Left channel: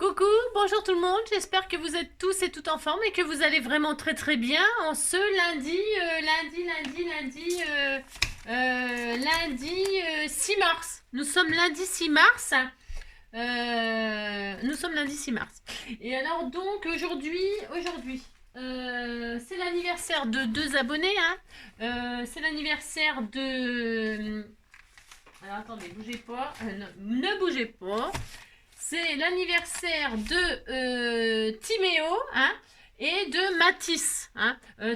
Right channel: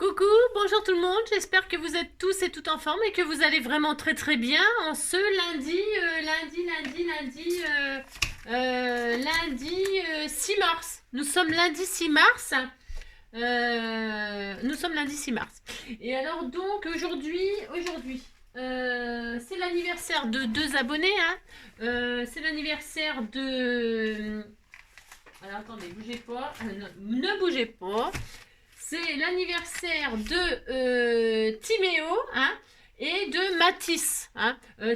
Coucou, bonjour tout le monde, j'espère que vous êtes tous et toutes en forme et que vous allez vraiment très bien en ce lundi 6 mars. Nous sommes lundi 6 mars. Nous sommes lundi 6 mars. Et alors donc aujourd'hui, c'est l'anniversaire de deux abonnés. C'est l'anniversaire de... Alors attendez, bougez pas. Ne bougez pas. C'est l'anniversaire de Timéo et de Mathis.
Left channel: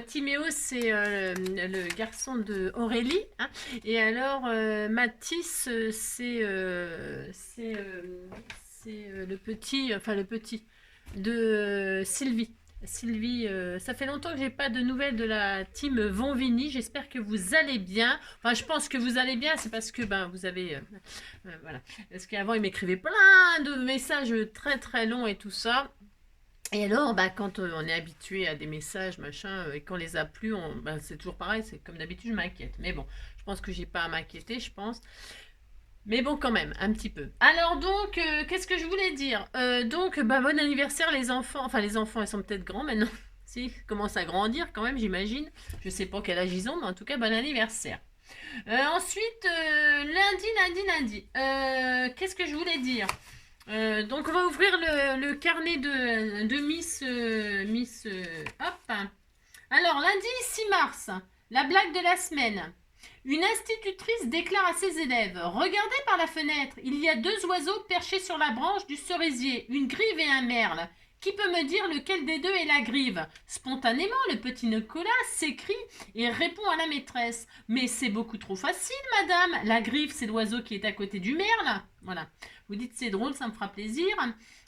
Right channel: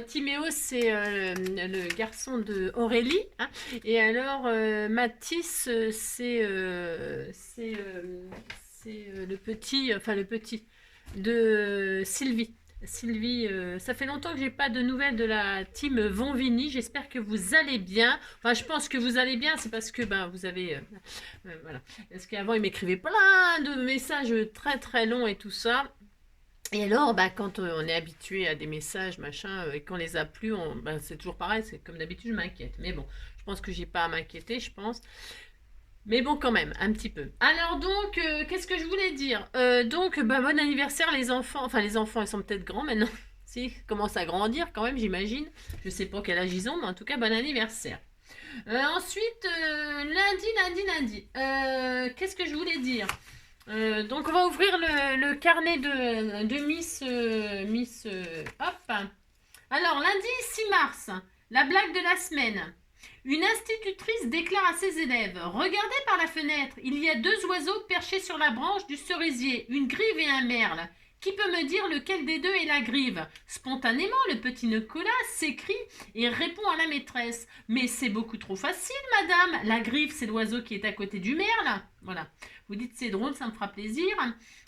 Timéo, c'est le garçon de Aurélie. Et alors, Mathis, c'est le petit de Sylvie. Sylvie, ça fait longtemps que j'ai pas de nouvelles de la team Vonvini. J'espère que vous allez bien. Enfin, je pense que vous allez bien. C'est parce que vous avez voilà. Parce qu'avant il m'écrivait plein de messages très longs et tout ça. Et alors, quand on est habitué à des messages, machin, et qu'on les a plus, c'est toujours pareil. C'est comme d'habitude, je m'inquiète. Mais bon, je pense que j'ai pas à m'inquiéter, je pense. Mais bon, quand même, un petit peu. Alors donc, qu'est-ce que je voulais dire Donc, bon anniversaire les enfants. Enfin, les enfants, ils sont peut-être grands maintenant. Si, ils commencent à grandir quand même, j'imagine. Je sais pas quel âge ils ont, mais en tout cas, bon anniversaire. Ensuite, lundi. Qu'est-ce que je voulais dire Donc, on va ouvrir le carnet de Miss. Hop. Alors, lundi 6 mars, la blague de la semaine. Une institutrice déclare à ses élèves: regardez par la fenêtre, il y a deux oiseaux perchés sur la branche du cerisier, une grive et un merle. Qui peut me dire lequel des deux est la grive? Spontanément, le petit Nicolas s'écrie et répond à la maîtresse: mais c'est beaucoup trop facile, madame. La grive, c'est l'oiseau qui est à côté du merle. Voilà. Vous dites c'est drôle, ça me fera plaisir.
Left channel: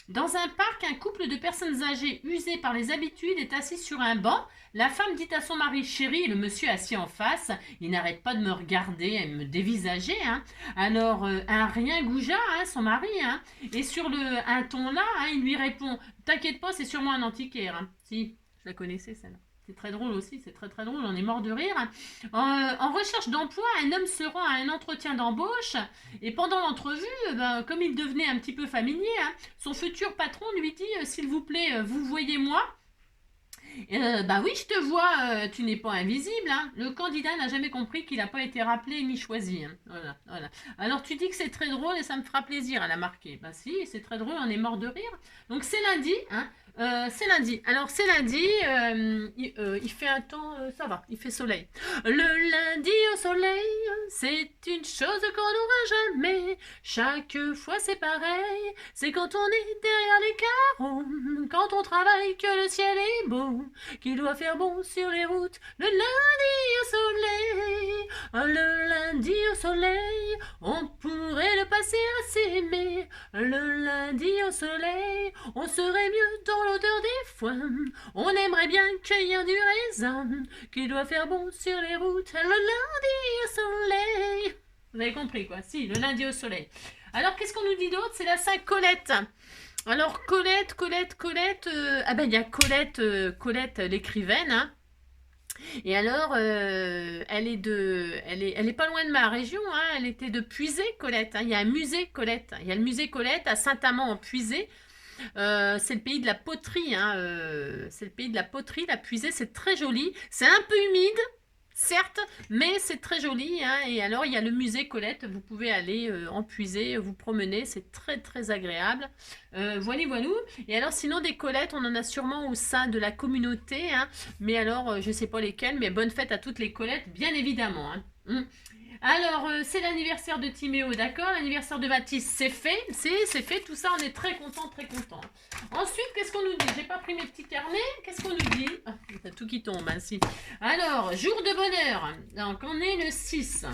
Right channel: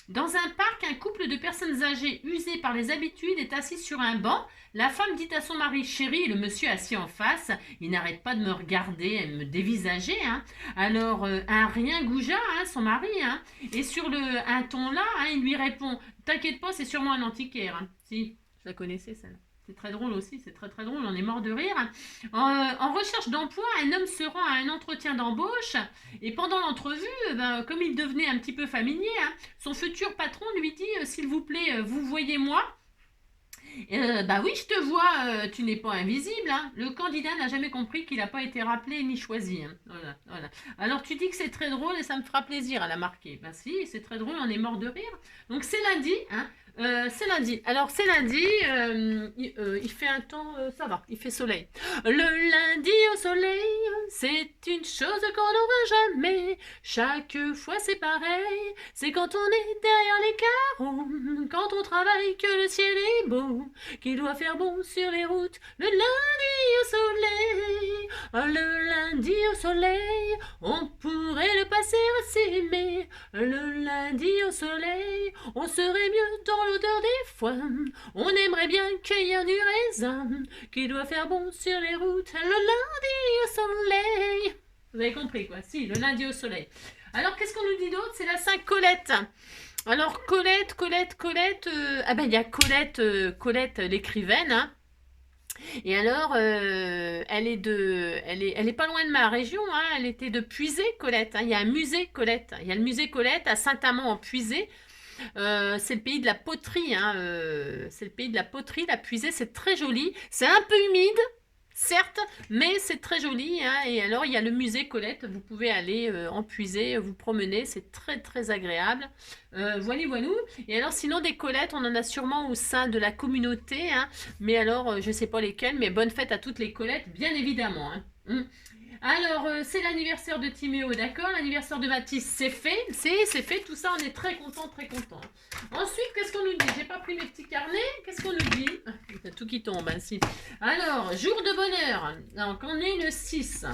Dans un parc, un couple de personnes âgées usées par les habitudes est assis sur un banc. La femme dit à son mari: chérie, le monsieur assis en face, il n'arrête pas de me regarder et me dévisager. Alors, un rien goujat, son mari, et sur un ton là, il lui répond: t'inquiète pas, c'est sûrement un antiquaire. Si, je la connaissais celle-là. C'est très drôle aussi, c'est très drôle, on est mort de rire. En recherche d'emploi, un homme se rend à un entretien d'embauche et pendant l'entrevue, comme il devenait un petit peu familier, son futur patron lui dit: s'il vous plaît, vous voyez moi? Oui, je te vois, tu n'es pas invisible. Le candidat n'a jamais compris qu'il n'a pas été rappelé ni choisi. Voilà. Alors tu dis que c'est très drôle et ça me fera plaisir à la marquer. Si, c'est très drôle, on est mort de rire. Donc c'est lundi. C'est lundi. Alors c'est lundi, il fait un temps, ça va, il fait soleil. Le lundi au soleil, c'est une chose qu'on n'aura jamais. Chaque fois c'est pareil, c'est quand on est derrière les carreaux, quand on travaille que le ciel est beau, qu'il doit faire bon sur les routes. Le lundi au soleil, le lundi au soleil, on pourrait le passer à s'aimer. Le lundi au soleil, on serait mieux dans l'odeur des foins. On aimerait bien cueillir du raisin, qu'il doit faire bon sur les routes. Le lundi au soleil. Vous avez compris quoi? Si, le lundi au soleil. Alors qu'est-ce qu'on nous dit d'autre? C'est la Saint-Colette. Alors Colette, il y a Colette l'écrivaine. Et alors, elle est pas loin de ma région. Elle était de Puisé, Colette. Il y a un musée Colette. Il y a le musée Colette à Saint-Amand en Puisé. C'est le pays de la poterie. C'est le pays de la poterie. La Puisée, c'est très joli. C'est un peu humide. Certes, mais c'est très joli. Et alors, il y a le musée Colette. Vous pouvez aller en puiser, vous promener. C'est très agréable. Voilà. Et alors, sinon, des Colettes, on en a sûrement au sein de la communauté. Mais alors, je ne sais pas lesquelles. Mais bonne fête à toutes les Colettes, bien évidemment. Alors, c'est l'anniversaire de Timéo, d'accord? L'anniversaire de Mathis, c'est fait. C'est fait. Tout ça, on est très content. Ensuite, qu'est-ce qu'on nous dit? J'ai pas pris mes petits carnets. Qu'est-ce qu'on nous dit? T'as tout qui tombe, si. Alors, jour de bonheur. Donc, on est le 6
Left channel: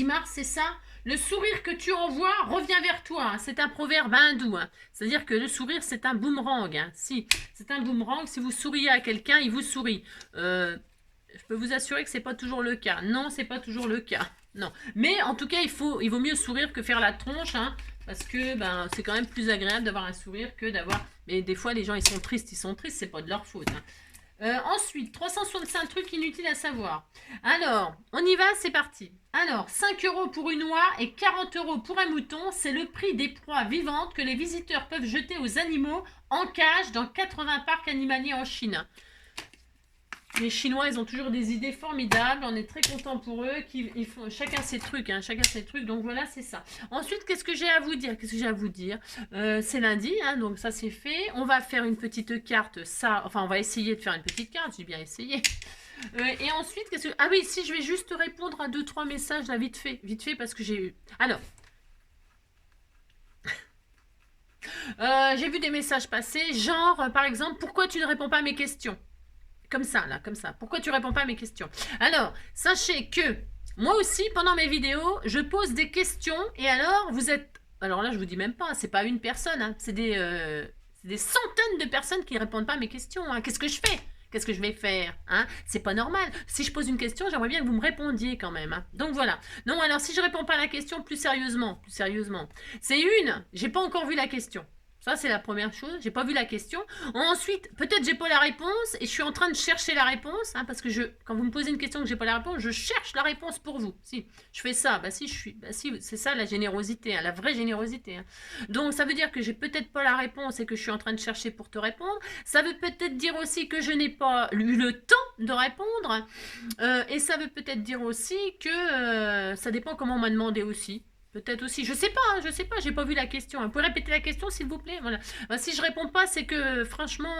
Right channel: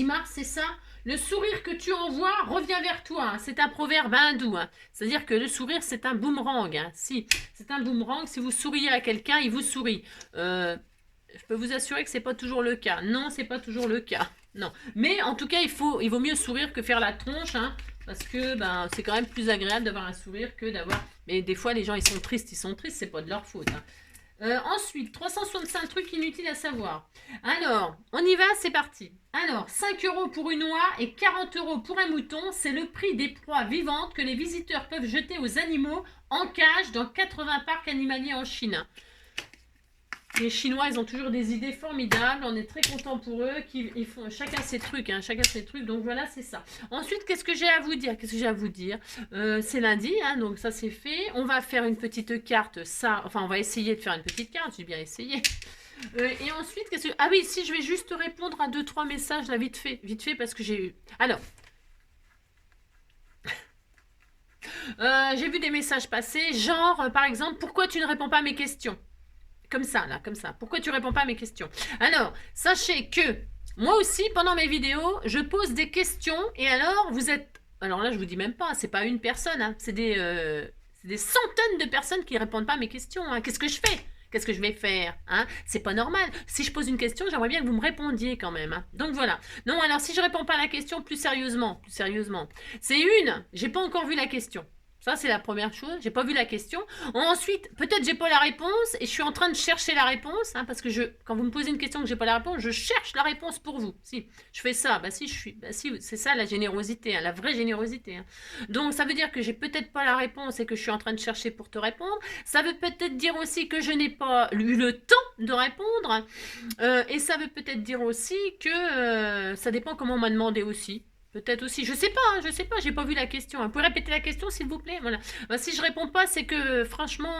mars, c'est ça? Le sourire que tu envoies revient vers toi. C'est un proverbe hindou. C'est-à-dire que le sourire, c'est un boomerang. Si, c'est un boomerang. Si vous souriez à quelqu'un, il vous sourit. Je peux vous assurer que c'est pas toujours le cas. Non, c'est pas toujours le cas. Non. Mais en tout cas, il vaut mieux sourire que faire la tronche, parce que c'est quand même plus agréable d'avoir un sourire que d'avoir... Mais des fois, les gens, ils sont tristes, c'est pas de leur faute. Ensuite, 365 trucs inutiles à savoir. Alors, on y va, c'est parti. Alors, 5 euros pour une oie et 40 euros pour un mouton, c'est le prix des proies vivantes que les visiteurs peuvent jeter aux animaux en cage dans 80 parcs animaliers en Chine. Les Chinois, ils ont toujours des idées formidables. On est très content pour eux. Ils font chacun ses trucs, hein, chacun ses trucs. Donc voilà, c'est ça. Ensuite, qu'est-ce que j'ai à vous dire? Qu'est-ce que j'ai à vous dire? C'est lundi, hein, donc ça c'est fait. On va faire une petite carte. Ça, enfin, on va essayer de faire une petite carte. J'ai bien essayé. Et ensuite, qu'est-ce que... Ah oui, si je vais juste répondre à 2-3 messages là, vite fait, parce que j'ai eu. Alors. J'ai vu des messages passer, genre, par exemple, pourquoi tu ne réponds pas à mes questions? Comme ça, là, comme ça. Pourquoi tu réponds pas à mes questions? Alors, sachez que moi aussi, pendant mes vidéos, je pose des questions et alors, vous êtes... Alors là, je vous dis même pas, c'est pas une personne, hein, c'est des centaines de personnes qui répondent pas à mes questions. Hein. Qu'est-ce que je fais? Qu'est-ce que je vais faire, hein? C'est pas normal. Si je pose une question, j'aimerais bien que vous me répondiez quand même. Hein. Donc voilà. Non, alors si je réponds pas à la question, plus sérieusement, c'est j'ai pas encore vu la question. Ça, c'est la première chose. J'ai pas vu la question. Ensuite, peut-être j'ai pas la réponse et je suis en train de chercher la réponse. Hein, parce que quand vous me posez une question que j'ai pas la réponse, je cherche la réponse pour vous. Si je fais ça, c'est ça la générosité, hein, la vraie générosité. Hein. Donc, ça veut dire que j'ai peut-être pas la réponse et que je suis en train de chercher pour te répondre. Ça veut peut-être dire aussi que je n'ai pas eu le temps de répondre. Et ça veut peut-être dire aussi que ça dépend comment on m'a demandé aussi. Peut-être aussi, je sais pas, j'ai pas vu la question. Vous pouvez répéter la question, s'il vous plaît. Voilà. Si je réponds pas, c'est que franchement,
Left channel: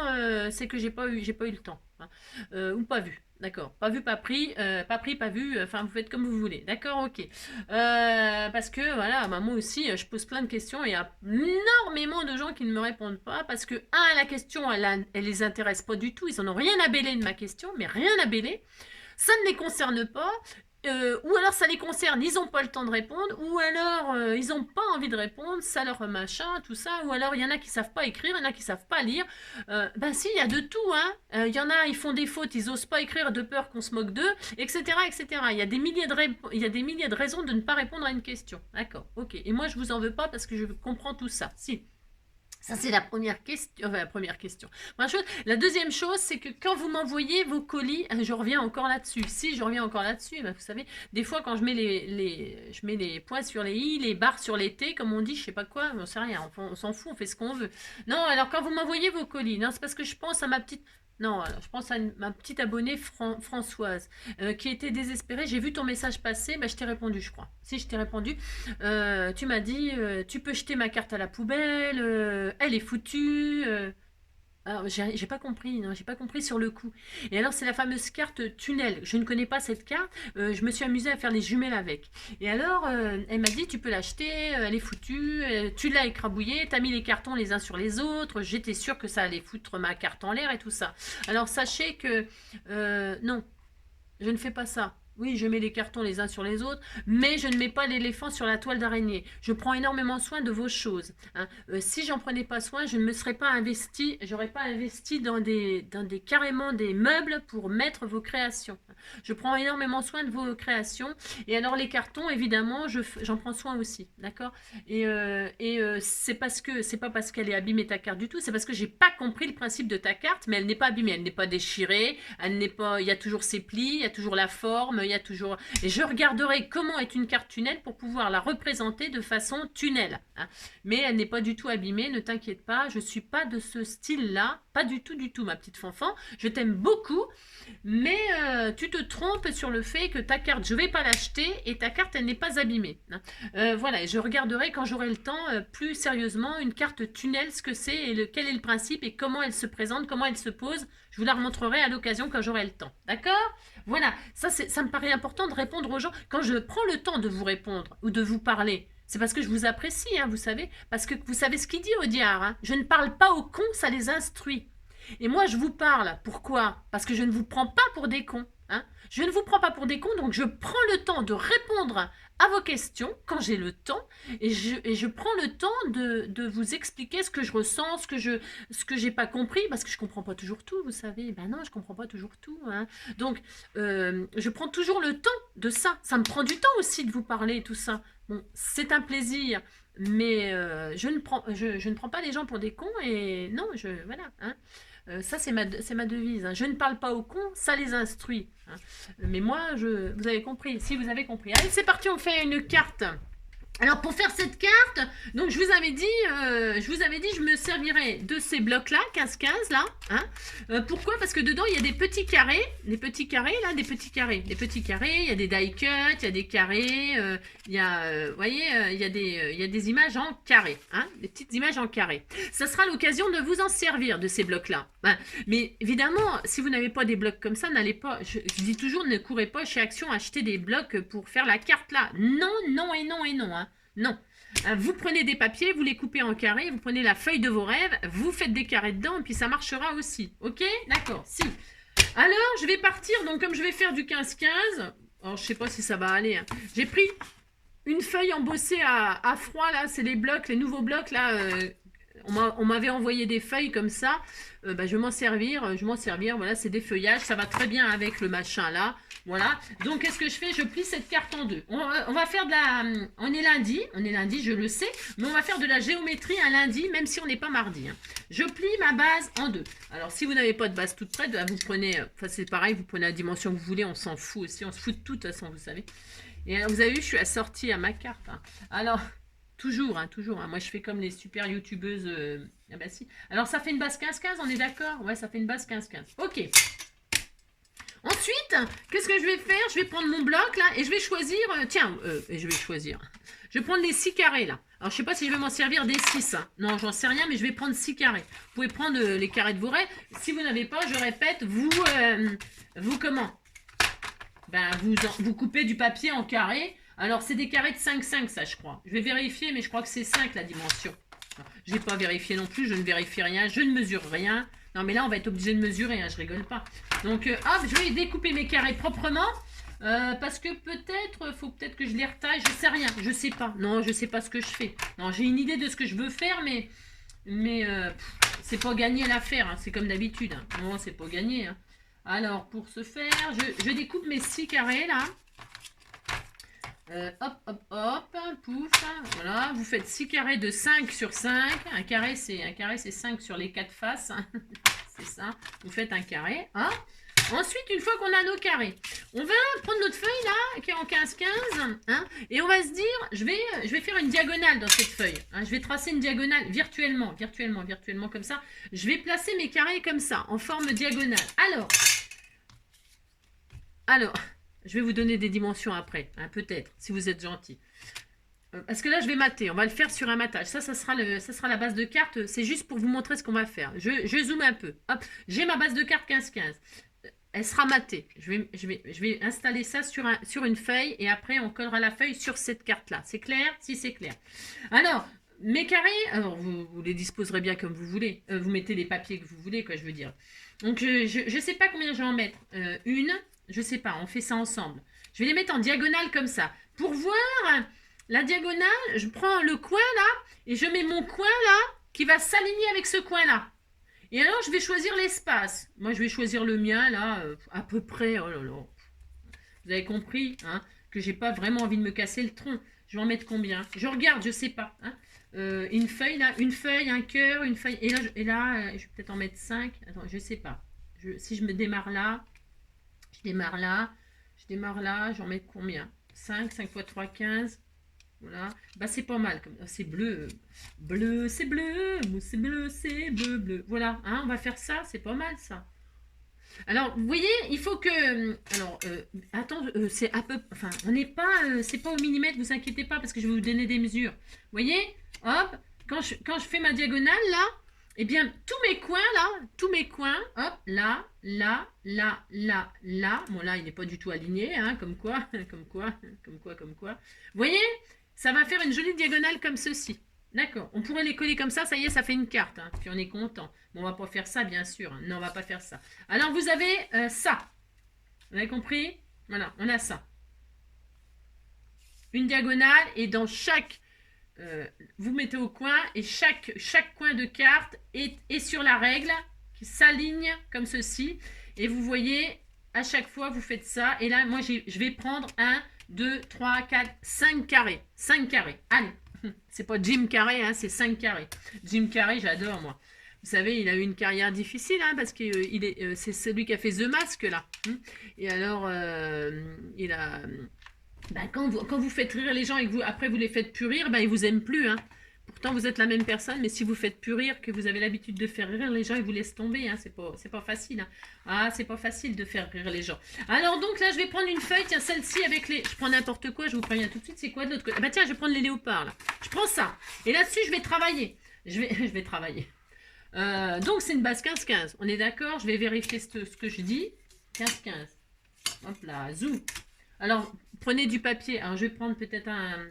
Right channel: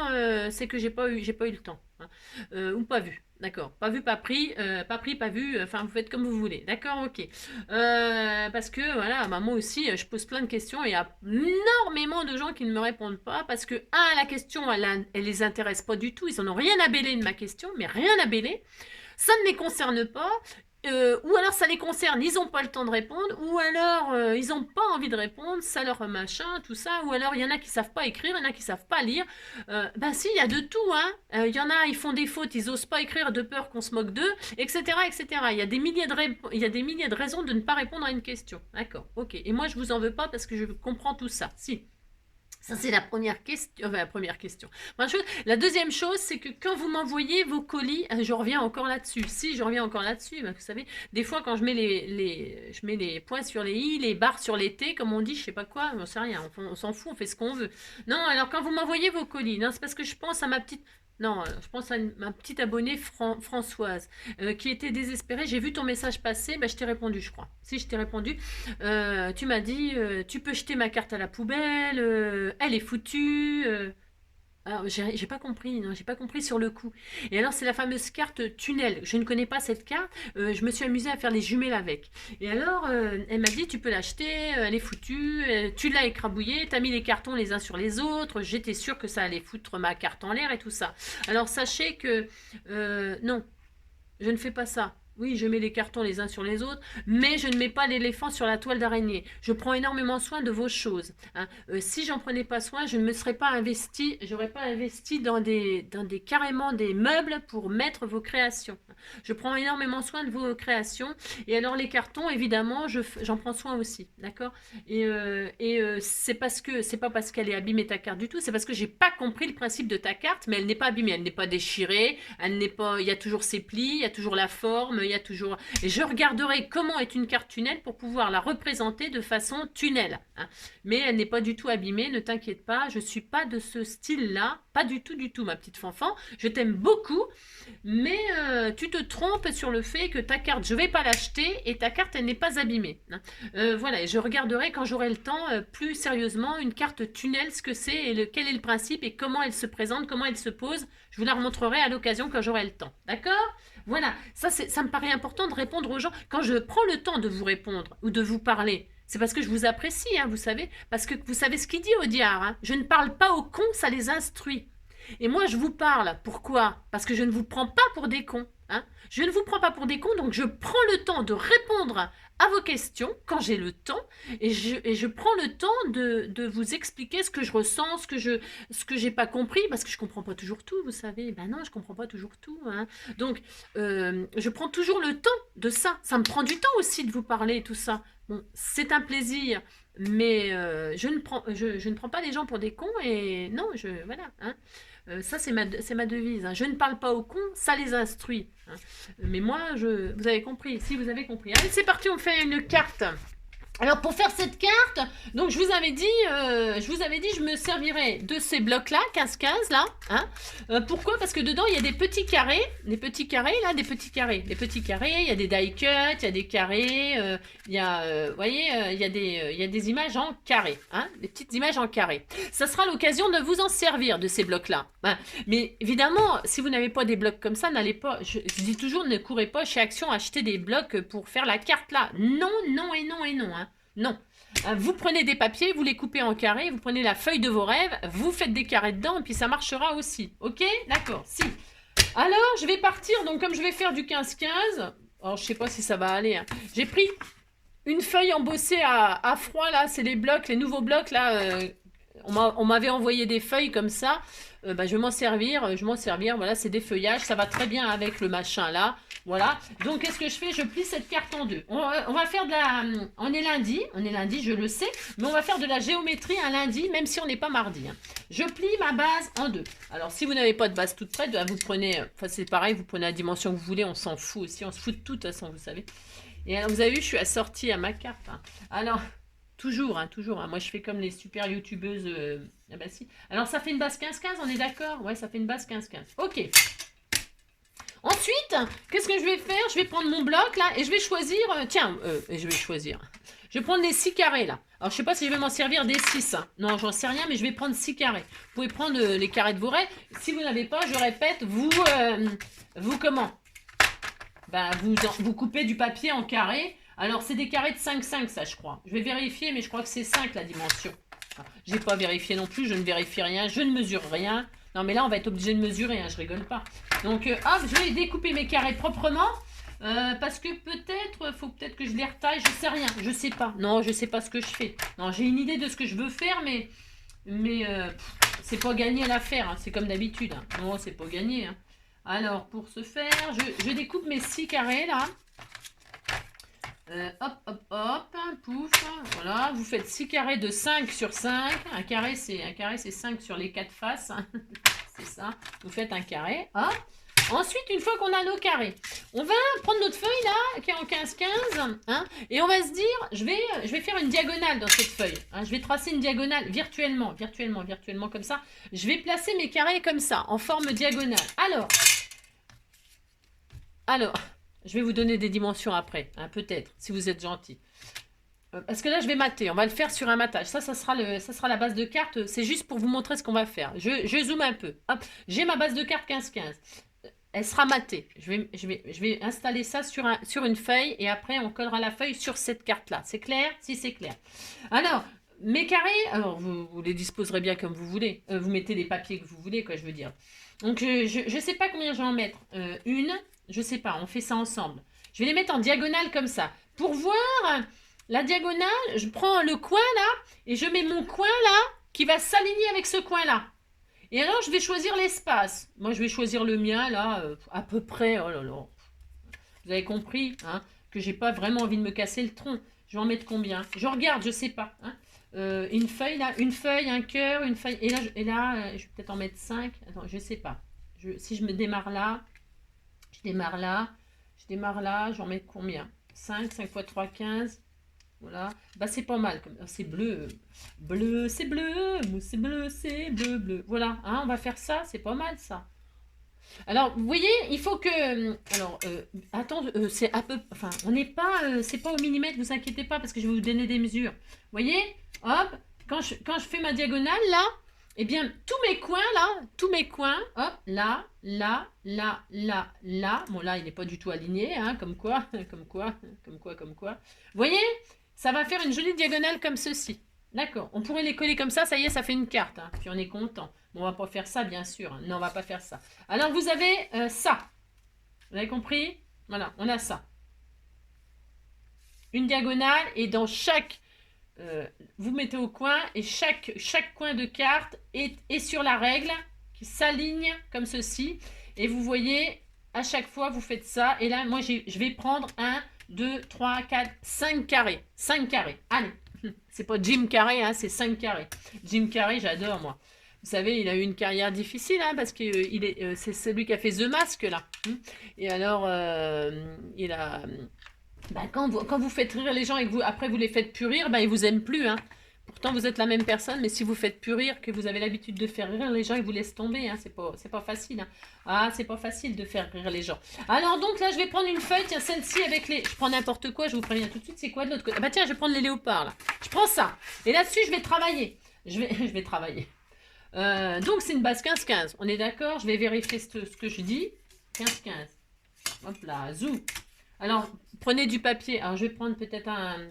c'est que j'ai pas eu le temps, hein. Ou pas vu. D'accord. Pas vu, pas pris, pas vu. Enfin, vous faites comme vous voulez. D'accord, ok. Parce que voilà, bah, moi aussi, je pose plein de questions et il y a énormément de gens qui ne me répondent pas parce que la question, elle les intéresse pas du tout. Ils en ont rien à bêler de ma question, mais rien à bêler. Ça ne les concerne pas. Ou alors ça les concerne, ils n'ont pas le temps de répondre, ou alors ils n'ont pas envie de répondre, ça leur machin, tout ça, ou alors il y en a qui savent pas écrire, il y en a qui savent pas lire. Ben si, il y a de tout, hein. Il y en a, ils font des fautes, ils osent pas écrire de peur qu'on se moque d'eux, etc., etc. Il y a des milliers de raisons de ne pas répondre à une question. D'accord, ok. Et moi je vous en veux pas parce que je comprends tout ça. Si. Ça, c'est la première question. La deuxième chose, c'est que quand vous m'envoyez vos colis, je reviens encore là-dessus. Si, je reviens encore là-dessus. Vous savez, des fois, quand je mets les points sur les i, les barres sur les t, comme on dit, je sais pas quoi, on sait rien. On s'en fout, on fait ce qu'on veut. Non, alors quand vous m'envoyez vos colis, non, c'est parce que je pense à ma petite... Non, je pense à ma petite abonnée Françoise qui était désespérée. J'ai vu ton message passer, je t'ai répondu, je crois. Si, je t'ai répondu. Tu m'as dit, tu peux jeter ma carte à la poubelle, elle est foutue. Alors, j'ai pas compris, non, j'ai pas compris sur le coup. Et alors, c'est la fameuse carte tunnel. Je ne connais pas cette carte. Je me suis amusée à faire les jumelles avec. Et alors, elle m'a dit, tu peux l'acheter, elle est foutue, tu l'as écrabouillée, t'as mis les cartons les uns sur les autres. J'étais sûre que ça allait foutre ma carte en l'air et tout ça. Alors, sachez que, non, je ne fais pas ça. Oui, je mets les cartons les uns sur les autres, mais je ne mets pas l'éléphant sur la toile d'araignée. Je prends énormément soin de vos choses. Hein. Si j'en prenais pas soin, je ne me serais pas investi, j'aurais pas investi dans des carrément des meubles pour mettre vos créations. Je prends énormément soin de vos créations. Et alors les cartons, évidemment, j'en prends soin aussi, d'accord. Et c'est pas parce qu'elle est abîmée ta carte du tout, c'est parce que j'ai pas compris le principe de ta carte, mais elle n'est pas abîmée, elle n'est pas déchirée, elle n'est pas, il y a toujours ses plis, il y a toujours la forme. Il y a toujours... Et je regarderai comment est une carte tunnel pour pouvoir la représenter de façon tunnel. Hein. Mais elle n'est pas du tout abîmée, ne t'inquiète pas. Je ne suis pas de ce style-là. Pas du tout, ma petite fanfan. Je t'aime beaucoup. Mais tu te trompes sur le fait que ta carte, je ne vais pas l'acheter et ta carte, elle n'est pas abîmée. Hein. Voilà, et je regarderai quand j'aurai le temps plus sérieusement une carte tunnel, ce que c'est et quel est le principe et comment elle se présente, comment elle se pose. Je vous la remontrerai à l'occasion quand j'aurai le temps. D'accord ? Voilà, ça me paraît important de répondre aux gens. Quand je prends le temps de vous répondre ou de vous parler, c'est parce que je vous apprécie, hein, vous savez. Parce que vous savez ce qu'il dit Audiard. Hein, je ne parle pas aux cons, ça les instruit. Et moi, je vous parle. Pourquoi? Parce que je ne vous prends pas pour des cons. Hein. Je ne vous prends pas pour des cons, donc je prends le temps de répondre à vos questions quand j'ai le temps et je prends le temps de vous expliquer ce que je ressens, ce que j'ai pas compris parce que je comprends pas toujours tout, vous savez. Ben non, je comprends pas toujours tout. Hein. Donc, je prends toujours le temps de ça. Ça me prend du temps aussi de vous parler et tout ça. Bon, c'est un plaisir mais je ne prends pas les gens pour des cons et non, voilà. Hein. Ça, c'est ma devise. Hein. Je ne parle pas aux cons, ça les instruit. Hein. Mais moi, vous avez compris, si vous avez compris. Allez, c'est parti, on fait une carte. Alors pour faire cette carte, donc je vous avais dit, je me servirais de ces blocs-là, 15-15 là. Hein. Pourquoi? Parce que dedans il y a des petits carrés, des petits carrés, il y a des die cuts, il y a des carrés, il y a, vous voyez, il y a des images en carré, hein, des petites images en carré. Ça sera l'occasion de vous en servir de ces blocs-là. Hein. Mais évidemment, si vous n'avez pas des blocs comme ça, n'allez pas, je dis toujours, ne courez pas chez Action acheter des blocs pour faire la carte là. Non, non et non et non. Hein. Non. Vous prenez des papiers, vous les coupez en carrés, vous prenez la feuille de vos rêves, vous faites des carrés dedans et puis ça marchera aussi. Ok? D'accord. Si. Alors, je vais partir. Donc, comme je vais faire du 15-15, alors je sais pas si ça va aller. Hein. J'ai pris une feuille embossée à froid là. C'est les blocs, les nouveaux blocs là. On m'avait envoyé des feuilles comme ça. Je vais m'en servir. Voilà, c'est des feuillages. Ça va très bien avec le machin là. Voilà. Donc, qu'est-ce que je fais? Je plie cette carte en deux. On va faire de la... On est lundi, je le sais. Mais on va faire de la géométrie un lundi, même si on n'est pas mardi. Hein. Je plie ma base en deux. Alors, si vous n'avez pas de base toute prête, vous prenez... Enfin, c'est pareil, vous prenez la dimension que vous voulez. On s'en fout aussi. On se fout de toute façon, vous savez. Et alors, vous avez vu, je suis assortie à ma carte. Hein. Alors... Toujours, hein. Moi, je fais comme les super youtubeuses. Ah bah si. Alors, ça fait une base 15-15, on est d'accord? Ouais, ça fait une base 15-15. Ok. Ensuite, qu'est-ce que je vais faire? Je vais prendre mon bloc, là, et je vais choisir... Je vais prendre les 6 carrés, là. Alors, je sais pas si je vais m'en servir des 6. Hein. Non, j'en sais rien, mais je vais prendre 6 carrés. Vous pouvez prendre les carrés de vos rêves. Si vous n'avez pas, je répète, vous comment? Ben, vous coupez du papier en carrés. Alors, c'est des carrés de 5-5, ça, je crois. Je vais vérifier, mais je crois que c'est 5, la dimension. Je n'ai pas vérifié non plus, je ne vérifie rien, je ne mesure rien. Non, mais là, on va être obligé de mesurer, hein, je rigole pas. Donc, hop, je vais découper mes carrés proprement. Parce que faut peut-être que je les retaille, je sais rien, je sais pas. Non, je sais pas ce que je fais. Non, j'ai une idée de ce que je veux faire, mais c'est pas gagné l'affaire, hein, c'est comme d'habitude. Hein. Non, c'est pas gagné. Hein. Alors, pour ce faire, je découpe mes 6 carrés, là. Hop, pouf, voilà, vous faites 6 carrés de 5 sur 5, un carré c'est 5 sur les 4 faces, hein. C'est ça, vous faites un carré, hop. Ensuite, une fois qu'on a nos carrés, on va prendre notre feuille là, qui est en 15-15, hein, et on va se dire, je vais faire une diagonale dans cette feuille, hein, je vais tracer une diagonale virtuellement comme ça, je vais placer mes carrés comme ça, en forme diagonale. Alors, je vais vous donner des dimensions après, hein, peut-être, si vous êtes gentil. Parce que là, je vais mater. On va le faire sur un matage. Ça sera la base de carte. C'est juste pour vous montrer ce qu'on va faire. Je zoome un peu. Hop, j'ai ma base de carte 15-15. Elle sera matée. Je vais installer ça sur une feuille et après, on collera la feuille sur cette carte-là. C'est clair? Si, c'est clair. Alors, mes carrés, alors vous les disposerez bien comme vous voulez. Vous mettez les papiers que vous voulez, quoi, je veux dire. Donc, je ne sais pas combien je vais en mettre. Une... Je sais pas, on fait ça ensemble. Je vais les mettre en diagonale comme ça. Pour voir la diagonale, je prends le coin là et je mets mon coin là qui va s'aligner avec ce coin là. Et alors, je vais choisir l'espace. Moi, je vais choisir le mien là, à peu près. Oh là là. Vous avez compris hein, que j'ai pas vraiment envie de me casser le tronc. Je vais en mettre combien? Je regarde, je sais pas. Hein. Une feuille là, une feuille, un cœur, une feuille. Et là je vais peut-être en mettre 5. Attends, je sais pas. Si je me démarre là. Je démarre là, j'en mets combien? 5 x 3, 15. Voilà. Bah, c'est pas mal. C'est bleu. Bleu, c'est bleu. C'est bleu, c'est bleu, bleu. Voilà. Hein, on va faire ça. C'est pas mal, ça. Alors, vous voyez, il faut que... Alors, attends, c'est à peu... Enfin, on n'est pas... c'est pas au millimètre, vous inquiétez pas, parce que je vais vous donner des mesures. Vous voyez? Hop. Quand je fais ma diagonale, là... Eh bien, tous mes coins, hop, là. Bon, là, il n'est pas du tout aligné, hein, comme quoi. Vous voyez, ça va faire une jolie diagonale comme ceci. D'accord, on pourrait les coller comme ça y est, ça fait une carte. Hein, puis on est content. Bon, on va pas faire ça, bien sûr. Hein. Non, on va pas faire ça. Alors, vous avez ça. Vous avez compris? Voilà, on a ça. Une diagonale, et dans chaque... vous mettez au coin et chaque coin de carte est sur la règle qui s'aligne comme ceci et vous voyez à chaque fois vous faites ça et là moi je vais prendre 1, 2, 3, 4, 5 carrés allez C'est pas Jim Carrey, hein, c'est 5 carrés. Jim Carrey, j'adore, moi. Vous savez, il a eu une carrière difficile, hein, parce que c'est celui qui a fait The Mask, là. Et alors, il a... Ben, quand vous faites rire les gens et que après vous les faites plus rire, ben, ils vous aiment plus, hein. Pourtant, vous êtes la même personne, mais si vous faites plus rire, que vous avez l'habitude de faire rire les gens, ils vous laissent tomber, hein. C'est pas facile, hein. Ah, c'est pas facile de faire rire les gens. Alors donc là, je vais prendre une feuille, tiens, celle-ci avec les... Je prends n'importe quoi, je vous préviens tout de suite, c'est quoi de l'autre côté? Ah bah tiens, je vais prendre les léopards, là. Je prends ça. Et là-dessus, je vais travailler. Je vais travailler. Donc, c'est une base 15-15. On est d'accord? Je vais vérifier ce que je dis. 15-15. Hop là, zou. Alors, prenez du papier. Alors, je vais prendre peut-être un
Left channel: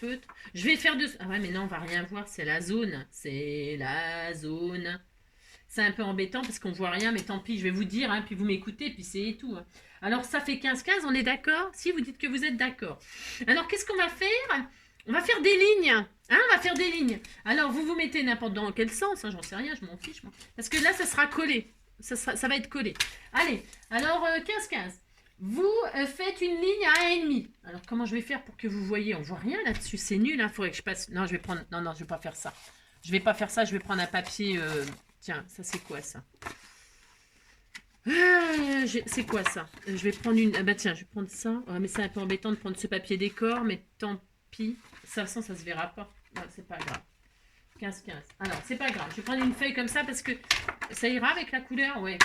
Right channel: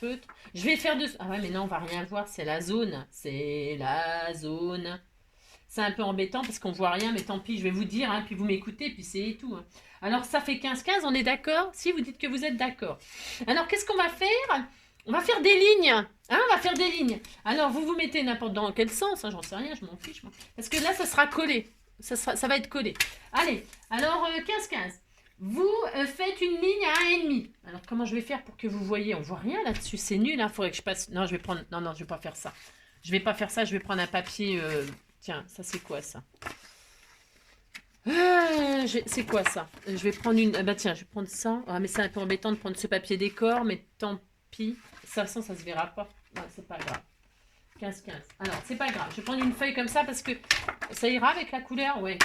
feutre. Je vais faire de... Ah ouais, mais là, on va rien voir. C'est la zone. C'est la zone. C'est un peu embêtant parce qu'on voit rien, mais tant pis, je vais vous dire, hein, puis vous m'écoutez, puis c'est tout. Hein. Alors, ça fait 15-15, on est d'accord? Si, vous dites que vous êtes d'accord. Alors, qu'est-ce qu'on va faire? On va faire des lignes. Hein, on va faire des lignes. Alors, vous mettez n'importe dans quel sens, hein, j'en sais rien, je m'en fiche. Moi. Parce que là, ça sera collé. Ça va être collé. Allez, alors 15-15. Vous faites une ligne à 1,5. Alors, comment je vais faire pour que vous voyez? On voit rien là-dessus, c'est nul. Il faudrait que je passe... Non, je vais prendre... Non, je vais pas faire ça. Je vais pas faire ça, je vais prendre un papier... Tiens, ça c'est quoi ça? C'est quoi ça? Je vais prendre une... Ah bah tiens, je vais prendre ça. Ah, mais c'est un peu embêtant de prendre ce papier décor, mais tant pis. De toute façon, ça se verra pas. Non, c'est pas grave. 15-15. Alors, c'est pas grave. Je vais prendre une feuille comme ça parce que ça ira avec la couleur. Ouais,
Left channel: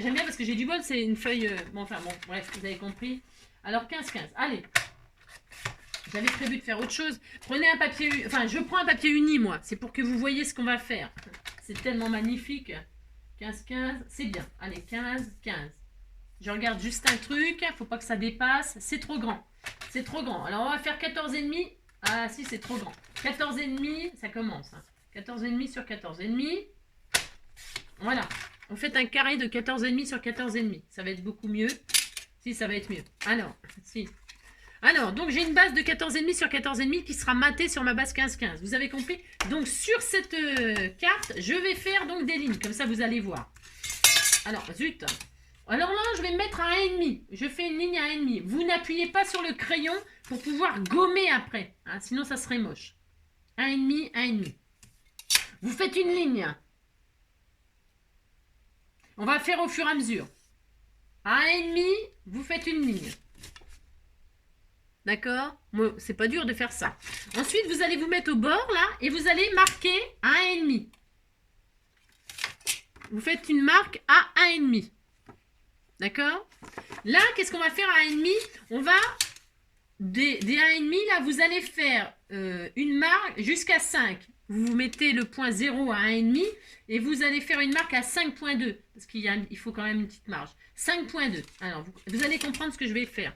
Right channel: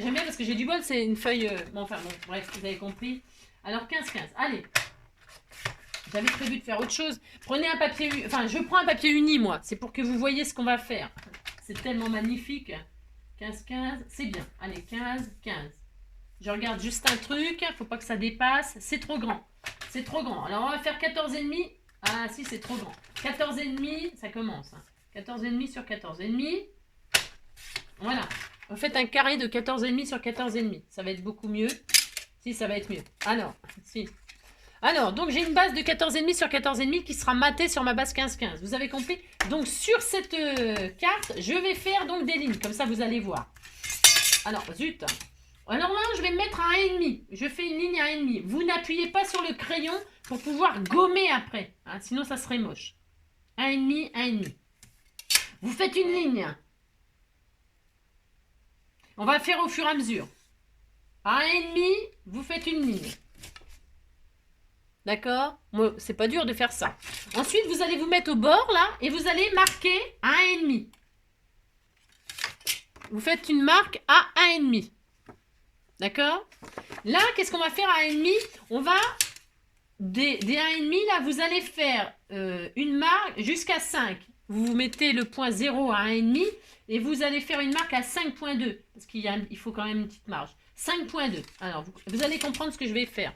j'aime bien parce que j'ai du bol. C'est une feuille... Bon, enfin, bon, bref, vous avez compris. Alors, 15-15. Allez. J'avais prévu de faire autre chose. Prenez un papier... Enfin, je prends un papier uni, moi. C'est pour que vous voyez ce qu'on va faire. C'est tellement magnifique. 15-15. C'est bien. Allez, 15-15. Je regarde juste un truc. Faut pas que ça dépasse. C'est trop grand. C'est trop grand. Alors, on va faire 14,5. Ah, si, c'est trop grand. 14,5, ça commence. Hein. 14,5 sur 14,5. Voilà. Vous faites un carré de 14,5 sur 14,5. Ça va être beaucoup mieux. Si, ça va être mieux. Alors, si. Alors, donc j'ai une base de 14,5 sur 14,5 qui sera matée sur ma base 15-15. Vous avez compris? Donc, sur cette carte, je vais faire donc des lignes. Comme ça, vous allez voir. Alors, zut. Alors là, je vais me mettre à 1,5. Je fais une ligne à 1,5. Vous n'appuyez pas sur le crayon pour pouvoir gommer après. Hein, sinon, ça serait moche. 1,5, 1,5. Vous faites une ligne. On va faire au fur et à mesure. À 1,5, vous faites une ligne. D'accord? Moi, c'est pas dur de faire ça. Ensuite, vous allez vous mettre au bord, là, et vous allez marquer à 1,5. Vous faites une marque à 1,5. D'accord? Là, qu'est-ce qu'on va faire à 1,5? On va, des 1,5, là, vous allez faire une marque jusqu'à 5. Vous mettez le point 0 à 1,5 et vous allez faire une marque à 5,2. Parce qu'il faut quand même une petite marge. 5,2. Alors, vous allez comprendre ce que je vais faire.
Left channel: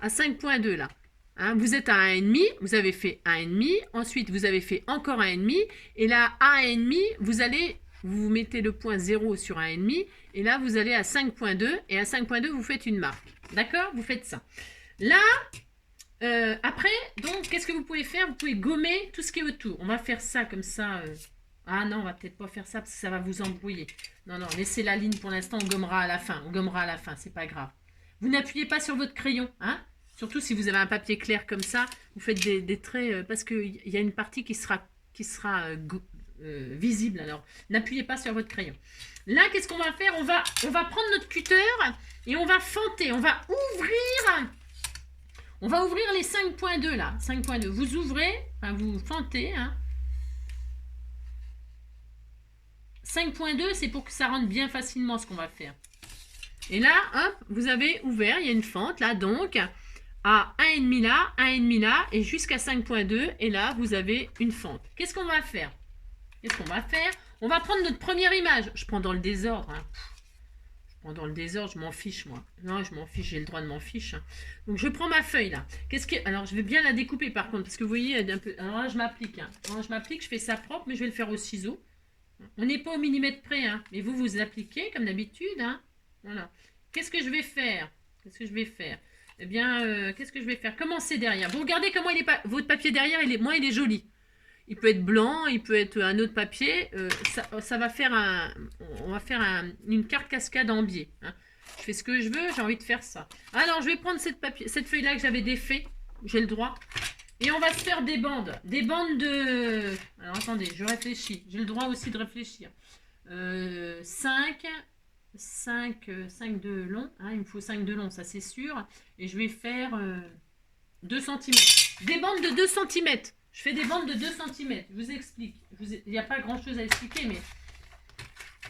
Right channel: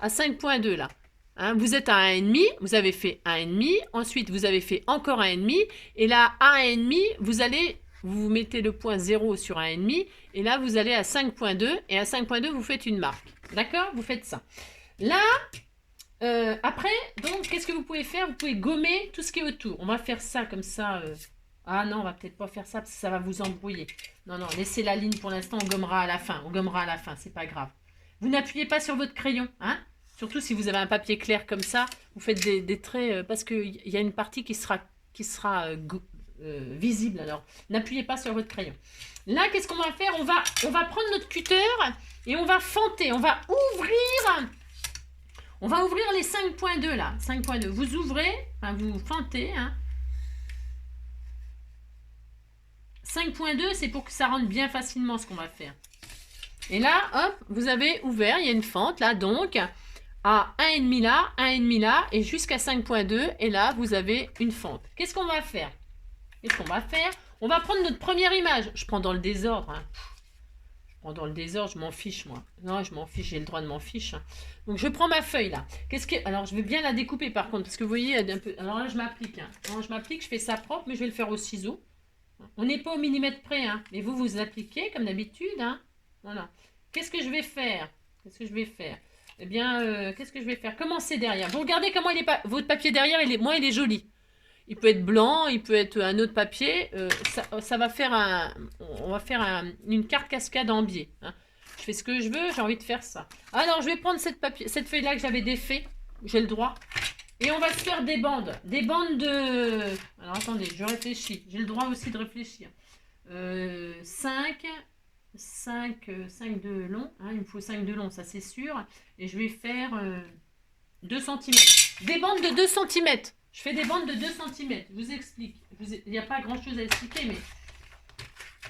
À 5,2 là. Hein, vous êtes à 1,5, vous avez fait 1,5. Ensuite, vous avez fait encore 1,5. Et là, à 1,5, vous mettez le point 0 sur 1,5. Et là, vous allez à 5,2. Et à 5,2, vous faites une marque. D'accord? Vous faites ça. Là, après, donc, qu'est-ce que vous pouvez faire? Vous pouvez gommer tout ce qui est autour. On va faire ça comme ça. Ah non, on va peut-être pas faire ça parce que ça va vous embrouiller. Non, laissez la ligne pour l'instant. On gommera à la fin. On gommera à la fin. C'est pas grave. Vous n'appuyez pas sur votre crayon. Hein? Surtout si vous avez un papier clair comme ça. Vous faites des traits parce qu'il y a une partie qui sera visible. Alors, n'appuyez pas sur votre crayon. Là, qu'est-ce qu'on va faire? On va prendre notre cutter et on va fenter. On va ouvrir les 5,2 là. 5,2. Vous ouvrez, enfin vous fentez. Hein. 5,2, c'est pour que ça rentre bien facilement ce qu'on va faire. Et là, hop, vous avez ouvert, il y a une fente là, donc à 1,5 là, 1,5 là, et jusqu'à 5,2. Et là, vous avez une fente. Qu'est-ce qu'on va faire? On va prendre notre première image. Je prends dans le désordre. Hein. Je prends dans le désordre, je m'en fiche, moi. Non, je m'en fiche, j'ai le droit de m'en fiche. Hein. Donc, je prends ma feuille, là. Alors, je vais bien la découper, par contre, parce que vous voyez, un peu... Alors là, je m'applique. Hein. Je fais ça propre, mais je vais le faire au ciseau. On n'est pas au millimètre près, hein. Mais vous appliquez, comme d'habitude. Hein. Voilà. Qu'est-ce que je vais faire? Eh bien, qu'est-ce que je vais faire? Commencez derrière. Vous regardez comment votre papier derrière, il est joli. Il peut être blanc, il peut être un autre papier. Ça va faire on va faire une carte cascade en biais. Hein. Je fais ce que je veux, j'ai envie de faire ça. Alors, je vais prendre cette feuille-là que j'avais défait. J'ai le droit. Et on va se faire des bandes. Des bandes de... Alors attendez, je réfléchis. J'ai le droit aussi de réfléchir. 5 de long. Hein, il me faut 5 de long, ça c'est sûr. Et je vais faire 2 cm. Des bandes de 2 cm. Je fais des bandes de 2 cm. Je vous explique. Il n'y a pas grand chose à expliquer, mais...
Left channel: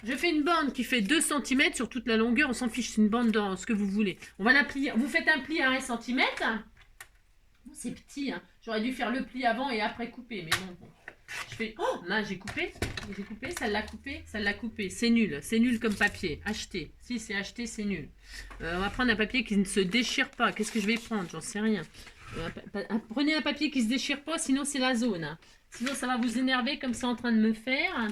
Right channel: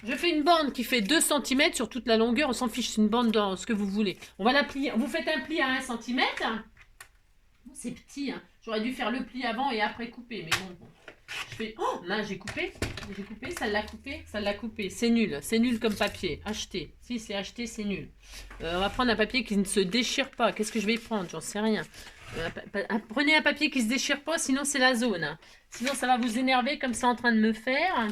Je fais une bande qui fait 2 cm sur toute la longueur. On s'en fiche, c'est une bande dans ce que vous voulez. On va la plier. Vous faites un pli à 1 cm. C'est petit, hein. J'aurais dû faire le pli avant et après couper, mais bon. Je fais, oh, mince, j'ai coupé, ça l'a coupé, c'est nul comme papier, acheté, si c'est acheté, c'est nul. On va prendre un papier qui ne se déchire pas, qu'est-ce que je vais prendre, j'en sais rien. Prenez un papier qui se déchire pas, sinon c'est la zone, hein. Sinon ça va vous énerver comme c'est en train de me faire.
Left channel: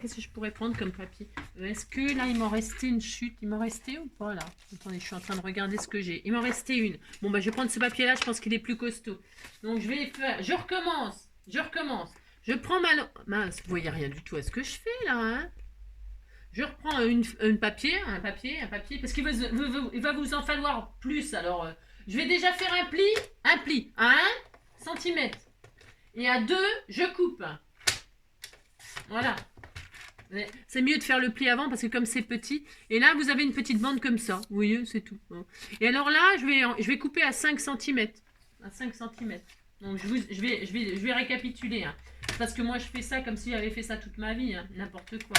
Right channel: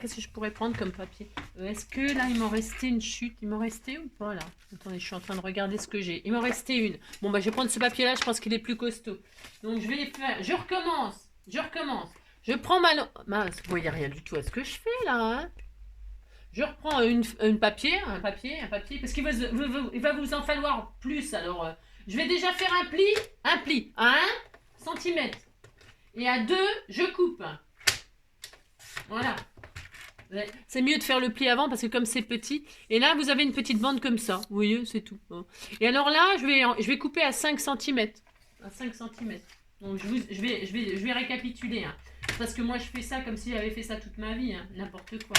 Qu'est-ce que je pourrais prendre comme papier? Est-ce que là, il m'en restait une chute? Il m'en restait ou pas, là? Attendez, je suis en train de regarder ce que j'ai. Il m'en restait une. Bon, bah, je vais prendre ce papier-là. Je pense qu'il est plus costaud. Donc, je vais faire... Je recommence. Je prends ma... Mince, vous voyez rien du tout à ce que je fais, là, hein. Je reprends un papier, parce qu'il va vous en falloir plus. Alors, je vais déjà faire un pli à 1 cm. Et à 2, je coupe. Voilà. C'est mieux de faire le pli avant parce que comme c'est petit. Et là, vous avez une petite bande comme ça. Vous voyez, c'est tout. Et alors là, je vais couper à 5 cm. À 5 cm. Donc, je vais récapituler. Hein. Parce que moi, je fais ça comme si j'avais fait ça toute ma vie. Hein. N'importe quoi.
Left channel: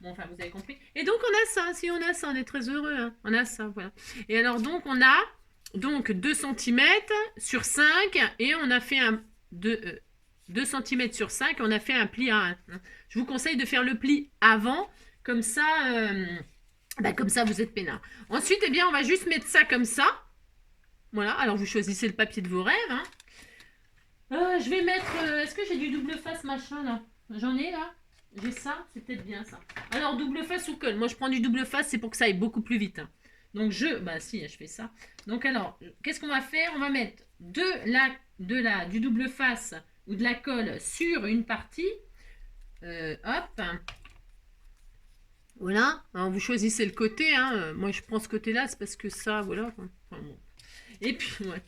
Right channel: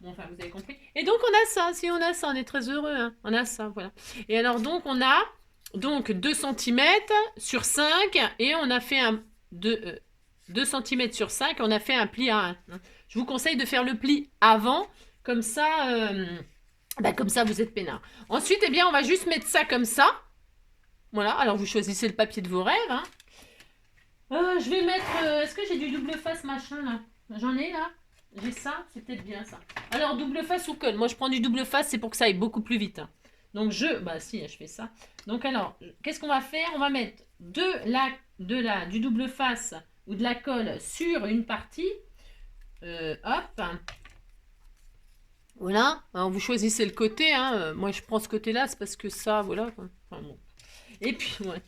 Bon, enfin, vous avez compris. Et donc, on a ça. Si on a ça, on est très heureux. Hein. On a ça, voilà. Et alors, donc, on a 2 cm sur 5. Et on a fait 2 cm sur 5, on a fait un pli à 1. Je vous conseille de faire le pli avant, comme ça, vous êtes peinard. Ensuite, eh bien, on va juste mettre ça comme ça. Voilà, alors vous choisissez le papier de vos rêves. Hein. Je vais mettre... Est-ce que j'ai du double face machin là? J'en ai là? J'ai ça? C'est peut-être bien ça. Alors, double face ou colle? Moi, je prends du double face, c'est pour que ça aille beaucoup plus vite. Hein. Donc, je fais ça. Donc, alors, qu'est-ce qu'on va faire? On va mettre du double face ou de la colle sur une partie. Hop. Voilà. Alors, vous choisissez le côté. Hein. Moi, je prends ce côté-là, c'est parce que ça, voilà. Enfin, bon. Et puis, ouais.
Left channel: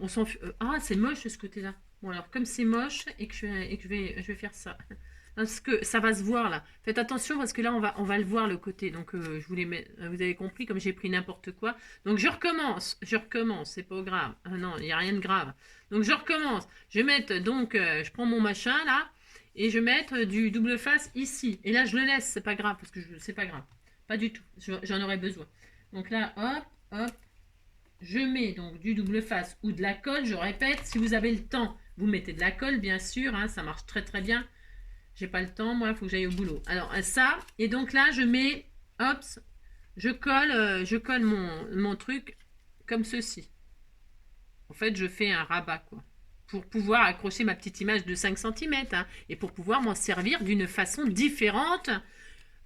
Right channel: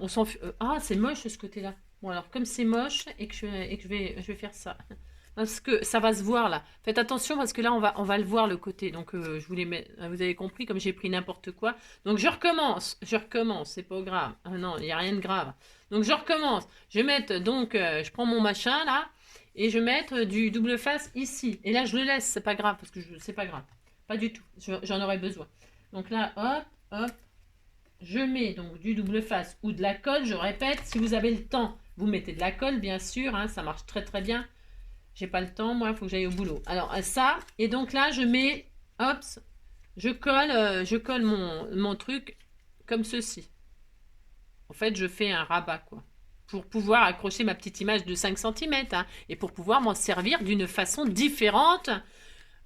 On s'en ah, c'est moche ce côté-là. Bon, alors, comme c'est moche et que je vais faire ça. Parce que ça va se voir là. Faites attention parce que là, on va le voir le côté. Donc, je vous vous avez compris, comme j'ai pris n'importe quoi. Donc, je recommence. C'est pas grave. Ah, non, il n'y a rien de grave. Donc, je recommence. Je vais mettre, donc, je prends mon machin là. Et je vais mettre du double face ici. Et là, je le laisse. C'est pas grave parce que c'est pas grave. Pas du tout. J'en aurais besoin. Donc là, hop, hop. Je mets donc du double face ou de la colle. Je répète, si vous avez le temps, vous mettez de la colle, bien sûr. Hein, ça marche très très bien. J'ai pas le temps, moi, il faut que j'aille au boulot. Alors, ça, et donc là, je mets, hop, je colle mon truc comme ceci. En fait, je fais un rabat, quoi, pour pouvoir accrocher ma petite image de 5 cm, hein, et pour pouvoir m'en servir d'une façon différente.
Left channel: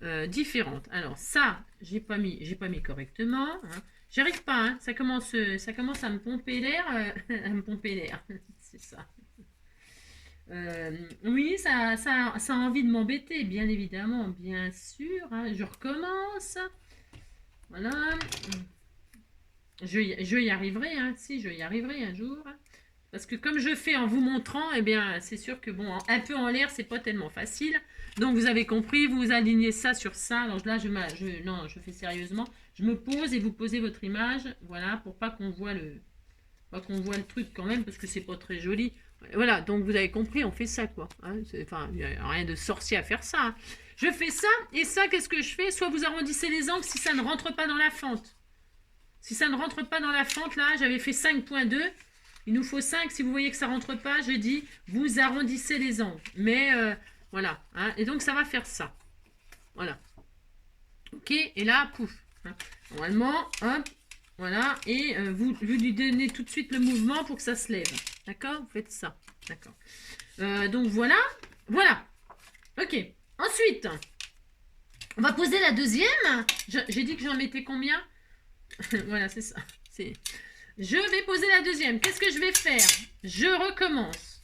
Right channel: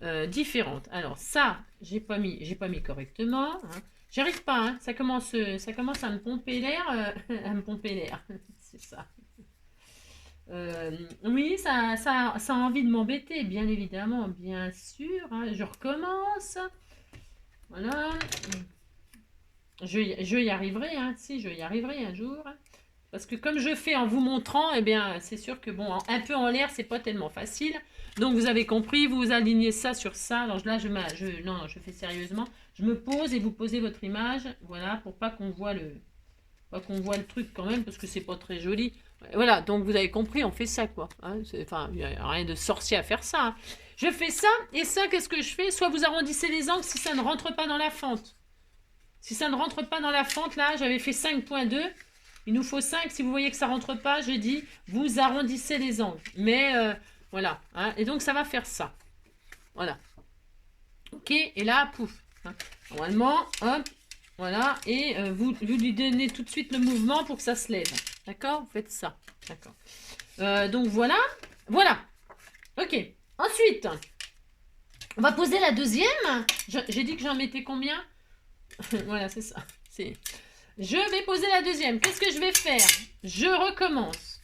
Alors, ça, j'ai pas mis correctement. Hein. J'arrive pas, hein, ça commence à me pomper l'air, c'est ça. Oui, ça a envie de m'embêter, bien évidemment, bien sûr. Hein, je recommence. Voilà. Je y arriverai, hein, si, je y arriverai un jour. Parce que comme je fais en vous montrant, eh bien, c'est sûr que, bon, un peu en l'air, c'est pas tellement facile. Donc, vous avez compris, vous alignez ça sur ça. Alors là, je fais sérieusement. Je me pose et vous posez votre image, voilà, pour pas qu'on voit le truc quand même, parce que c'est pas très joli. Voilà, donc vous avez compris, on fait ça, quoi. Hein, enfin, il n'y a rien de sorcier à faire ça. Hein. Je fais ça, et ça, qu'est-ce que je fais? Soit vous arrondissez les angles si ça ne rentre pas dans la fente. Si ça ne rentre pas dans la fente, là, j'avais fait 5.2. Il nous faut 5. Si vous voyez que ça ne rentre pas, je dis, vous arrondissez les angles. Mais, voilà. Hein, et donc, ça va faire ça. Voilà. Ok, et là, pouf. Hein, normalement, hop. Voilà, et vous lui donnez tout de suite le mouvement pour que ça se lève. D'accord? Vous faites ça. D'accord. Donc voilà. Voilà. Ok. Ensuite, on va poser la deuxième. J'ai dit que j'en mettais combien? Voilà, c'est ça. Je vais poser la deuxième. Qu'est-ce que je vais faire? Je recommence.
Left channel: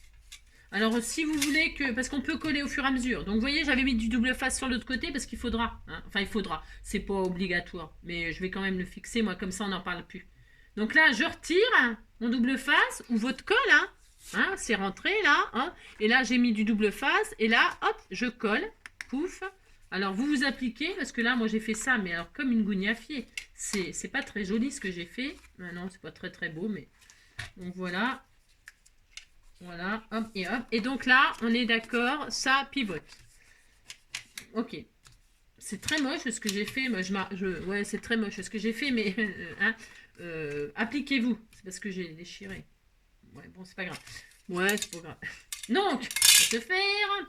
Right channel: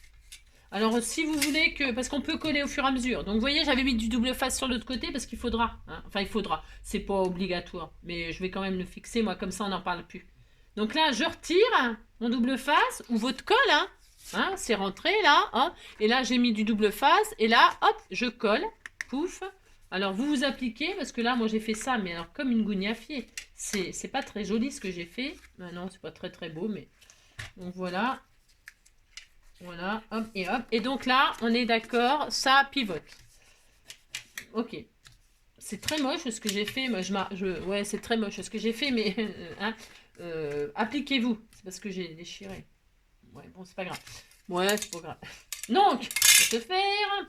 Alors, si vous voulez que... Parce qu'on peut coller au fur et à mesure. Donc, vous voyez, j'avais mis du double face sur l'autre côté parce qu'il faudra. Hein. Enfin, il faudra. C'est pas obligatoire. Mais je vais quand même le fixer. Moi, comme ça, on n'en parle plus. Donc là, je retire mon double face ou votre colle. Hein. Hein, c'est rentré là. Hein, et là, j'ai mis du double face. Et là, hop, je colle. Pouf. Alors, vous appliquez, parce que là, moi, j'ai fait ça, mais alors comme une gougnafier. C'est pas très joli ce que j'ai fait. Ah non, c'est pas très très beau, mais... Donc, voilà. Voilà, hop, et hop. Et donc là, on est d'accord, ça pivote. Ok. C'est très moche ce que j'ai fait. Moi, ouais, c'est très moche ce que j'ai fait, mais... hein, appliquez-vous. C'est parce que j'ai déchiré. Ouais, bon, c'est pas grave. Ouais, c'est pas grave. Donc,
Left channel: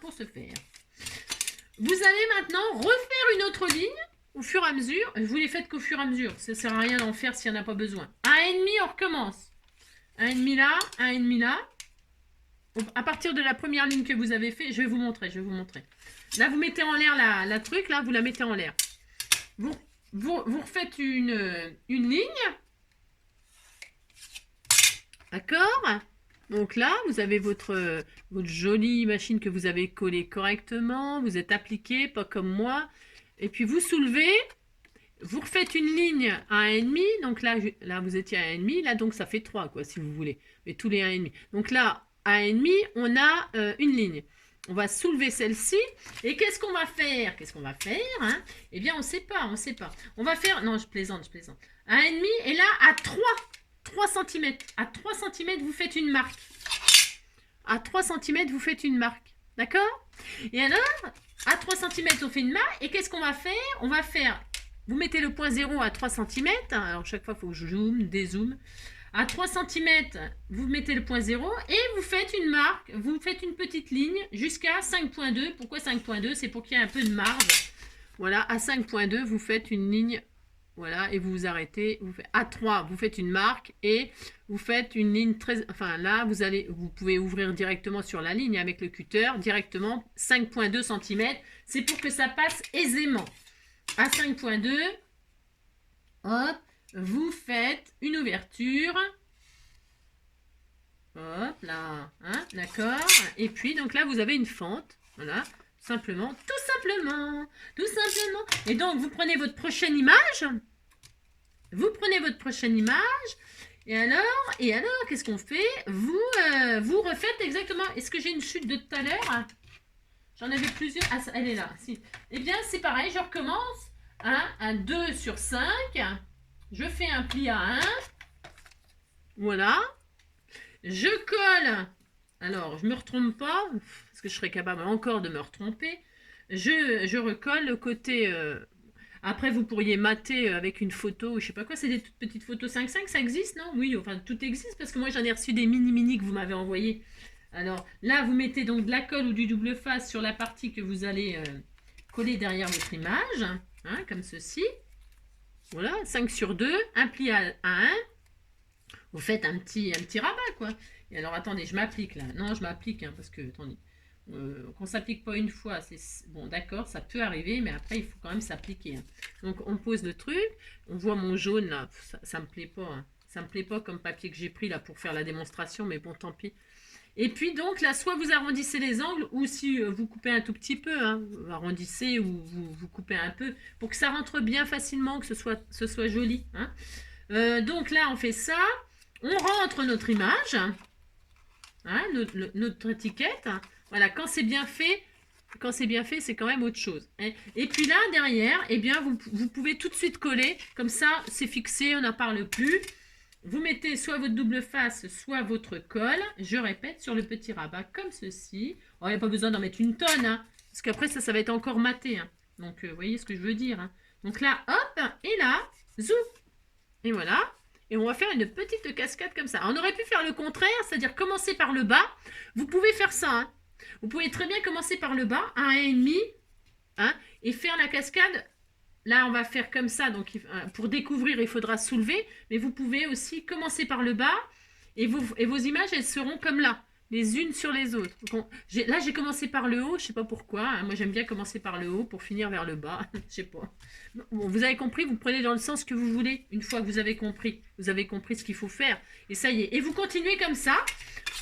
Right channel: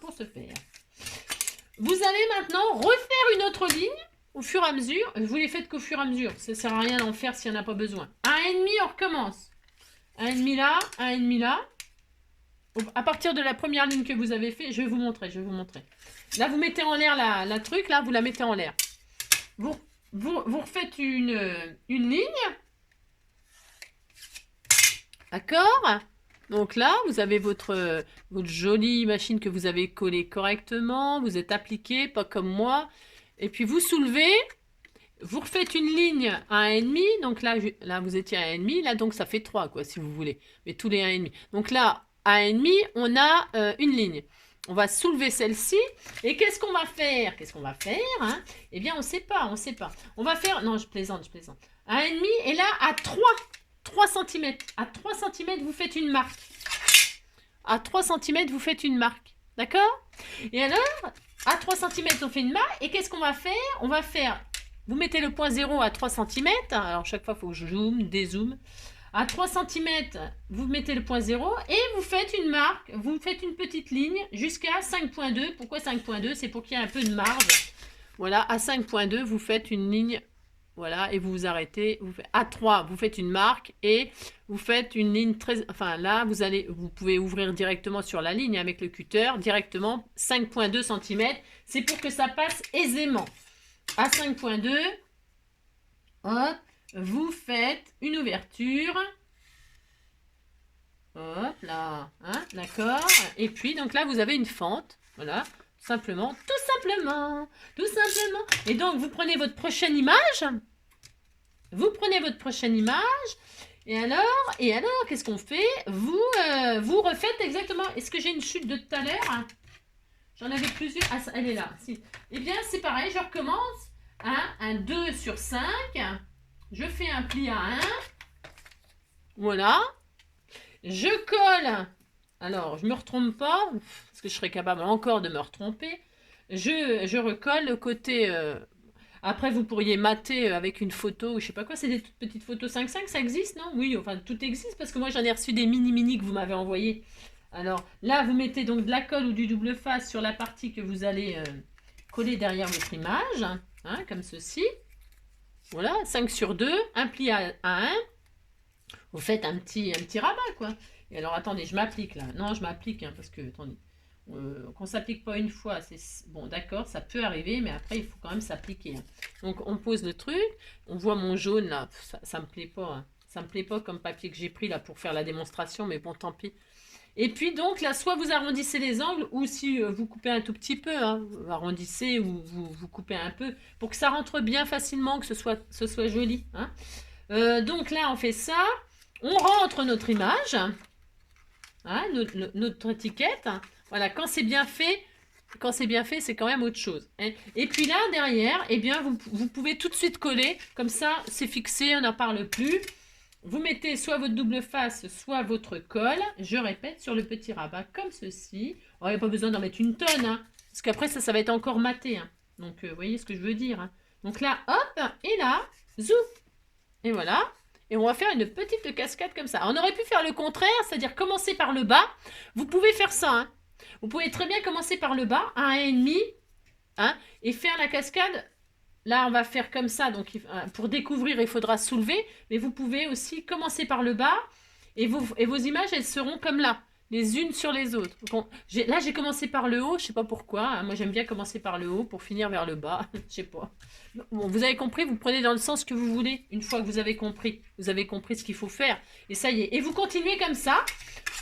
pour se faire. Vous allez maintenant refaire une autre ligne au fur et à mesure. Vous les faites qu'au fur et à mesure. Ça sert à rien d'en faire s'il n'y en a pas besoin. 1,5, on recommence. 1,5 là, 1,5 là. À partir de la première ligne que vous avez fait, je vais vous montrer. Là, vous mettez en l'air la truc, là, vous la mettez en l'air. Vous refaites une ligne. D'accord? Donc là, vous avez votre jolie machine que vous avez collée correctement. Vous êtes appliqué, pas comme moi. Et puis vous soulevez. Vous refaites une ligne à 1,5. Donc là, vous étiez à 1,5. Là, donc ça fait 3, quoi, si vous voulez. Mais tous les 1,5. Donc là, à 1,5, on a une ligne. On va soulever celle-ci. Et qu'est-ce qu'on va faire? Hein? Eh bien, on ne sait pas. On va faire... Non, je plaisante. À 1,5 et là, à 3 cm. À 3 cm, vous faites une marque. D'accord? Et alors, à 3 cm, on fait une marque. Et qu'est-ce qu'on va faire? Vous mettez le point 0 à 3 cm. Alors, chaque fois, il faut que je zoome, dézoome. À 3 cm, vous mettez le point 0 et vous faites une marque. Vous faites une petite ligne jusqu'à 5,2. Pourquoi 5,2? C'est pour qu'il y ait un peu de marge. Voilà, à 5,2, vous faites une ligne. Voilà, et vous vous arrêtez. À 3, vous faites une marque et vous faites une ligne très... Enfin, là, vous pouvez ouvrir directement sur la ligne avec le cutter, directement 5,2 cm. C'est pour que ça passe aisément. À 5,2, hop, vous faites une ouverture. Hop, là, hein, d'accord. Et puis, donc là, vous avez une fente. Voilà, tout simplement. Et donc, vous prenez votre prochaine image. Et alors, qu'est-ce qu'on fait? Vous refaites exactement. Est-ce que j'ai une chute de tout à l'heure? J'en avais plusieurs. Ah, elle est là. Si. Eh bien, c'est pareil. Je recommence. Un 2 sur 5. Je fais un pli à 1. Voilà. Je colle. Alors, je ne me retrompe pas. Parce que je serais capable encore de me retromper. Je recolle le côté... Après, vous pourriez mater avec une photo, je sais pas quoi, c'est des toutes petites photos 5,5, ça existe, non? Oui, enfin, tout existe, parce que moi, j'en ai reçu des mini que vous m'avez envoyés. Alors, là, vous mettez donc de la colle ou du double face sur la partie que vous allez coller derrière votre image, hein, comme ceci. Voilà, 5 sur 2, un pli à 1. Vous faites un petit rabat, quoi. Et alors, attendez, je m'applique, là. Non, je m'applique, hein, parce que, attendez... qu'on s'applique pas une fois, c'est bon, d'accord, ça peut arriver, mais après il faut quand même s'appliquer. Hein. Donc on pose le truc, on voit mon jaune là, ça me plaît pas, hein. Ça me plaît pas comme papier que j'ai pris là pour faire la démonstration, mais bon, tant pis. Et puis donc là, soit vous arrondissez les angles, ou si vous coupez un tout petit peu, hein, vous arrondissez ou vous coupez un peu, pour que ça rentre bien facilement, que ce soit joli. Hein. Donc là, on fait ça, on rentre notre image, hein, notre étiquette. Voilà, quand c'est bien fait, c'est quand même autre chose. Hein. Et puis là, derrière, eh bien, vous pouvez tout de suite coller. Comme ça, c'est fixé, on n'en parle plus. Vous mettez soit votre double face, soit votre colle. Je répète, sur le petit rabat, comme ceci. Oh, il n'y a pas besoin d'en mettre une tonne, hein, parce qu'après, ça va être encore maté. Hein. Donc, vous voyez ce que je veux dire. Hein. Donc là, hop, et là, zou. Et voilà. Et on va faire une petite cascade comme ça. On aurait pu faire le contraire, c'est-à-dire commencer par le bas. Vous pouvez faire ça, hein. Vous pouvez très bien commencer par le bas, à 1,5, hein, et faire la cascade. Là, on va faire comme ça. Donc, pour découvrir, il faudra soulever. Mais vous pouvez aussi commencer par le bas. Et vos images, elles seront comme là, les unes sur les autres. Donc, là, j'ai commencé par le haut. Je ne sais pas pourquoi. Hein. Moi, j'aime bien commencer par le haut pour finir vers le bas. Je ne sais pas. Bon, vous avez compris, vous prenez dans le sens que vous voulez. Une fois que vous avez compris ce qu'il faut faire. Et ça y est. Et vous continuez comme ça.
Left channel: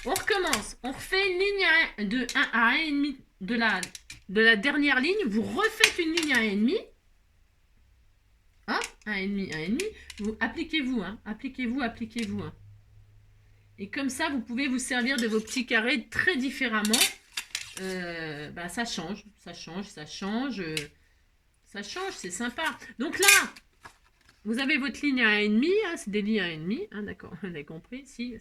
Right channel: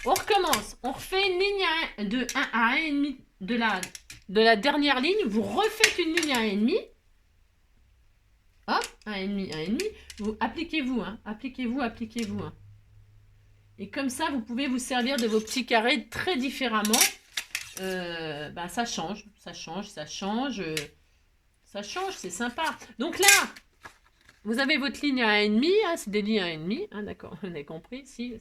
On recommence. On refait une ligne de 1 à 1,5 de la dernière ligne. Vous refaites une ligne à 1,5. Hop, 1,5, 1,5. Appliquez-vous, hein. Appliquez-vous. Hein. Et comme ça, vous pouvez vous servir de vos petits carrés très différemment. Ça change, ça change, ça change. Ça change, c'est sympa. Donc là, vous avez votre ligne à 1,5, hein, c'est des lignes à 1,5, hein, d'accord, vous avez compris, si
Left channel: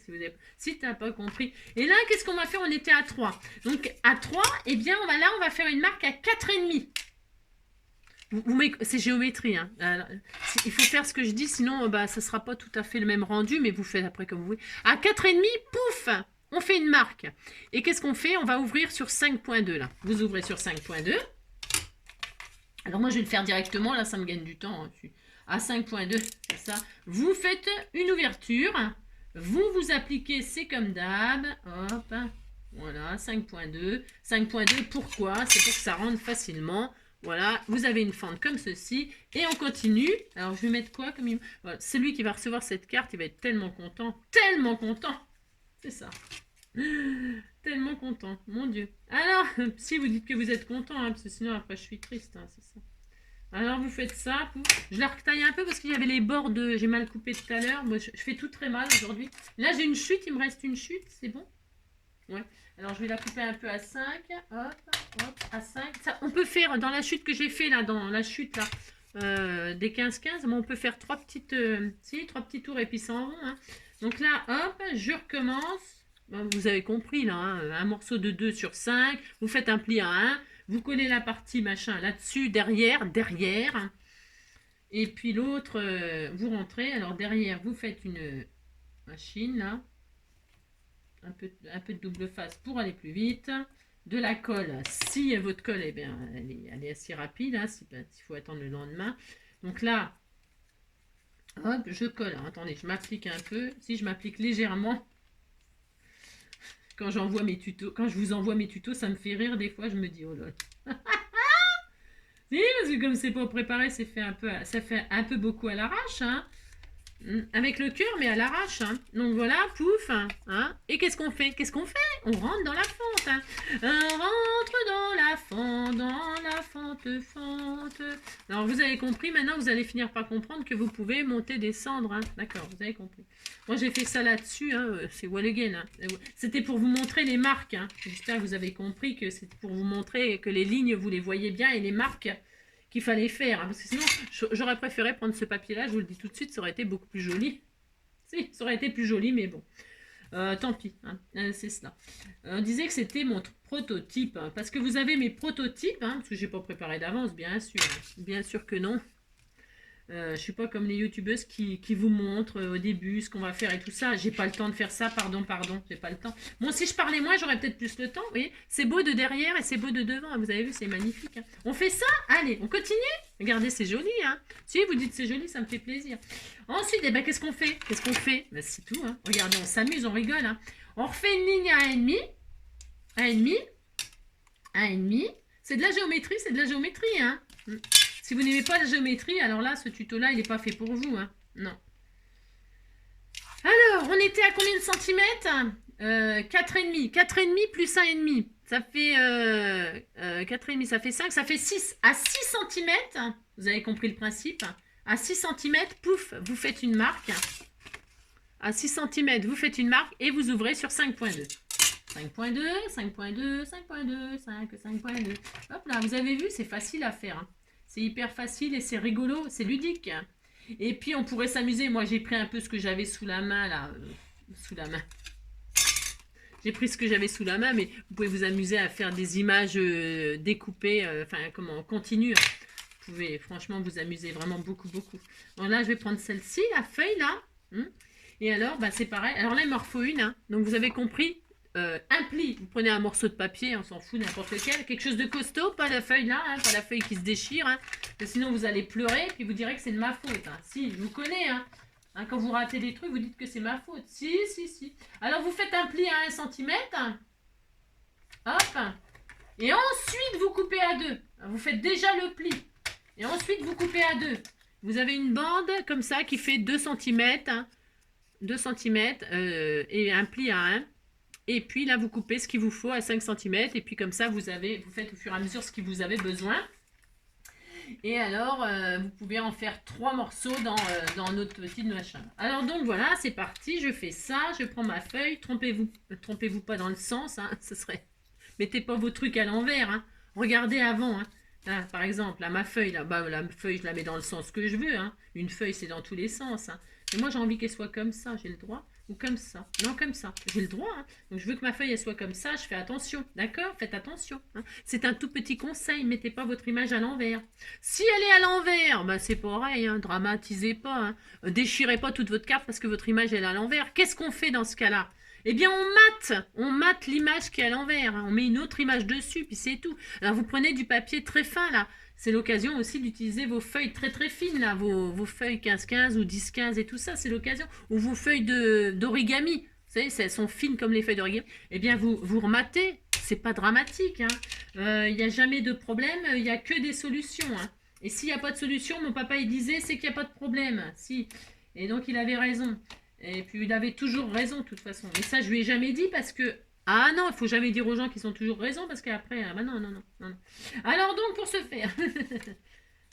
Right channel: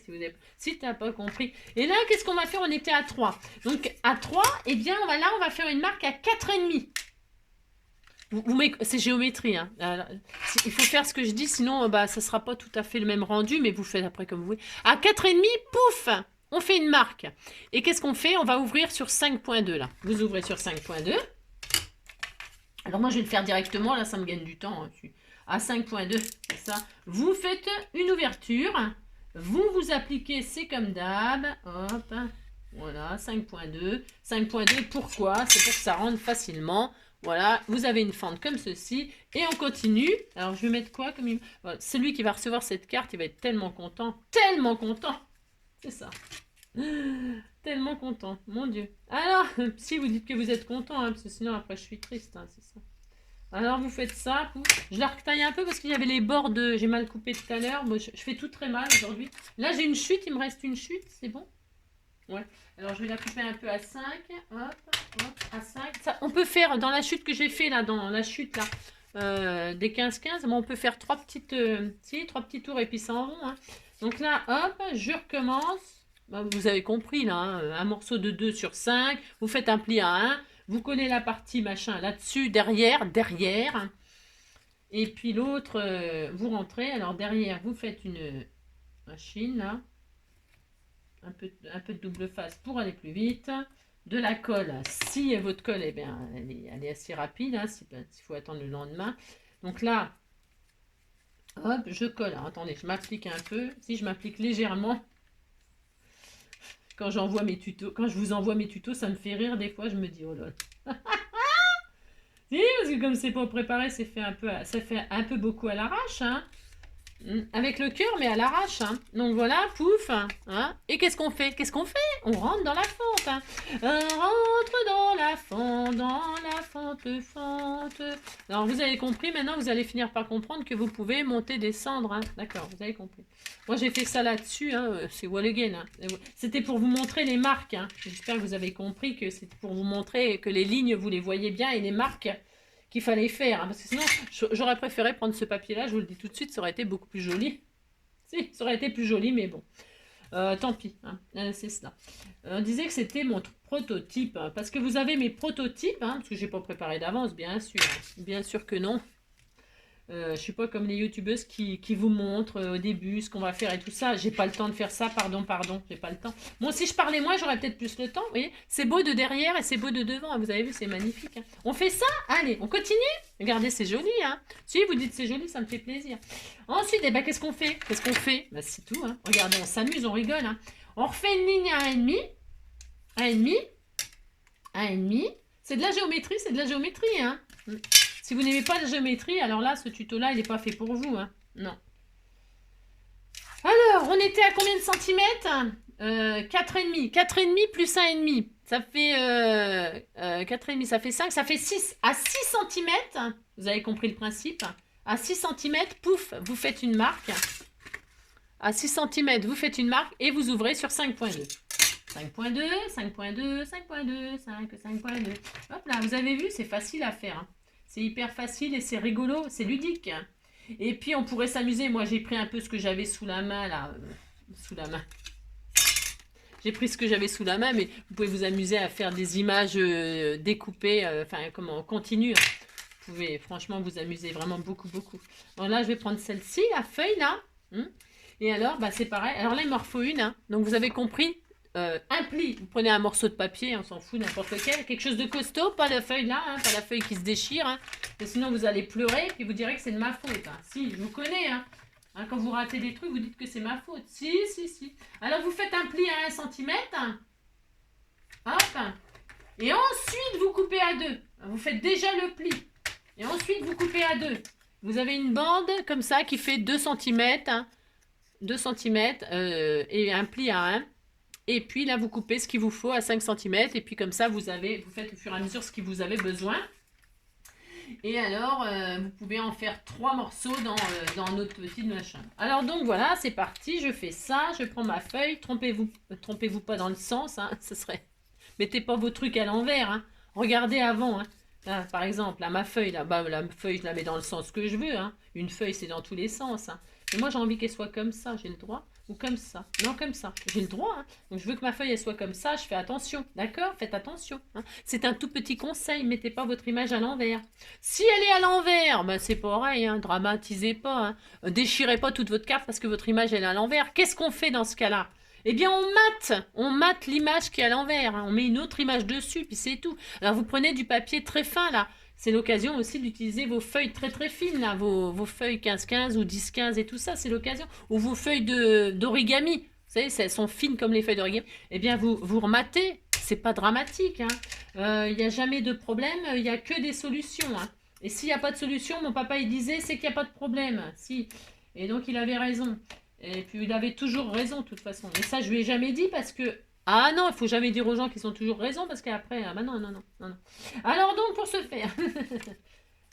tu n'as pas compris. Et là, qu'est-ce qu'on va faire? On était à 3. Donc à 3, eh bien, on va faire une marque à 4,5. C'est géométrie, hein. Alors, il faut faire ce que je dis, sinon ça ne sera pas tout à fait le même rendu, mais vous faites après comme vous voulez. À 4,5, pouf, on fait une marque. Et qu'est-ce qu'on fait? On va ouvrir sur 5,2 là. Vous ouvrez sur 5,2. Alors moi, je vais le faire directement, là, ça me gagne du temps. Hein. À 5,2, c'est ça. Vous faites une ouverture. Vous appliquez, c'est comme d'hab. Hop, voilà, 5,2. 5,2, pourquoi? C'est pour que ça rentre facilement. Voilà, vous avez une fente comme ceci. Et on continue. Alors, je vais mettre quoi comme une... Voilà, celui qui va recevoir cette carte, il va être tellement content. Tellement content. C'est ça. Tellement content, mon Dieu. Alors, si vous dites que vous êtes content, hein, parce que sinon après je suis triste, hein, c'est ça. Alors vous faites ça, je la retaille un peu parce qu'il y avait les bords de... J'ai mal coupé tout à l'heure, moi je fais tout très mal aujourd'hui. Là j'ai une chute, il me reste une chute, c'est bon? Ouais. Alors je vais la couper un peu à 5, hop, hop, à 5. Ça, on peut faire, dans la chute que j'ai fait là, dans la chute là, des 15-15, on peut faire 3 petites, 3 petits tours et puis ça en rond. Hein. Donc là, hop, je recommence. Vous avez compris là, hein, un morceau de 2 sur 5, vous faites un pli à 1, vous collez la partie machin là-dessus, derrière, et puis l'autre, vous rentrez, alors derrière, vous faites une machine là, un peu de double face pour aller plus vite, de la colle, si votre colle, eh bien, elle est assez rapide, hein, s'il faut attendre le lendemain, donc là, hop, je colle, alors, attendez, je m'applique un peu, si je m'applique légèrement, quand j'envoie mes tutos, quand je vous envoie mes tutos, ça me fait rire des fois, je me dis oh là là. Si, parce que comme c'est pas préparé, ça fait un peu beaucoup à l'arrache, hein. Avec le cœur, mais à l'arrache, hein. Donc voilà, pouf, hein. Et qu'est-ce qu'on fait? On rentre dans la fente, hein. Rentre dans la fente. Alors vous avez compris, maintenant vous allez finir par comprendre que vous pouvez monter, descendre, hein. D'accord, vous avez compris. Moi j'ai fait ça là-dessus, hein. C'est Wall Again, hein. C'était pour vous montrer les marques, hein. J'espère que vous avez compris que c'était pour vous montrer que les lignes, vous les voyez bien et les marques qu'il fallait faire, hein, parce que sinon j'aurais préféré prendre ce papier là, je vous le dis tout de suite, ça aurait été beaucoup plus joli. Si, ça aurait été plus joli, mais bon, tant pis, hein, c'est cela. On disait que c'était mon prototype, hein, parce que vous avez mes prototypes, hein, parce que j'ai pas préparé d'avance, bien sûr que non. Je suis pas comme les youtubeuses qui vous montrent au début ce qu'on va faire et tout ça. J'ai pas le temps de faire ça, pardon, j'ai pas le temps. Bon, si je parlais moins, j'aurais peut-être plus le temps. Vous voyez, c'est beau de derrière et c'est beau de devant. Vous avez vu, c'est magnifique. Hein. On fait ça? Allez, on continue? Regardez, c'est joli. Hein. Si vous dites c'est joli, ça me fait plaisir. Ensuite, eh ben, qu'est-ce qu'on fait? Ben, c'est tout. Hein. Regardez, on s'amuse, on rigole. Hein. On refait une ligne à 1,5. C'est de la géométrie, hein. Si vous n'aimez pas la géométrie, alors là, ce tuto-là, il n'est pas fait pour vous. Hein. Non. Alors, on était à combien de centimètres? 4,5. 4,5 plus 1,5. Ça fait 4,5, ça fait 5, ça fait 6. À 6 cm, vous avez compris le principe. À 6 cm, pouf, vous faites une marque. À 6 cm, vous faites une marque et vous ouvrez sur 5,2. 5,2, 5,2, 5,2, 5,2. Hop là, vous avez vu, c'est facile à faire. Hein. C'est hyper facile et c'est rigolo, c'est ludique. Et puis on pourrait s'amuser. Moi j'ai pris un peu ce que j'avais sous la main là. J'ai pris ce que j'avais sous la main, mais vous pouvez vous amuser à faire des images découpées, en continu. Vous pouvez franchement vous amuser vraiment beaucoup. Alors là je vais prendre celle-ci, la feuille là. Et alors c'est pareil. Alors là il m'en faut une. Hein. Donc vous avez compris. Un pli, vous prenez un morceau de papier, on s'en fout, n'importe lequel, quelque chose de costaud, pas la feuille là, hein, pas la feuille qui se déchire, hein, sinon vous allez pleurer, puis vous direz que c'est de ma faute. Hein. Si, je vous connais, hein. Quand vous ratez des trucs, vous dites que c'est ma faute. Si. Alors vous faites un pli à 1 cm, hop, et ensuite vous coupez à 2. Vous faites déjà le pli, et ensuite vous coupez à 2. Vous avez une bande comme ça qui fait 2 cm, hein, 2 cm, et un pli à 1. Et puis là, vous coupez ce qu'il vous faut à 5 cm. Et puis comme ça, vous faites au fur et à mesure ce que vous avez besoin. Et alors, vous pouvez en faire 3 morceaux dans notre petite machin. Alors donc voilà, c'est parti, je fais ça, je prends ma feuille, trompez-vous pas dans le sens, hein, ce serait... Mettez pas vos trucs à l'envers, hein. Regardez avant, hein. Là, par exemple, là, ma feuille, là, bah, la feuille, je la mets dans le sens que je veux, hein. Une feuille, c'est dans tous les sens, hein. Et moi, j'ai envie qu'elle soit comme ça, j'ai le droit. Ou comme ça. Non, comme ça. J'ai le droit, hein. Donc, je veux que ma feuille, elle soit comme ça, je fais attention. D'accord? Faites attention, hein. C'est un tout petit conseil, mettez pas votre image à l'envers. Si elle est à l'envers, bah, c'est pareil, hein. Dramatisez pas, hein. Déchirez pas toute votre carte parce que votre image, elle est à l'envers. Qu'est-ce qu'on fait dans ce cas-là? Eh bien, on mate l'image qui est à l'envers, hein. On met une autre image dessus, puis c'est tout. Alors, vous prenez du papier très fin, là. C'est l'occasion aussi d'utiliser vos feuilles très très fines, là, vos feuilles 15-15 ou 10-15 et tout ça, c'est l'occasion. Ou vos feuilles d'origami, vous savez, elles sont fines comme les feuilles d'origami. Eh bien, vous rematez, c'est pas dramatique, hein. Il n'y a jamais de problème, il n'y a que des solutions, hein. Et s'il n'y a pas de solution, mon papa, il disait, c'est qu'il n'y a pas de problème. Si. Et donc, il avait raison. Et puis il avait toujours raison de toute façon. Mais ça, je lui ai jamais dit parce que... Ah non, il faut jamais dire aux gens qu'ils ont toujours raison parce qu'après... Bah non, non, non, non. Alors donc, pour ce faire...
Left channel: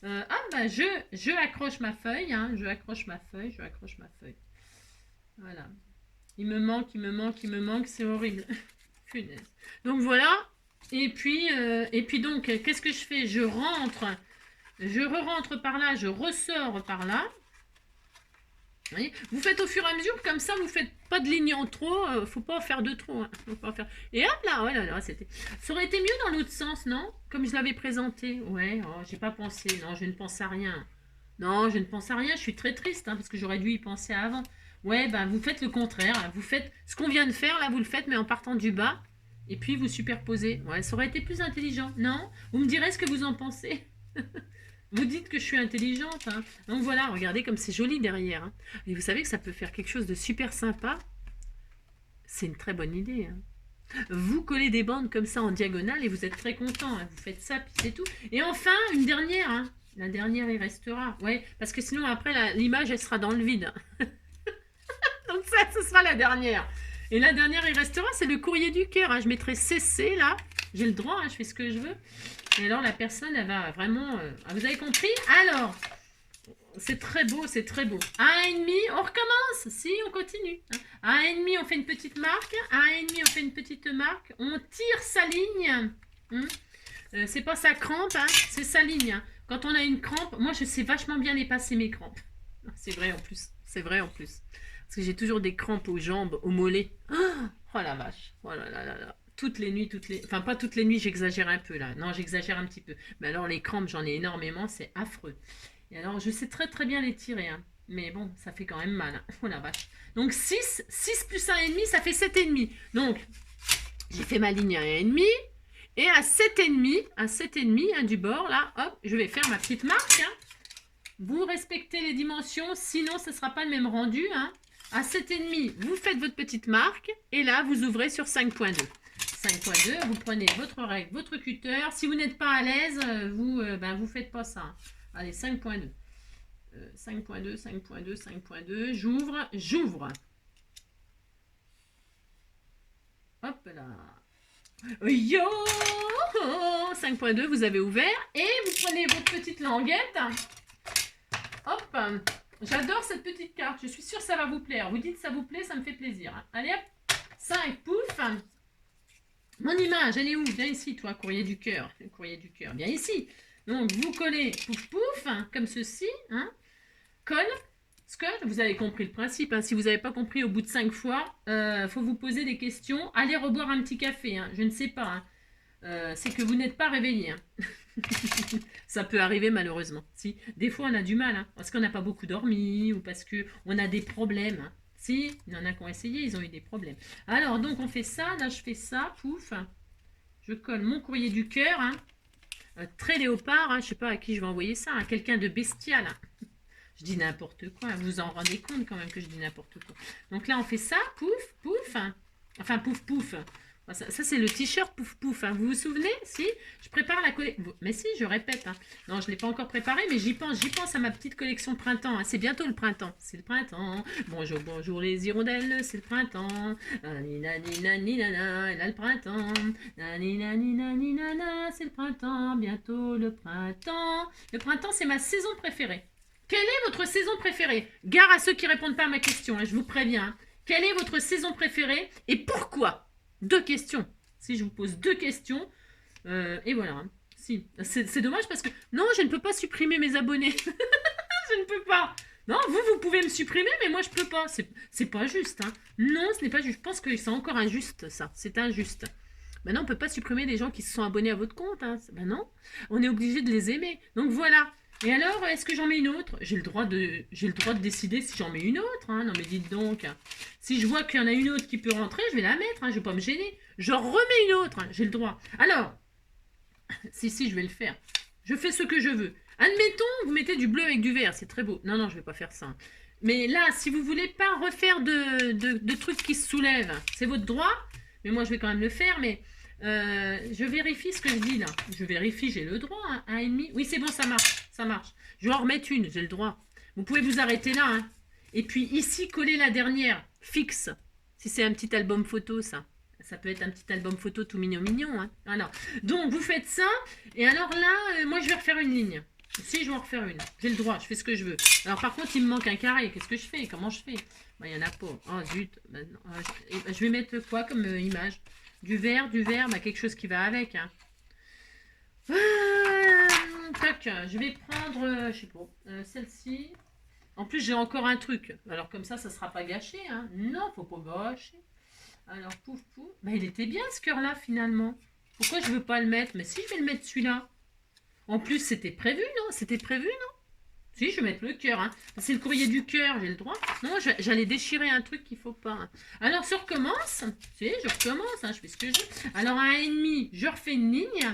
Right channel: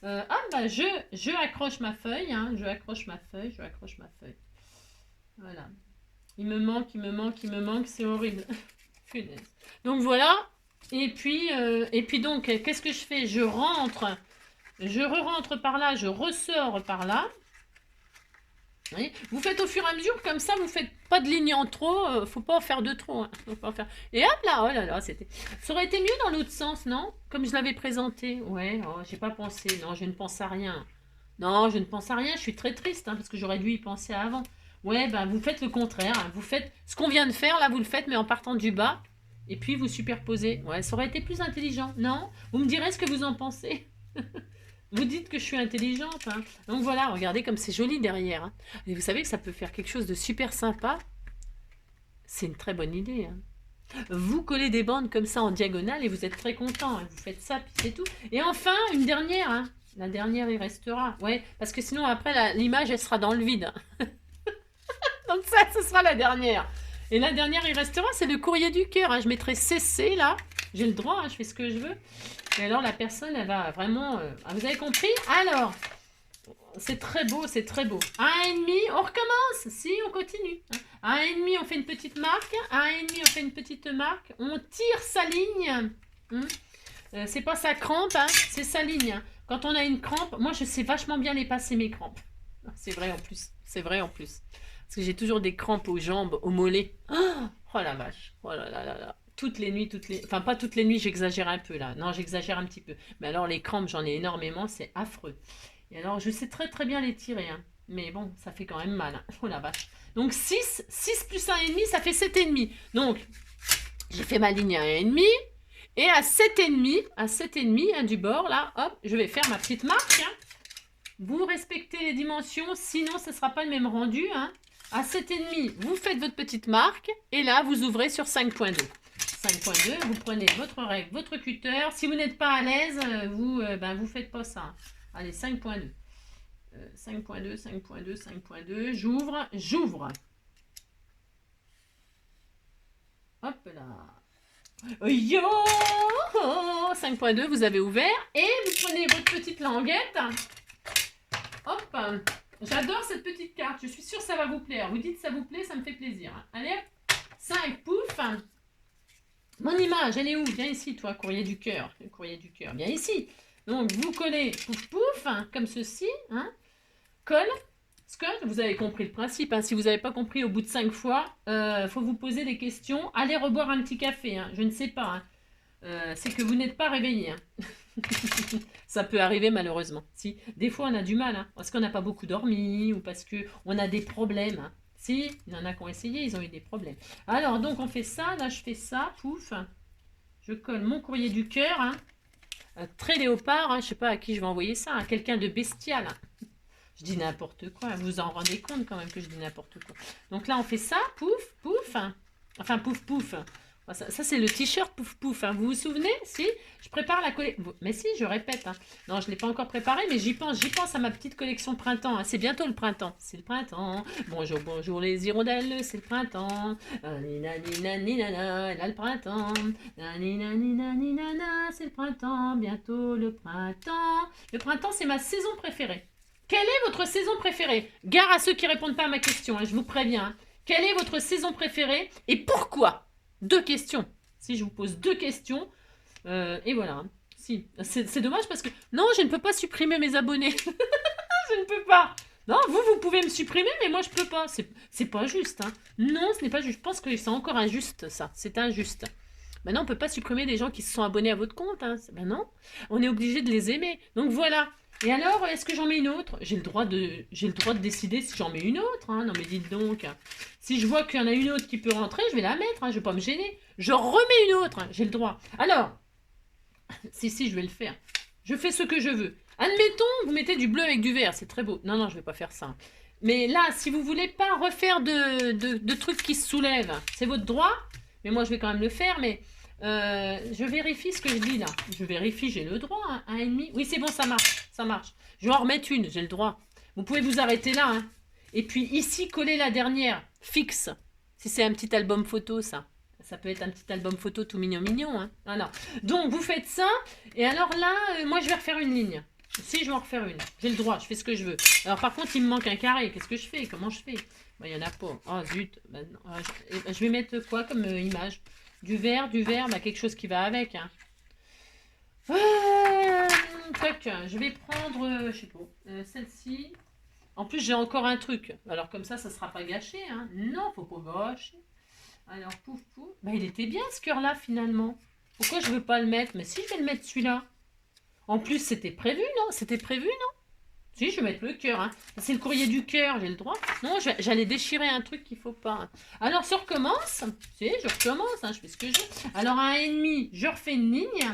bah je accroche ma feuille, hein. Je accroche ma feuille. Voilà. Il me manque, c'est horrible. Punaise. Donc voilà. Et puis donc, qu'est-ce que je fais? Je re-rentre par là, je ressors par là. Oui. Vous faites au fur et à mesure, comme ça, vous faites pas de ligne en trop, faut pas en faire de trop. Hein. Faut pas en faire... Et hop là, oh là là, c'était... Ça aurait été mieux dans l'autre sens, non? Comme je l'avais présenté. Ouais, oh, j'ai pas pensé, non, je ne pense à rien. Non, je ne pense à rien, je suis très triste, hein, parce que j'aurais dû y penser avant. Ouais, ben vous faites le contraire, hein. Vous faites ce qu'on vient de faire, là, vous le faites, mais en partant du bas, et puis vous superposez. Ouais, ça aurait été plus intelligent, non? Vous me direz ce que vous en pensez. Vous dites que je suis intelligente, hein. Donc voilà, regardez comme c'est joli derrière, hein. Et vous savez que ça peut faire quelque chose de super sympa. C'est une très bonne idée, hein. Vous collez des bandes comme ça en diagonale et vous êtes très content, hein. Vous faites ça, puis c'est tout. Et enfin, une dernière, hein. La dernière, il restera. Ouais, parce que sinon, après, l'image, elle sera dans le vide. Donc ça, ce sera la dernière. Et la dernière, il restera, c'est le courrier du cœur, hein. Je mettrai CC, là. J'ai le droit, hein, je fais ce que je veux. Et alors, la personne, elle va vraiment... vous avez compris? Alors, c'est très beau, c'est très beau. 1,5, on recommence. Si, on continue. 1,5, on fait une petite marque. 1,5, on fait une petite marque. On tire sa ligne. C'est pas sa crampe, hein, c'est sa ligne. Hein. Quand on a une crampe, moi, je sais vachement bien les passer, mes crampes. C'est vrai en plus. C'est vrai en plus. Parce que j'ai toujours des crampes aux jambes, aux mollets. Oh la vache. Oh là là là là. Toutes les nuits, enfin pas toutes les nuits, j'exagère un peu là. Non, j'exagère un petit peu. Mais alors les crampes, j'en ai énormément, c'est affreux. Et alors je sais très très bien les tirer, hein. Mais bon, ça fait quand même mal. Hein. Oh la vache. Donc 6 plus 1,5, ça fait 7,5. Donc j'ai fait ma ligne à 1,5. Et à 7,5, hein, du bord, là, hop, je vais faire ma petite marque. Hein. Vous respectez les dimensions, sinon ce ne sera pas le même rendu. Hein. À 7,5, vous faites votre petite marque. Et là, vous ouvrez sur 5,2. 5,2, vous prenez votre règle, votre cutter. Si vous n'êtes pas à l'aise, vous faites pas ça. Allez, 5,2. 5,2, 5,2, 5,2. J'ouvre. Hop là. Yo 5,2, vous avez ouvert. Et vous prenez votre petite languette. Hop. J'adore cette petite carte. Je suis sûre que ça va vous plaire. Vous dites ça vous plaît, ça me fait plaisir. Allez hop. 5, pouf. Mon image, elle est où? Viens ici, toi, courrier du cœur. Le courrier du cœur, viens ici. Donc, vous collez, pouf, pouf, hein, comme ceci. Hein. Colle. Scott, vous avez compris le principe. Hein. Si vous n'avez pas compris au bout de 5 fois, faut vous poser des questions. Allez reboire un petit café. Hein. Je ne sais pas. Hein. C'est que vous n'êtes pas réveillé. Hein. Ça peut arriver malheureusement. Si, des fois, on a du mal. Hein, parce qu'on n'a pas beaucoup dormi ou parce qu'on a des problèmes. Hein. Si, il y en a qui ont essayé, ils ont eu des problèmes. Alors, donc, on fait ça. Là, je fais ça. Pouf. Je colle mon courrier du cœur. Hein. Très léopard. Hein. Je ne sais pas à qui je vais envoyer ça. Hein. Quelqu'un de bestial. Hein. Je dis n'importe quoi. Vous vous en rendez compte quand même que je dis n'importe quoi. Donc là, on fait ça. Pouf, pouf. Enfin, pouf, pouf. Ah, ça, c'est le t-shirt pouf pouf, hein. Vous vous souvenez? Si, je prépare la collection. Mais si, je répète, hein. Non, je ne l'ai pas encore préparé, mais j'y pense à ma petite collection printemps, hein. C'est bientôt le printemps. C'est le printemps. Bonjour, bonjour les hirondelles, c'est le printemps. Nina, nina, nina, nana, là le printemps. Nina, nina, nina, nana, c'est le printemps. Bientôt le printemps. Le printemps, c'est ma saison préférée. Quelle est votre saison préférée? Gare à ceux qui répondent pas à ma question, hein, je vous préviens, hein. Quelle est votre saison préférée et pourquoi? 2 questions. Si je vous pose 2 questions, et voilà. Hein. Si. C'est dommage parce que... Non, je ne peux pas supprimer mes abonnés. Je ne peux pas. Non, vous pouvez me supprimer, mais moi, je peux pas. C'est pas juste. Hein. Non, ce n'est pas juste. Je pense que c'est encore injuste, ça. C'est injuste. Maintenant, on ne peut pas supprimer des gens qui se sont abonnés à votre compte. Hein. Ben non. On est obligé de les aimer. Donc, voilà. Et alors, est-ce que j'en mets une autre? J'ai le droit de décider si j'en mets une autre. Hein. Non, mais dites donc. Si je vois qu'il y en a une autre qui peut rentrer, je vais la mettre. Hein. Je ne vais pas me gêner. Je remets une autre. Hein. J'ai le droit. Alors, si, je vais le faire. Je fais ce que je veux. Admettons, vous mettez du bleu avec du vert. C'est très beau. Non, non, je ne vais pas faire ça. Mais là, si vous ne voulez pas refaire de trucs qui se soulèvent, c'est votre droit. Mais moi, je vais quand même le faire. Mais... je vérifie ce que je dis là. Je vérifie, j'ai le droit. Hein, 1,5. Oui, c'est bon, ça marche. Ça marche. Je vais en remettre une, j'ai le droit. Vous pouvez vous arrêter là. Hein. Et puis ici, coller la dernière. Fixe. Si c'est un petit album photo, ça. Ça peut être un petit album photo tout mignon, mignon. Hein. Voilà. Donc, vous faites ça. Et alors là, moi, je vais refaire une ligne. Si, je vais en refaire une. J'ai le droit, je fais ce que je veux. Alors, par contre, il me manque un carré. Qu'est-ce que je fais? Comment je fais? Il n'y en a pas. Oh, zut. Ben, je vais mettre quoi comme image? Du vert, bah, quelque chose qui va avec. Hein. Toc, je vais prendre, je sais pas, celle-ci. En plus, j'ai encore un truc. Alors, comme ça ne sera pas gâché. Hein. Non, faut pas gâcher. Alors, pouf, pouf. Bah, il était bien ce cœur-là, finalement. Pourquoi je veux pas le mettre? Mais si, je vais le mettre celui-là. En plus, c'était prévu, non? C'était prévu, non? Si, je vais mettre le cœur. Hein. C'est le courrier du cœur, j'ai le droit. Non, j'allais déchirer un truc qu'il ne faut pas. Hein. Alors, ça recommence. Si, je recommence. Hein, je fais ce que je veux. Alors, à 1,5, je refais une ligne.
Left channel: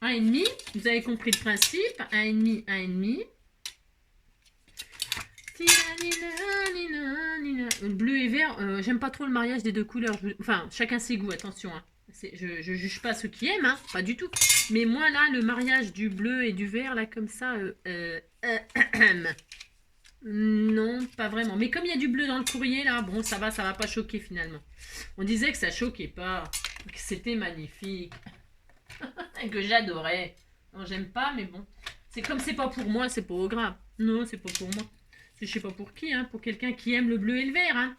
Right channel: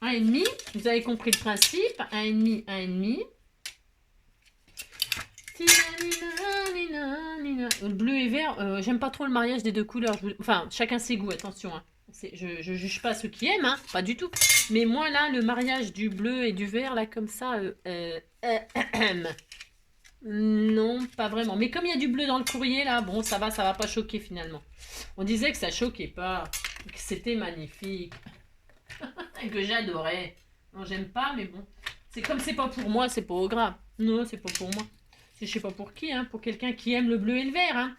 1,5. Vous avez compris le principe. 1,5, 1,5. Bleu et vert. J'aime pas trop le mariage des 2 couleurs. Enfin, chacun ses goûts, attention. Hein. Je ne juge pas ceux qui aiment, hein, pas du tout. Mais moi, là, le mariage du bleu et du vert, là, comme ça, non, pas vraiment. Mais comme il y a du bleu dans le courrier, là, bon, ça va pas choquer, finalement. On disait que ça choquait pas, que c'était magnifique, et que j'adorais. Non, j'aime pas, mais bon. C'est comme c'est pas pour moi, c'est pas grave. Non, c'est pas pour moi. C'est je sais pas pour qui, hein, pour quelqu'un qui aime le bleu et le vert, hein.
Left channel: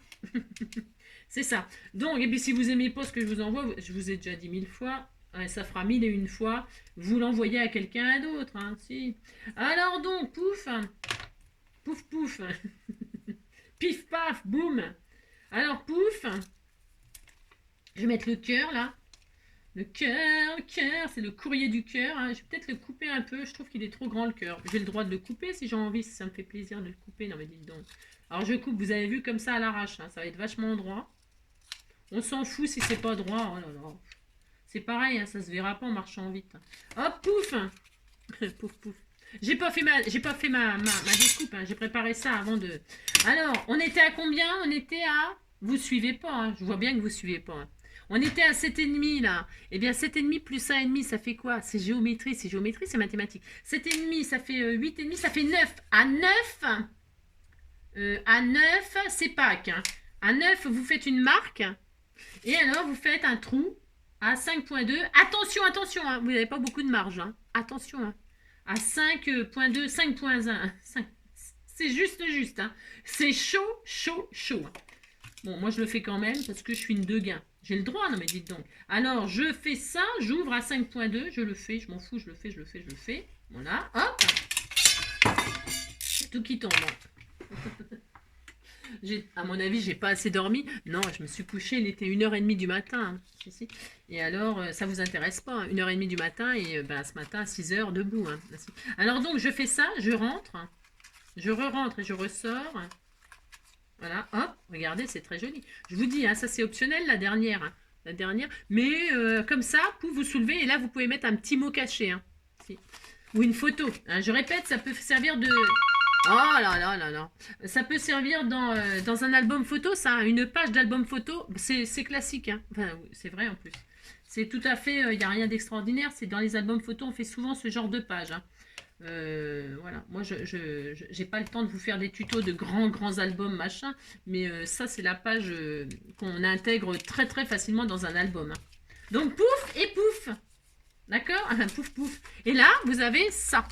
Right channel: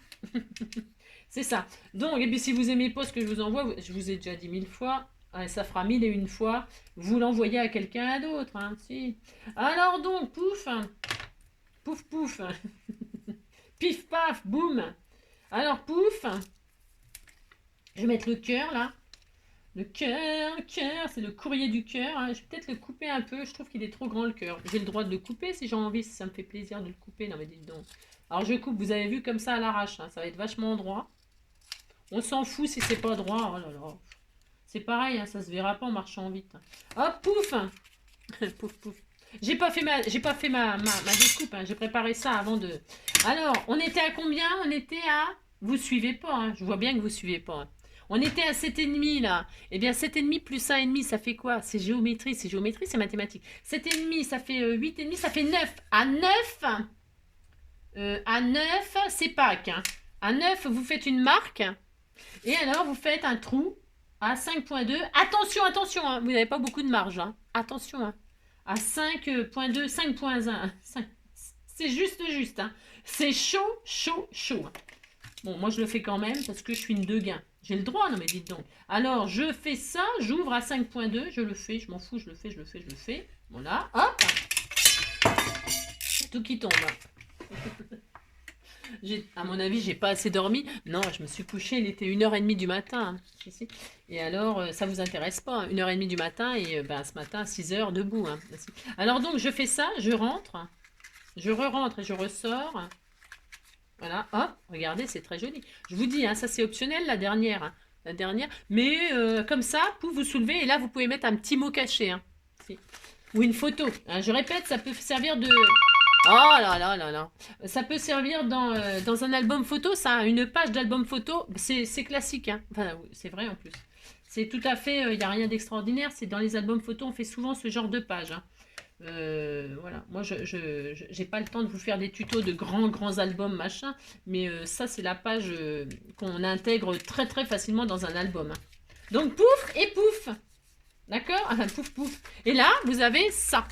C'est ça. Donc, et puis si vous aimez pas ce que je vous envoie, je vous ai déjà dit 1000 fois, hein, ça fera 1001 fois, vous l'envoyez à quelqu'un d'autre. Hein, si. Alors donc, pouf, pouf, pouf, pif, paf, boum. Alors, pouf, je vais mettre le cœur là. Le cœur, c'est le courrier du cœur. Hein. Je vais peut-être le couper un peu, je trouve qu'il est trop grand le cœur. J'ai le droit de le couper si j'ai envie, si ça me fait plaisir de le couper. Non mais dites donc. Alors je coupe, vous avez vu comme ça à l'arrache, hein. Ça va être vachement droit. On s'en fout si c'est pas droit. Oh là là. C'est pareil, hein, ça se verra pas en marchant vite. Hop, pouf. Pouf, pouf. J'ai pas fait ma découpe. Hein. J'ai préparé ça avant de... Alors, on était à combien? On était à... Vous suivez pas. Hein. Je vois bien que vous suivez pas. Hein. On était à 7,5 là. Eh bien, 7,5 plus 1,5, ça fait quoi? C'est géométrie, c'est mathématique. 7,5, ça fait 8,5, ça fait 9. À 9, c'est Pâques. Hein. À 9, vous faites une marque. Et alors, vous faites un trou à 5,2. Attention, attention, hein, vous n'avez pas beaucoup de marge. Hein. Attention, hein. À 5,2, 5,1. C'est juste. Hein. C'est chaud. Hein. Bon, moi, je le fais quand même parce que je suis une deguin. J'ai le droit, non mais dites donc. Alors, je fais ça, j'ouvre à 5,2, je le fais, je m'en fous, je le fais. Voilà, hop. Tout qui tombe. À mon avis, j'ai pas assez dormi. Non, je me suis couchée, il était 1h30 du matin. Hein. Et alors, ça vous intéresse pas, hein. 1h30 du matin et ce matin, 6h, debout. Hein. Alors donc, je fais ça, je rentre. Je re-rentre et je ressors. Voilà, hop, regardez, c'est très joli. Je vous dis, hein, ça c'est optionnel, la dernière. Hein, la dernière. Mais comme ça, vous vous soulevez et là, vous pouvez mettre un petit mot caché. Hein, ou une photo. Hein, je répète, ça peut servir de... Oh là là là là. Ça peut servir dans un album photo, ça, une page d'album photo, c'est classique, hein. Enfin, oui, c'est vrai en plus. C'est tout à fait, il n'y a rien d'extraordinaire, c'est dans les albums photos, on fait souvent ce genre de page, hein. Voilà, moi j'ai pas le temps de vous faire des tutos de grands albums machin, mais ça c'est la page qu'on intègre très très facilement dans un album, hein. Donc pouf et pouf, d'accord. Pouf pouf. Et là vous avez ça.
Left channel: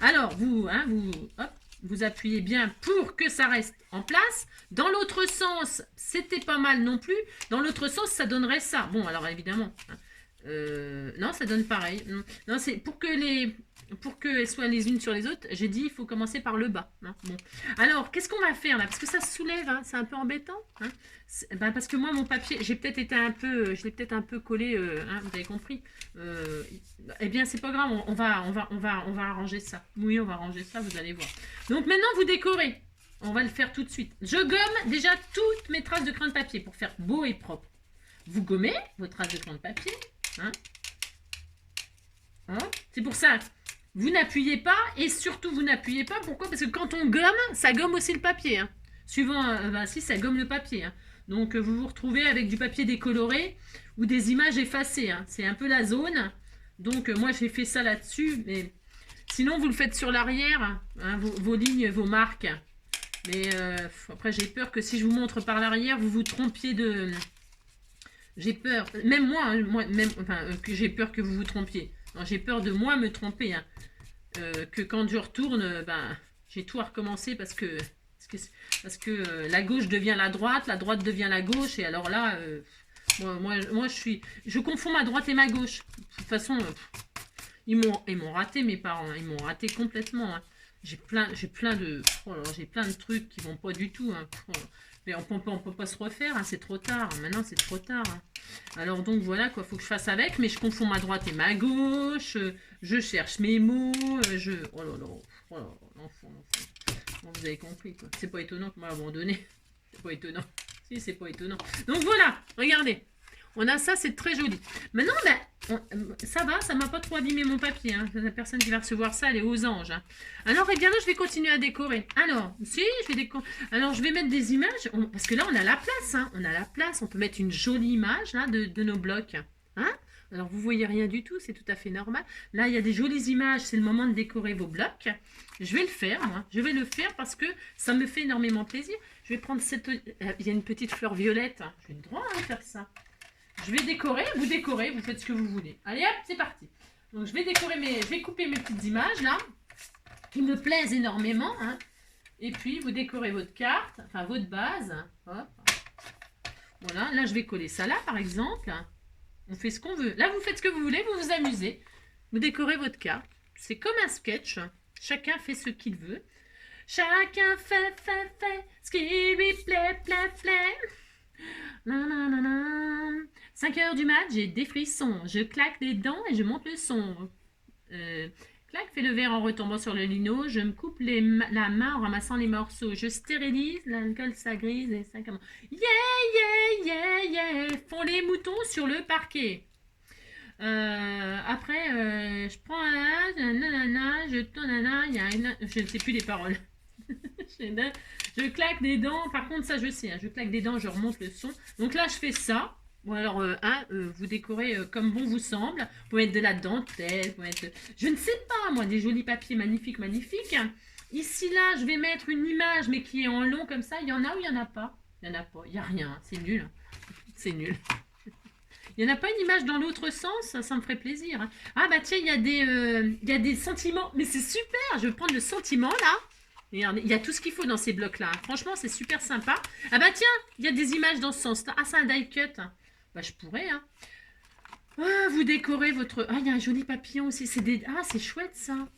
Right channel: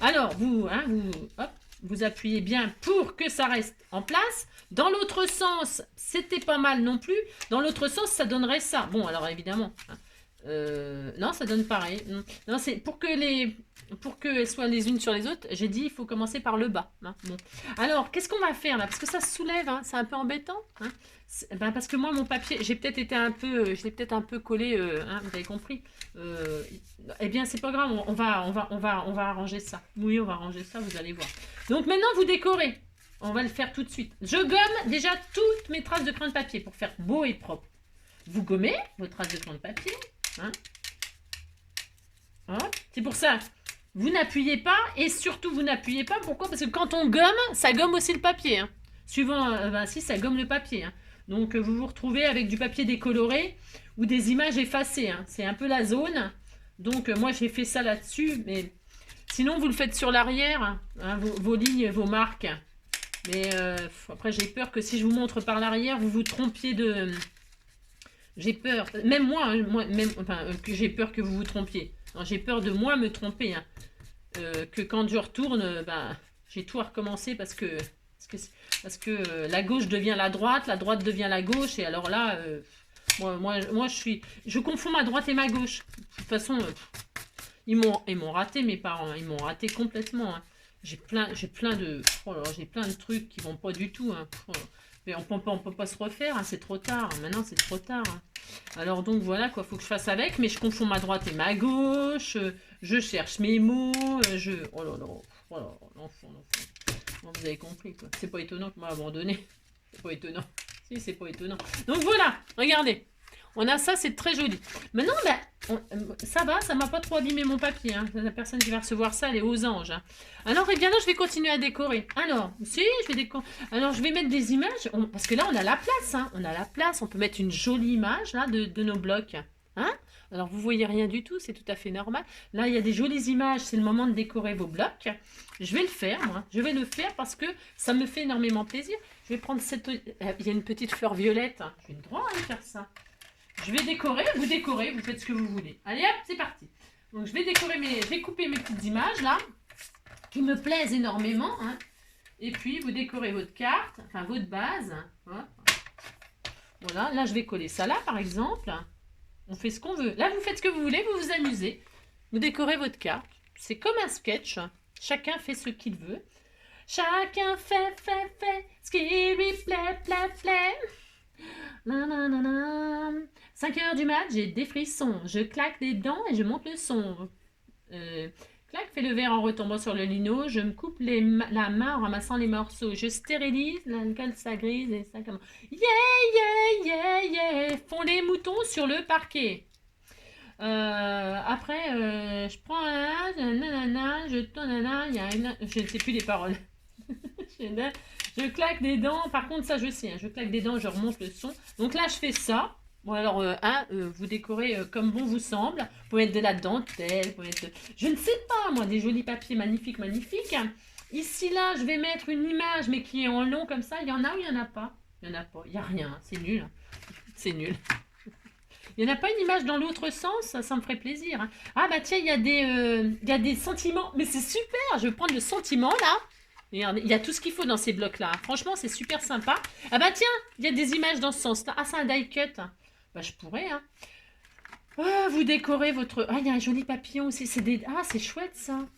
Alors vous, hein, hop, vous appuyez bien pour que ça reste en place. Dans l'autre sens, c'était pas mal non plus. Dans l'autre sens, ça donnerait ça. Bon, alors évidemment, hein, non, ça donne pareil. Non, c'est pour qu'elles soient les unes sur les autres. J'ai dit, il faut commencer par le bas, hein. Bon. Alors, qu'est-ce qu'on va faire là? Parce que ça se soulève, hein, c'est un peu embêtant, hein. Ben, parce que moi, mon papier, j'ai peut-être été un peu, je l'ai peut-être un peu collé, hein, vous avez compris. Eh bien, c'est pas grave, on va arranger ça. Oui, on va arranger ça, vous allez voir. Donc maintenant, vous décorez. On va le faire tout de suite. Je gomme déjà toutes mes traces de crayon de papier pour faire beau et propre. Vous gommez vos traces de crayon de papier, hein. C'est pour ça, vous n'appuyez pas et surtout vous n'appuyez pas. Pourquoi? Parce que quand on gomme, ça gomme aussi le papier, hein. Suivant, si ça gomme le papier, hein. Donc vous vous retrouvez avec du papier décoloré ou des images effacées, hein. C'est un peu la zone. Donc moi j'ai fait ça là-dessus, mais sinon vous le faites sur l'arrière, hein, vos lignes, vos marques. Mais après j'ai peur que si je vous montre par l'arrière, vous vous trompiez de... J'ai peur, même moi, hein, que j'ai peur que vous vous trompiez. J'ai peur de moi me tromper, hein. Que quand je retourne, j'ai tout à recommencer parce que la gauche devient la droite devient la gauche, et alors là, moi je confonds ma droite et ma gauche. De toute façon, ils m'ont raté, mes parents, hein. Ils m'ont raté complètement, hein. J'ai plein de trucs qui vont pas du tout, hein. Mais on peut pas se refaire, hein, c'est trop tard. Maintenant, c'est trop tard, hein. Alors donc voilà quoi, faut que je fasse avec, mais je confonds ma droite et ma gauche. Je cherche mes mots. Oh là là, oh là là, l'enfant. Bon, vous avez compris quoi. C'est pas étonnant que m'a abandonné. C'est pas étonnant. Si, c'est pas étonnant. Donc voilà, regardez. On a ça, c'est très joli. Maintenant, ça va, ça m'a pas trop abîmé mon papier, hein. La personne qui va recevoir ça, elle est aux anges, hein. Alors, eh bien là, je vais continuer à décorer. Alors, si, je vais décorer. Alors, je vais mettre des images, parce que là, on a la place, hein. On a la place, on peut mettre une jolie image, là, de nos blocs, hein. Alors, vous voyez rien du tout, c'est tout à fait normal. Là, il y a des jolies images, c'est le moment de décorer vos blocs. Je vais le faire, moi. Je vais le faire parce que ça me fait énormément plaisir. Je vais prendre cette... il y a une petite fleur violette. J'ai le droit à faire ça. Je vais décorer, vous faites ce que vous voulez. Allez hop, c'est parti. Donc je vais décorer je vais couper mes petites images là, qui me plaisent énormément, hein. Et puis vous décorez votre carte, enfin votre base. Hop. Voilà, là je vais coller ça là par exemple. On fait ce qu'on veut. Là vous faites ce que vous voulez, vous vous amusez. Vous décorez votre carte. C'est comme un sketch. Chacun fait ce qu'il veut. Chacun fait ce qui lui plaît. 5 heures du mat, j'ai des frissons. Je claque des dents et je monte le son. Clac, fais le verre en retombant sur le lino. Je me coupe la main en ramassant les morceaux. Je stérilise, l'alcool ça grise et ça commence. Yeah. Font les moutons sur le parquet. Après, je prends nanana, je tonana, je ne sais plus les paroles. Je claque des dents, par contre ça je sais, hein, je claque des dents, je remonte le son. Donc là je fais ça. Bon alors, vous décorez comme bon vous semble. Vous pouvez mettre de la dentelle, vous pouvez mettre je ne sais pas moi, des jolis papiers magnifiques. Ici là je vais mettre une image mais qui est en long comme ça. Il y en a ou il n'y en a pas? Il n'y en a pas, il n'y a rien, c'est nul, hein. C'est nul. Il n'y en a pas une image dans l'autre sens, ça me ferait plaisir, hein. Ah bah tiens, il y a des sentiments, mais c'est super, je vais prendre le sentiment là. Regardez, il y a tout ce qu'il faut dans ces blocs-là, hein. Franchement, c'est super sympa. Ah bah tiens, il y a des images dans ce sens-là. Ah, c'est un die cut. Bah, je pourrais, hein. Ah, vous décorez votre... Ah, il y a un joli papillon aussi. Ah, c'est chouette, ça.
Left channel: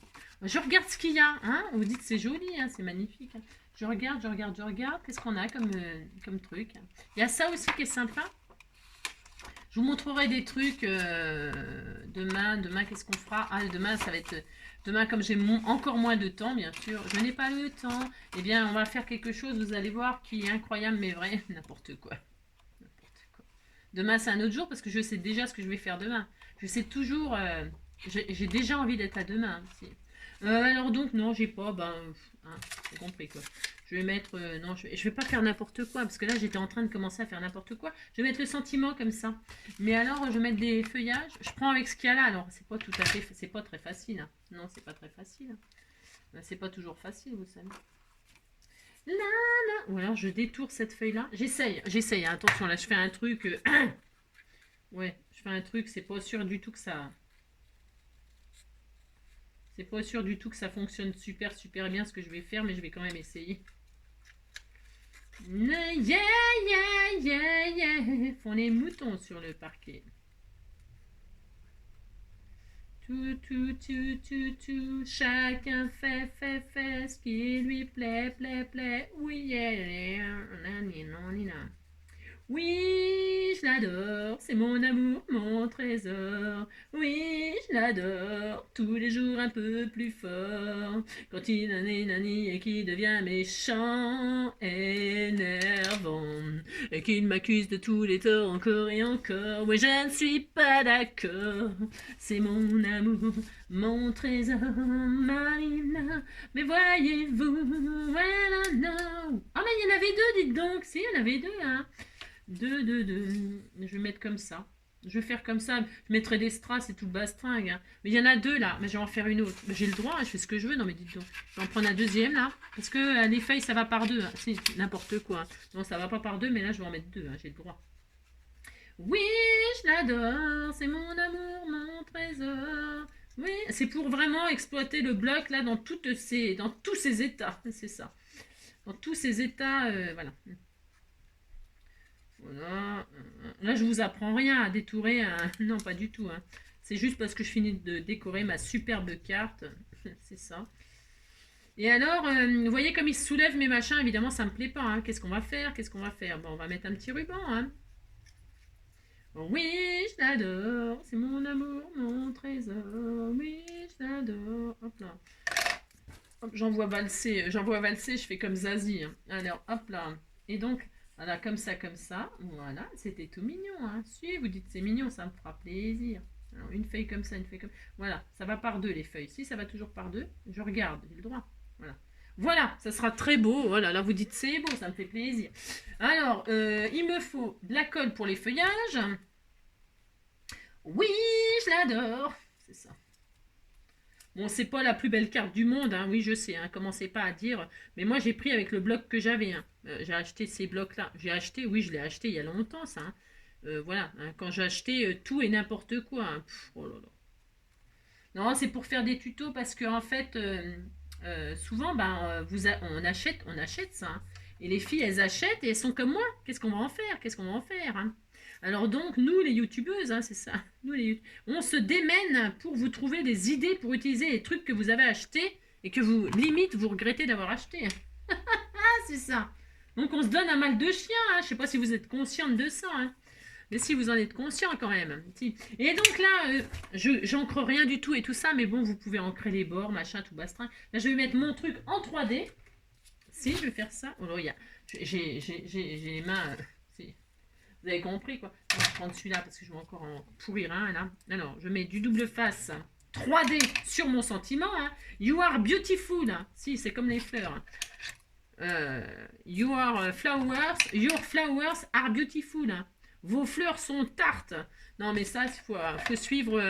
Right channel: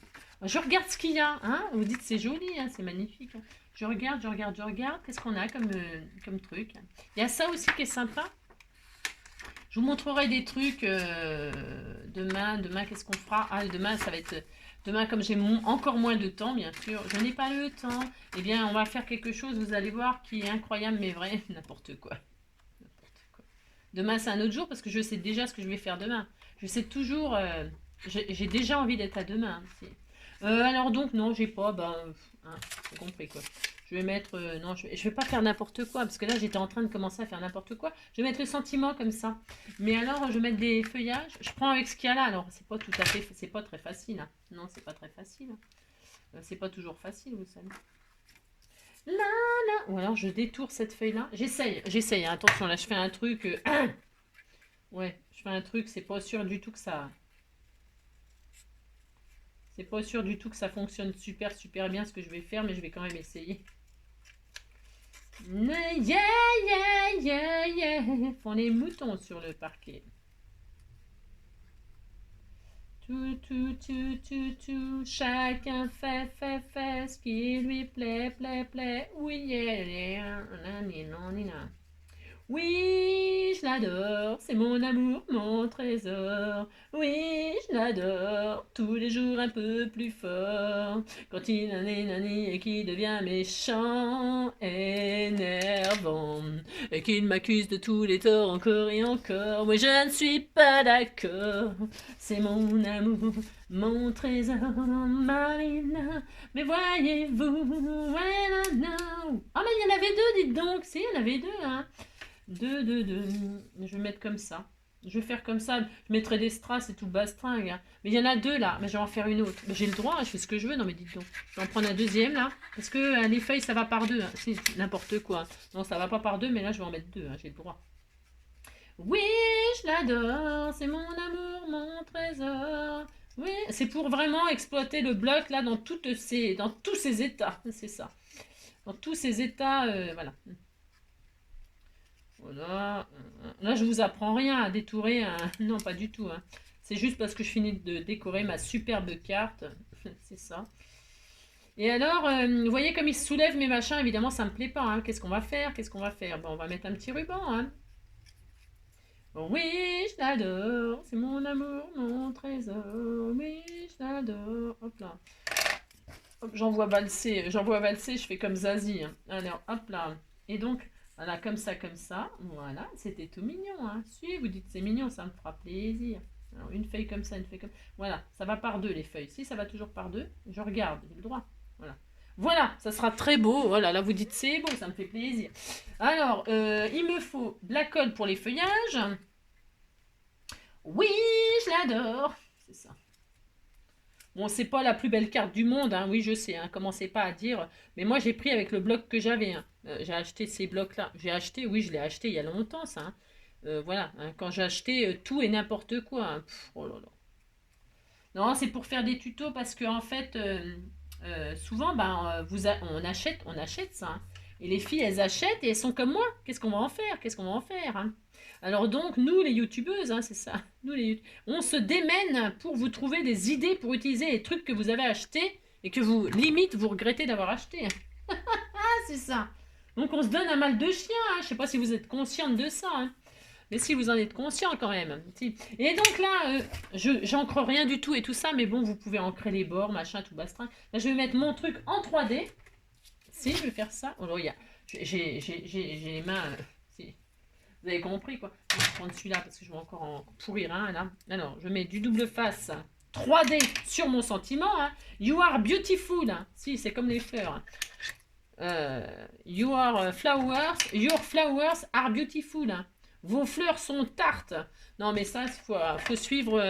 Je regarde ce qu'il y a, hein. Vous dites c'est joli, hein, c'est magnifique. Je regarde. Qu'est-ce qu'on a comme truc? Il y a ça aussi qui est sympa. Je vous montrerai des trucs demain. Demain, qu'est-ce qu'on fera? Ah, demain, ça va être... Demain, comme j'ai encore moins de temps, bien sûr, je n'ai pas le temps. Eh bien, on va faire quelque chose, vous allez voir, qui est incroyable, mais vrai. N'importe quoi. Demain, c'est un autre jour, parce que je sais déjà ce que je vais faire demain. Je sais toujours... j'ai déjà envie d'être à demain. Alors donc, non, j'ai pas, hein, j'ai compris quoi. Je vais mettre, non, je vais pas faire n'importe quoi, parce que là, j'étais en train de commencer à faire n'importe quoi. Je vais mettre le sentiment comme ça. Mais alors, je vais mettre des feuillages. Je prends avec ce qu'il y a là. Alors, c'est pas tout à fait, c'est pas très facile. Hein. Non, c'est pas très facile. Hein. C'est pas toujours facile, vous savez. Là, là. Ou alors, je détourne cette feuille-là. J'essaye. Hein. Attention, là, je fais un truc. Ouais, je fais un truc, c'est pas sûr du tout que ça... C'est pas sûr du tout que ça fonctionne super bien ce que je vais faire, mais je vais quand même essayer. Yeah, yeah, yeah, yeah. Font les moutons sur le parquet. Tout. Chacun fait ce qui lui plaît. Oui, yeah, yeah. Oui, je l'adore, c'est mon amour, mon trésor. Oui, je l'adore, tous les jours un peu plus fort. Quand il nani et qu'il devient méchant, énervant, et qu'il m'accuse de tous les torts encore et encore. Moi je ne suis pas d'accord, c'est mon amour, mon trésor, Marina. Mais voyez-vous, well, no. Ah mais il y en avait deux, dites donc, si, il y en avait deux, hein. Deux. Je vais mettre comme ça. Je vais faire comme ça. Je mettrai des strass et tout bastringue. Hein. Mais il y en a deux là. Mais je vais en faire une autre. J'ai le droit, hein, je fais ce que je veux. Non mais dites donc. Je vais en prendre un deuxième là. Parce que les feuilles ça va par deux. Hein. C'est n'importe quoi. Non, ça va pas par deux. Mais là je vais en mettre deux. Hein. J'ai le droit. Oui, je l'adore. C'est mon amour, mon trésor. Oui, c'est pour vraiment exploiter le bloc là dans tous ces états. C'est ça. Dans tous ces états. Voilà. Voilà. Là, je vous apprends rien à détourer. Non, pas du tout. Hein. C'est juste parce que je finis de décorer ma superbe carte. C'est ça. Et alors, vous voyez comme ils se soulèvent mes machins. Évidemment, ça me plaît pas. Hein. Qu'est-ce qu'on va faire? Bon, on va mettre un petit ruban. Hein. Oui, je l'adore. C'est mon amour, mon trésor. Oui, je l'adore. Hop là. Hop, j'envoie valser. Je fais comme Zazie. Hein. Alors, hop là. Et donc... Voilà, comme ça. Voilà, c'était tout mignon. Hein. Si, vous dites c'est mignon, ça me fera plaisir. Alors, une feuille comme ça, une feuille comme ça. Voilà, ça va par deux les feuilles. Si, ça va toujours par deux, je regarde, j'ai le droit. Voilà, ça sera très beau. Voilà, là vous dites c'est beau, ça me fait plaisir. Alors, il me faut de la colle pour les feuillages. Oui, je l'adore. C'est ça. Bon, c'est pas la plus belle carte du monde, hein. Oui, je sais, hein. Commencez pas à dire. Mais moi, j'ai pris avec le bloc que j'avais. Hein. J'ai acheté ces blocs-là. Oui, je l'ai acheté il y a longtemps, ça. Hein. Voilà, hein. Quand j'ai acheté tout et n'importe quoi. Hein. Oh là là. Non, c'est pour faire des tutos parce que en fait, souvent, on achète ça. Hein. Et les filles, elles achètent et elles sont comme moi. Qu'est-ce qu'on va en faire hein. Alors donc, nous, les youtubeuses, hein, c'est ça. On se démène pour vous trouver des idées pour utiliser les trucs que vous avez achetés et que vous, limite, vous regrettez d'avoir acheté. Ah, c'est ça. Donc, on se donne un mal de chien. Hein. Je ne sais pas si vous êtes consciente de ça. Hein. Mais si vous en êtes conscient quand même. Si. Et donc là, j'encre rien du tout et tout ça, mais bon, vous pouvez ancrer les bords, machin, tout bastrin. Là, je vais mettre mon truc en 3D. Si, je vais faire ça. Oh, là, j'ai les mains... Vous avez compris quoi. Je vais prendre celui-là parce que je vais encore en pourrir un là. Alors, je mets du double face 3D sur mon sentiment. Hein. You are beautiful. Hein. Si, c'est comme les fleurs. Hein. Your flowers are beautiful. Hein. Vos fleurs sont tartes. Non, mais ça, il faut suivre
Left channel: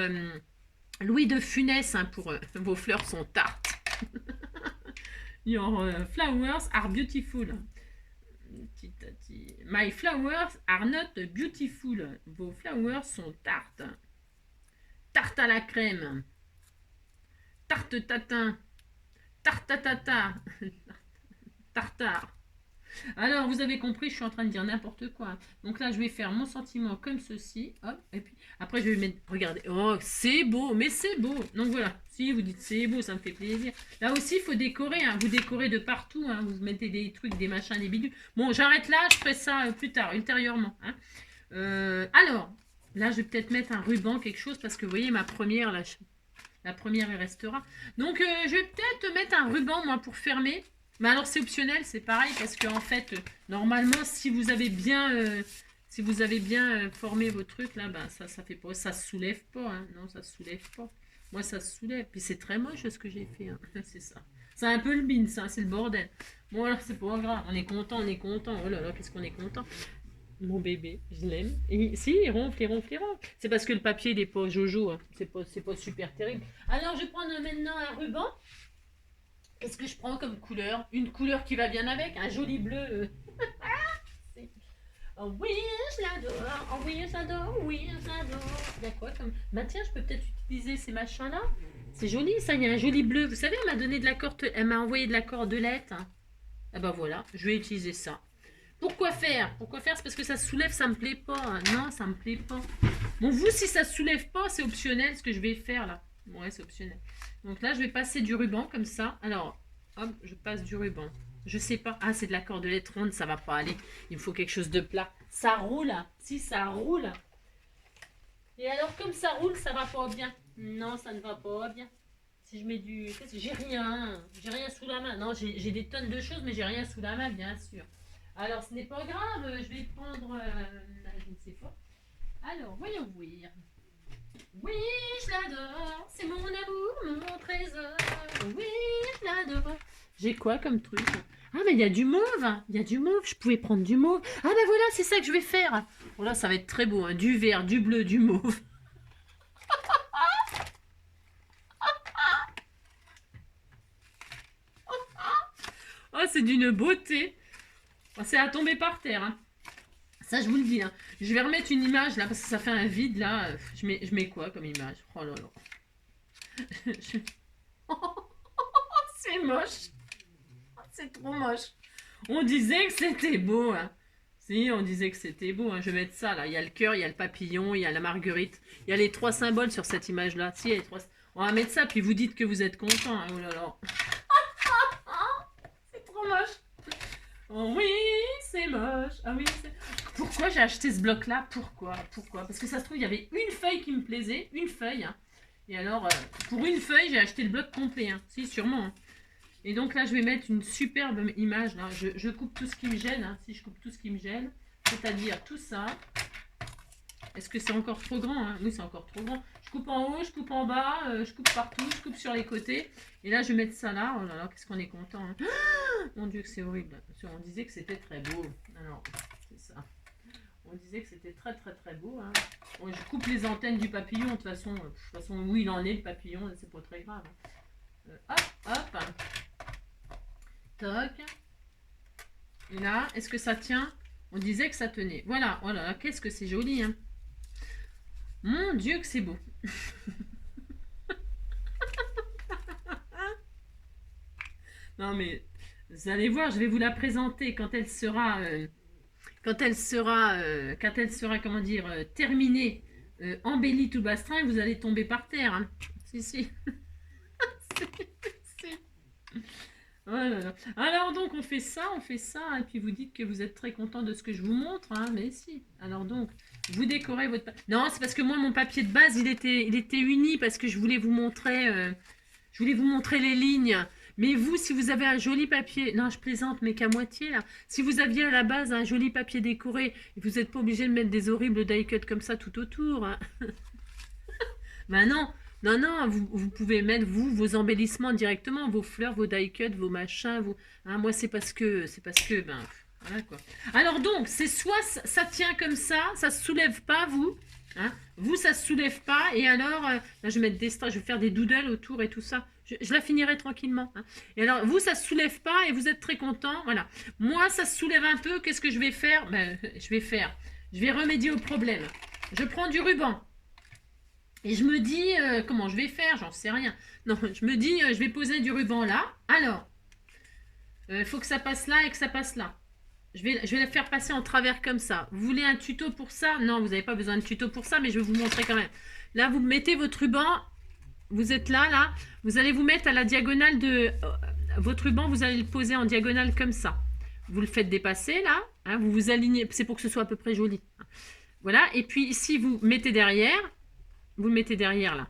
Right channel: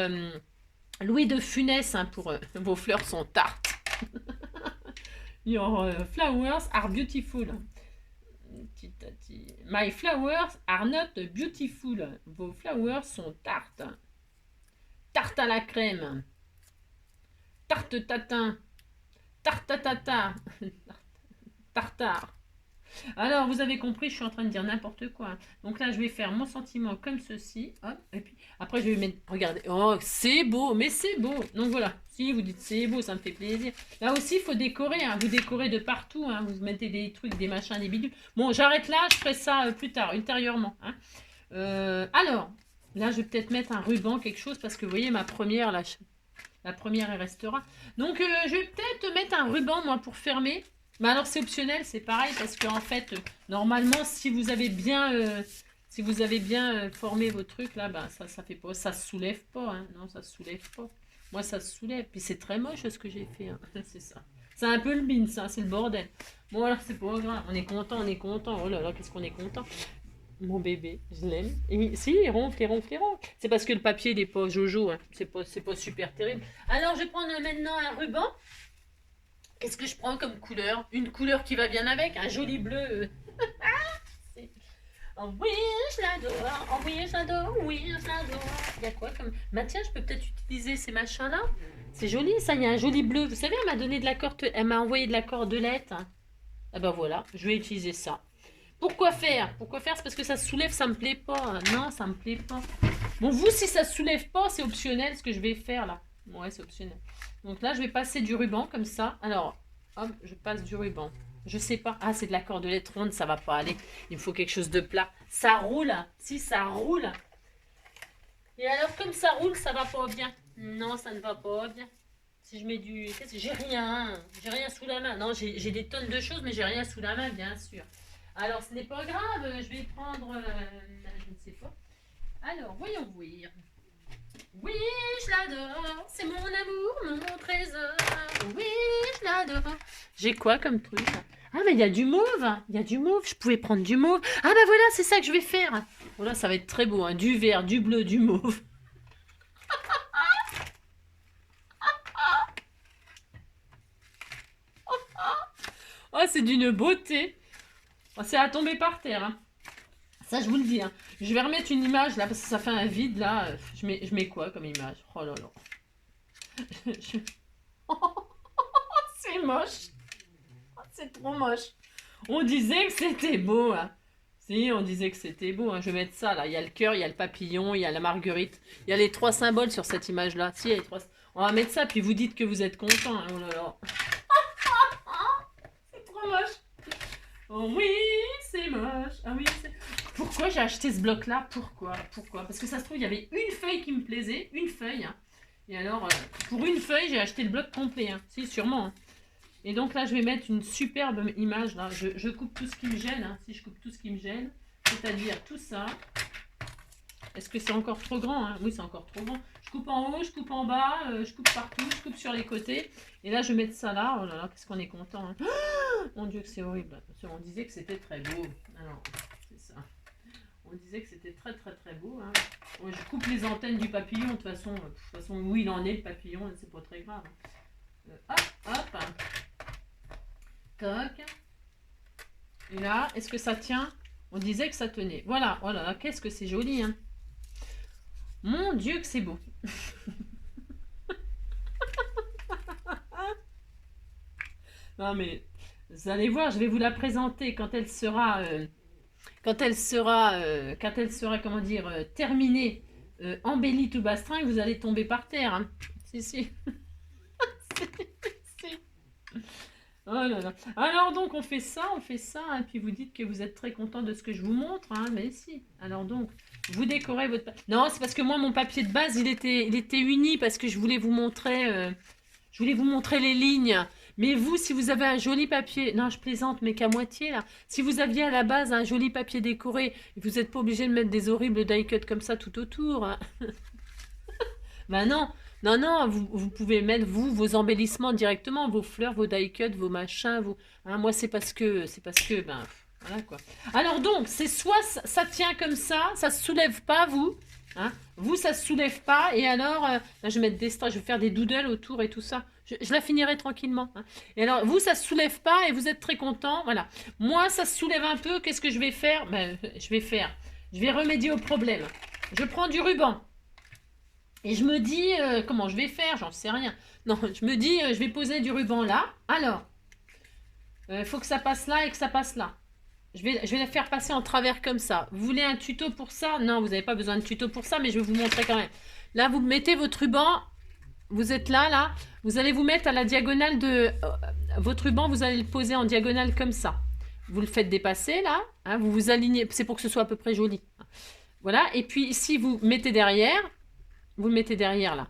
Louis de Funès hein, pour vos fleurs sont tartes. Your flowers are beautiful. My flowers are not beautiful. Vos flowers sont tartes. Tarte à la crème. Tarte tatin. Tartatata. Tartare. Alors, vous avez compris, je suis en train de dire n'importe quoi. Donc là, je vais faire mon sentiment comme ceci. Hop, et puis après, je vais mettre... Regardez. Oh, c'est beau, mais c'est beau. Donc voilà. Si vous dites c'est beau, ça me fait plaisir. Là aussi, il faut décorer. Hein. Vous décorez de partout. Hein. Vous mettez des trucs, des machins, des bidules. Bon, j'arrête là. Je ferai ça plus tard, ultérieurement. Hein. Alors, là, je vais peut-être mettre un ruban, quelque chose, parce que vous voyez, ma première, là, la première, elle restera. Donc, je vais peut-être mettre un ruban, moi, pour fermer. Mais alors c'est optionnel, c'est pareil parce qu'en fait, normalement, si vous avez bien, formé vos trucs là, ça fait pas, ça se soulève pas, hein. Non, ça se soulève pas. Moi, ça se soulève. Puis c'est très moche ce que j'ai fait. Hein. C'est ça. C'est un peu le bin, ça. C'est le bordel. Bon, alors, c'est pas grave. On est content, on est content. Oh là là, qu'est-ce qu'on est content. Mon bébé, je l'aime. Si, il ronfle, il ronfle, il ronfle. C'est parce que le papier, il est pas jojo. Hein. C'est pas super terrible. Alors, je prends maintenant un ruban. Qu'est-ce que je prends comme couleur? Une couleur qui va bien avec. Un joli bleu. Oh oui, je l'adore. Oh oui, je l'adore. Oui, je l'adore. Il y a quoi comme... Bah tiens, je peux peut-être utiliser ces machins-là. C'est joli, ça. Il y a un joli bleu. Vous savez, elle m'a donné de la elle m'a envoyé de la cordelette. Ah ben voilà, je vais utiliser ça. Pourquoi faire? Pourquoi faire? C'est parce que ça se soulève, ça me plaît pas. Non, ça me plaît pas. Bon, vous, si ça se soulève pas, c'est optionnel ce que je vais faire là. Ouais, c'est optionnel. Donc là, je vais passer du ruban comme ça. Alors, hop, je passe du ruban. Je sais pas. Ah, c'est de la cordelette ronde, ça va pas aller. Il me faut quelque chose de plat. Ça roule. Si, ça roule. Et alors, comme ça roule, ça va pas bien. Non, ça ne va pas bien. Si je mets du... J'ai rien. J'ai rien sous la main. Non, j'ai des tonnes de choses, mais j'ai rien sous la main, bien sûr. Alors, ce n'est pas grave. Je vais prendre... je ne sais pas. Alors, voyons voir. Oui, je l'adore. C'est mon amour, mon trésor. Oui, je l'adore. J'ai quoi comme truc? Ah, mais il y a du mauve. Il y a du mauve. Je pouvais prendre du mauve. Ah, ben voilà, c'est ça que je vais faire. Oh là, ça va être très beau. Hein. Du vert, du bleu, du mauve. Oh, c'est d'une beauté. Oh, c'est à tomber par terre. Hein. Ça, je vous le dis. Hein. Je vais remettre une image là parce que ça fait un vide là. Je mets quoi comme image? Oh là là. C'est moche. C'est trop moche. On disait que c'était beau. Hein. Si, on disait que c'était beau. Hein. Je vais mettre ça là. Il y a le cœur, il y a le papillon, il y a la marguerite. Il y a les 3 symboles sur cette image là. Si, il y a les 3. On va mettre ça. Puis vous dites que vous êtes content. Hein. Oh là là. C'est trop moche. Oh oui, c'est moche. Ah oui, c'est... Pourquoi j'ai acheté ce bloc-là? Pourquoi? Parce que ça se trouve, il y avait une feuille qui me plaisait. Une feuille. Hein. Et alors, pour une feuille, j'ai acheté le bloc complet. Hein. Si, sûrement. Hein. Et donc là, je vais mettre une superbe image. Là. Je coupe tout ce qui me gêne. Hein. Si je coupe tout ce qui me gêne, c'est-à-dire tout ça. Est-ce que c'est encore trop grand? Hein? Oui, c'est encore trop grand. Je coupe en haut, je coupe en bas, je coupe partout, je coupe sur les côtés. Et là, je vais mettre ça là. Oh là là, qu'est-ce qu'on est content. Hein. Oh, mon Dieu, que c'est horrible. On disait que c'était très beau. Alors, c'est ça. On disait que c'était très très très beau. Hein. Bon, je coupe les antennes du papillon. De toute façon, où il en est, le papillon, c'est pas très grave. Hop, hop. Toc. Et là, est-ce que ça tient? On disait que ça tenait. Voilà, oh là là, qu'est-ce que c'est joli. Hein. Mon Dieu, que c'est beau. Non mais, vous allez voir, je vais vous la présenter quand elle sera... comment dire, terminée, embellie tout bastrin, vous allez tomber par terre. Hein. Si, si. Oh là là. Alors donc, on fait ça, et puis vous dites que vous êtes très content de ce que je vous montre. Hein, mais si. Alors donc, vous décorez votre... Non, c'est parce que moi, mon papier de base, il était uni, parce que je voulais vous montrer les lignes. Mais vous, si vous avez un joli papier... Non, je plaisante, mais qu'à moitié, là. Si vous aviez à la base un joli papier décoré, vous n'êtes pas obligé de mettre des horribles die cuts comme ça tout autour. Hein. Ben non. Non, vous pouvez mettre, vos embellissements directement, vos fleurs, vos die cuts, vos machins. Hein, moi, c'est parce que... Ben, voilà, quoi. Alors donc, c'est soit ça tient comme ça se soulève pas, vous. Hein, vous, ça se soulève pas. Et alors, je vais mettre des strass, je vais faire des doodles autour et tout ça. Je la finirai tranquillement. Hein. Et alors, vous, ça se soulève pas et vous êtes très content. Voilà. Moi, ça se soulève un peu. Qu'est-ce que je vais faire? Ben, je vais remédier au problème. Je prends du ruban. Et je me dis, comment je vais faire? J'en sais rien. Non, je me dis, je vais poser du ruban là. Alors, il faut que ça passe là et que ça passe là. Je vais la faire passer en travers comme ça. Vous voulez un tuto pour ça? Non, vous n'avez pas besoin de tuto pour ça, mais je vais vous montrer quand même. Là, vous mettez votre ruban. Vous êtes là. Vous allez vous mettre à la diagonale de... votre ruban, vous allez le poser en diagonale comme ça. Vous le faites dépasser, là. Hein, vous vous alignez. C'est pour que ce soit à peu près joli. Voilà. Et puis, ici, vous mettez derrière. Vous le mettez derrière, là.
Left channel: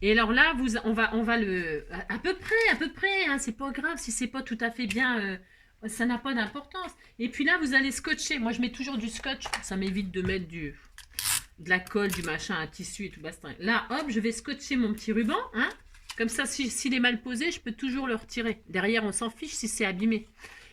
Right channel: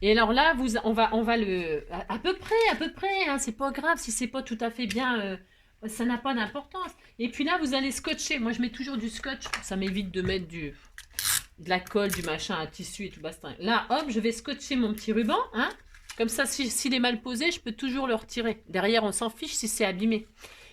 Et alors là, on va le... À peu près. Hein, c'est pas grave si c'est pas tout à fait bien... ça n'a pas d'importance. Et puis là, vous allez scotcher. Moi, je mets toujours du scotch. Ça m'évite de mettre de la colle, du machin, un tissu et tout bastin. Là, hop, je vais scotcher mon petit ruban, hein. Comme ça, s'il est mal posé, je peux toujours le retirer. Derrière, on s'en fiche si c'est abîmé.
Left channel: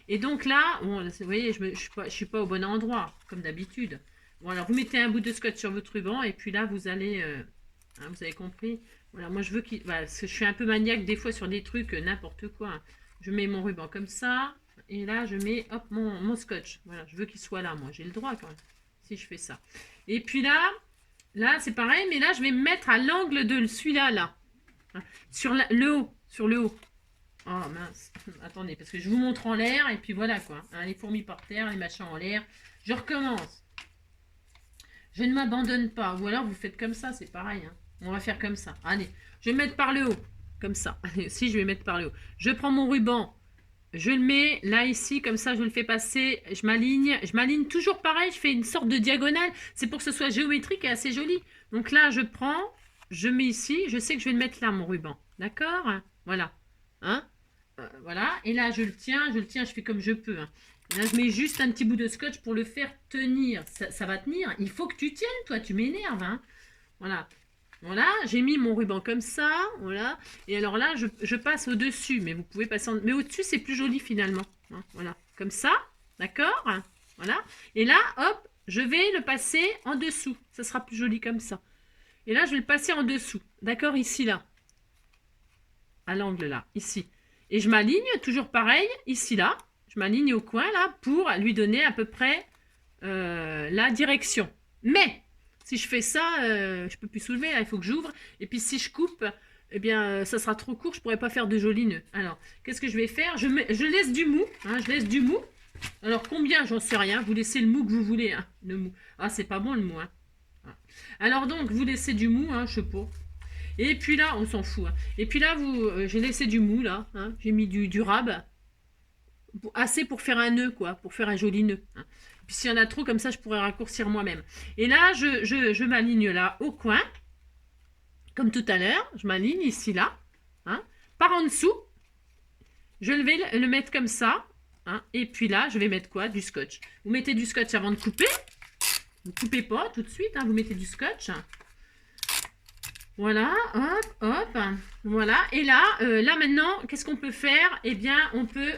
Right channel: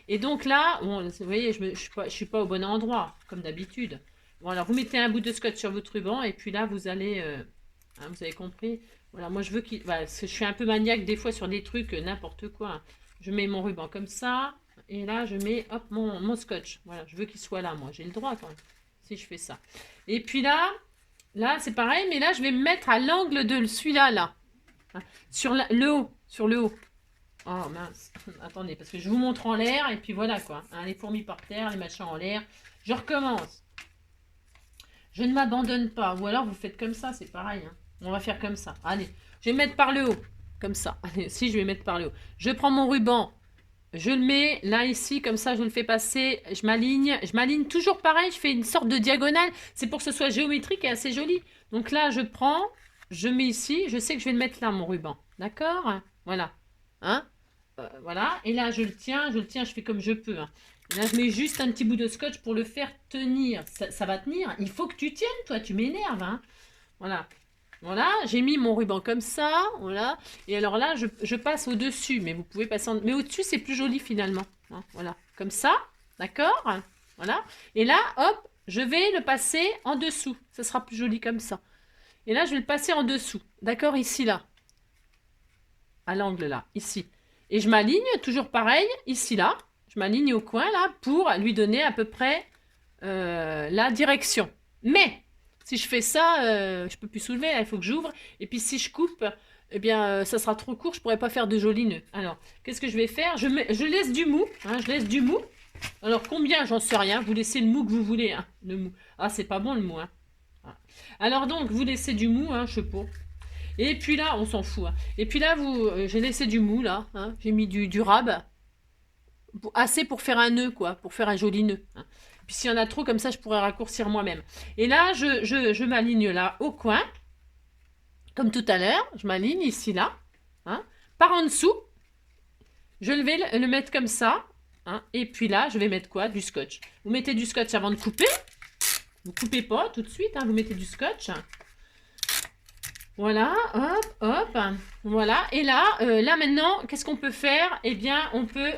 Et donc là, bon, vous voyez, je suis pas au bon endroit, comme d'habitude. Bon, alors vous mettez un bout de scotch sur votre ruban, et puis là, vous allez... hein, vous avez compris? Voilà, moi je veux qu'il... Voilà, parce que je suis un peu maniaque des fois sur des trucs, n'importe quoi. Je mets mon ruban comme ça, et là, je mets, hop, mon scotch. Voilà, je veux qu'il soit là, moi. J'ai le droit, quand même, si je fais ça. Et puis là, c'est pareil, mais là, je vais me mettre à l'angle de celui-là, là. Sur le haut, sur le haut. Oh mince, attendez, parce que je vous montre en l'air, et puis voilà quoi. Hein, les fourmis par terre, les machins en l'air. Je recommence. Je ne m'abandonne pas. Ou alors vous faites comme ça, c'est pareil. Hein. On va faire comme ça. Allez, je vais mettre par le haut. Comme ça. Allez, si, je vais mettre par le haut. Je prends mon ruban. Je le mets là, ici, comme ça, je le fais passer. Je m'aligne. Je m'aligne toujours pareil. Je fais une sorte de diagonale. C'est pour que ce soit géométrique et assez joli. Donc là, je prends. Je mets ici. Je sais que je vais le mettre là, mon ruban. D'accord? Voilà. Hein? Voilà. Et là, je le tiens. Je fais comme je peux. Hein. Là, je mets juste un petit bout de scotch pour le faire tenir. Ça va tenir. Il faut que tu tiennes, toi. Tu m'énerves. Hein. Voilà. Voilà. J'ai mis mon ruban comme ça. Voilà. Et alors là, je passe au-dessus. Mais vous pouvez passer Mais au-dessus, c'est plus joli finalement. Hein, voilà. Comme ça. D'accord? Voilà. Et là, hop, je vais le passer en dessous. Ça sera plus joli comme ça. Et là, je vais le passer en dessous. D'accord? Ici, là. À l'angle, là. Ici. Et je m'aligne, toujours pareil, ici, là. Je m'aligne au coin, là, pour lui donner à peu près la direction. Mais, si je fais ça, je peux plus soulever, là, il faut que j'ouvre. Et puis, si je coupe, eh bien, ça sera trop court, je pourrais pas faire de jolis nœuds. Alors, qu'est-ce que je vais faire? Je laisse du mou, hein, je laisse du mou. Alors, combien? J'en sais rien. Vous laissez le mou que vous voulez, hein, le mou. Ah, c'est pas bon, le mou, hein. Alors, donc, vous laissez du mou, hein, je sais pas. Et puis là, on s'en fout. Hein. Et puis là, j'ai laissé du mou, là. Hein. J'ai mis du rab. Assez pour faire un nœud, quoi. Pour faire un joli nœud. Hein. Puis s'il y en a trop, comme ça, je pourrais raccourcir moi-même. Et là, je m'aligne là, au coin. Comme tout à l'heure. Je m'aligne ici, là. Hein. Par en dessous. Je vais le mettre comme ça. Hein. Et puis là, je vais mettre quoi? Du scotch. Vous mettez du scotch avant de couper. Vous coupez pas tout de suite. Hein. Vous mettez du scotch. Voilà, hop, hop, voilà. Et là, là maintenant, qu'est-ce qu'on peut faire? Eh bien, on peut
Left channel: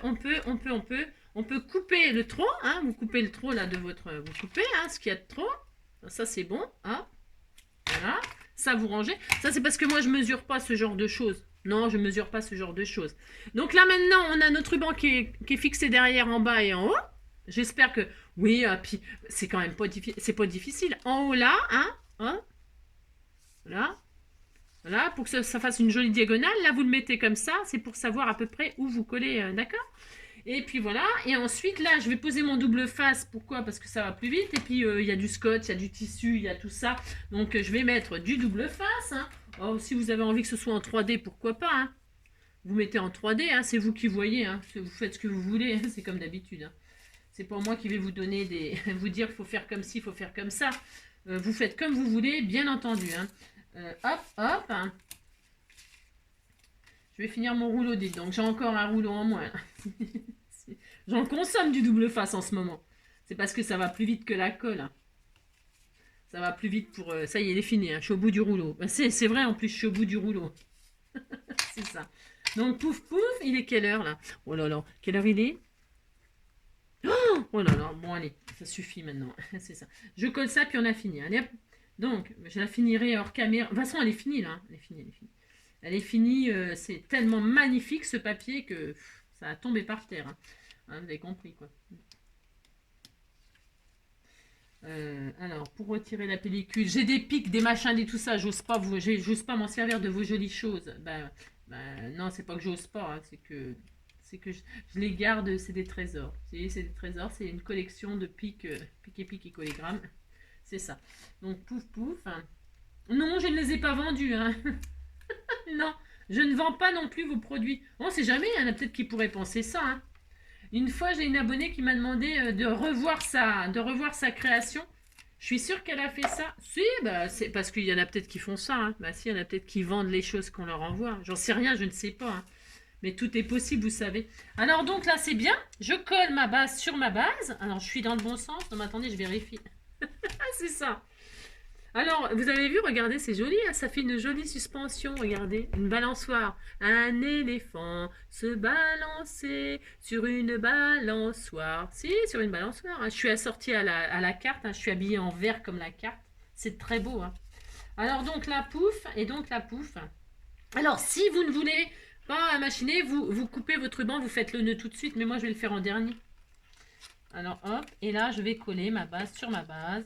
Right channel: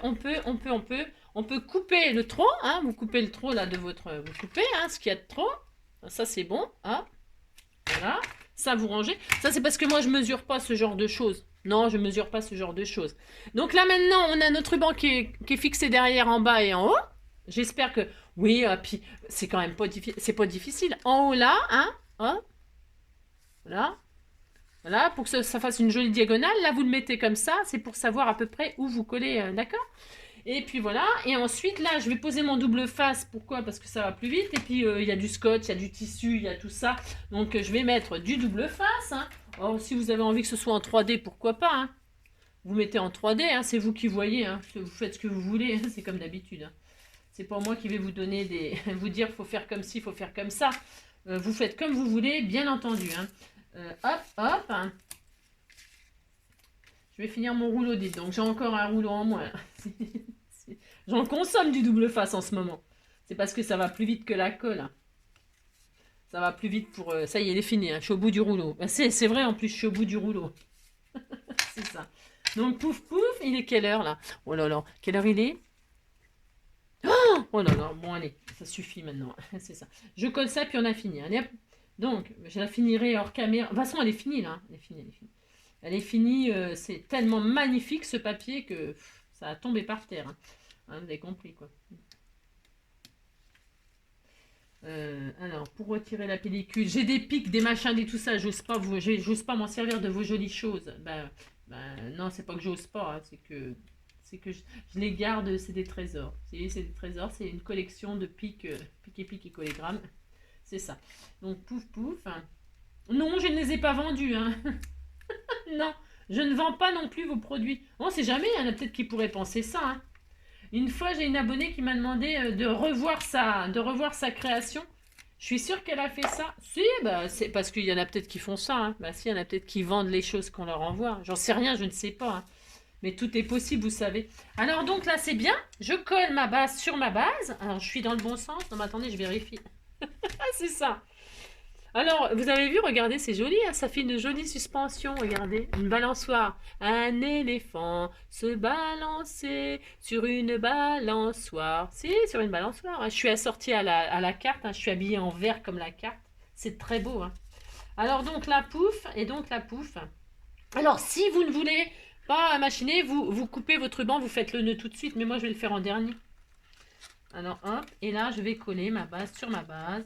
couper le tronc, hein. Vous coupez le tronc là de votre, vous coupez, hein, ce qu'il y a de trop. Ça c'est bon, hop, voilà. Ça vous rangez. Ça c'est parce que moi je mesure pas ce genre de choses. Non, je mesure pas ce genre de choses. Donc là maintenant, on a notre ruban qui est fixé derrière, en bas et en haut. J'espère que, oui, puis c'est quand même pas difficile. C'est pas difficile. En haut là, hein, voilà. Voilà, pour que ça fasse une jolie diagonale. Là, vous le mettez comme ça. C'est pour savoir à peu près où vous collez, d'accord? Et puis voilà. Et ensuite, là, je vais poser mon double face. Pourquoi? Parce que ça va plus vite. Et puis, il y a du scotch, il y a du tissu, il y a tout ça. Donc, je vais mettre du double face. Hein. Or, si vous avez envie que ce soit en 3D, pourquoi pas? Hein. Vous mettez en 3D. Hein. C'est vous qui voyez. Hein. Vous faites ce que vous voulez. Hein. C'est comme d'habitude. Hein. C'est pas moi qui vais vous donner vous dire qu'il faut faire comme ci, il faut faire comme ça. Vous faites comme vous voulez, bien entendu. Hein. Hop, hop. Je vais finir mon rouleau, dites donc. J'ai encore un rouleau en moins. J'en consomme du double face en ce moment. C'est parce que ça va plus vite que la colle. Hein. Ça va plus vite pour... ça y est, il est fini. Hein. Je suis au bout du rouleau. Ben, c'est vrai, en plus, je suis au bout du rouleau. C'est ça. Donc, pouf, pouf. Il est quelle heure, là? Oh là là. Quelle heure il est? Oh là là. Bon, allez. Ça suffit maintenant. C'est ça. Je colle ça, puis on a fini. Allez, hop. Donc, je la finirai hors caméra. De toute façon, elle est finie, là. Elle est finie, elle est finie. Elle est finie. C'est tellement magnifique, ce papier, que ça a tombé par terre. Hein. Hein, vous avez compris, quoi. Alors, pour retirer la pellicule, j'ai des pics, des machins, des tout ça. J'ose pas m'en servir de vos jolies choses. Non, c'est pas que j'ose pas. Hein, c'est que je les garde. C'est des trésors. C'est des trésors. C'est une collection de pics, pics et colligrammes. C'est ça. Donc, pouf, pouf. Hein. Non, je ne les ai pas vendus. Hein. Non, je ne vends pas non plus vos produits. On ne sait jamais, il y en a peut-être qui pourraient penser ça. Hein. Une fois, j'ai une abonnée qui m'a demandé de revoir sa création. Je suis sûre qu'elle a fait ça. Si, bah, c'est parce qu'il y en a peut-être qui font ça. Hein. Bah, si, il y en a peut-être qui vendent les choses qu'on leur envoie. J'en sais rien, je ne sais pas. Hein. Mais tout est possible, vous savez. Alors, donc là, c'est bien. Je colle ma base sur ma base. Alors, je suis dans le bon sens. Non, mais attendez, je vérifie. Ah, c'est ça. Alors, vous avez vu, regardez, c'est joli, hein, ça fait une jolie suspension, regardez, une balançoire. Un éléphant se balançait sur une balançoire. Si, sur une balançoire, hein. Je suis assortie à la carte, hein, je suis habillée en vert comme la carte. C'est très beau, hein. Alors, donc, la pouffe, et donc la pouffe. Alors, si vous ne voulez pas machiner, vous coupez votre ruban, vous faites le nœud tout de suite, mais moi, je vais le faire en dernier. Alors, hop, et là, je vais coller ma base sur ma base.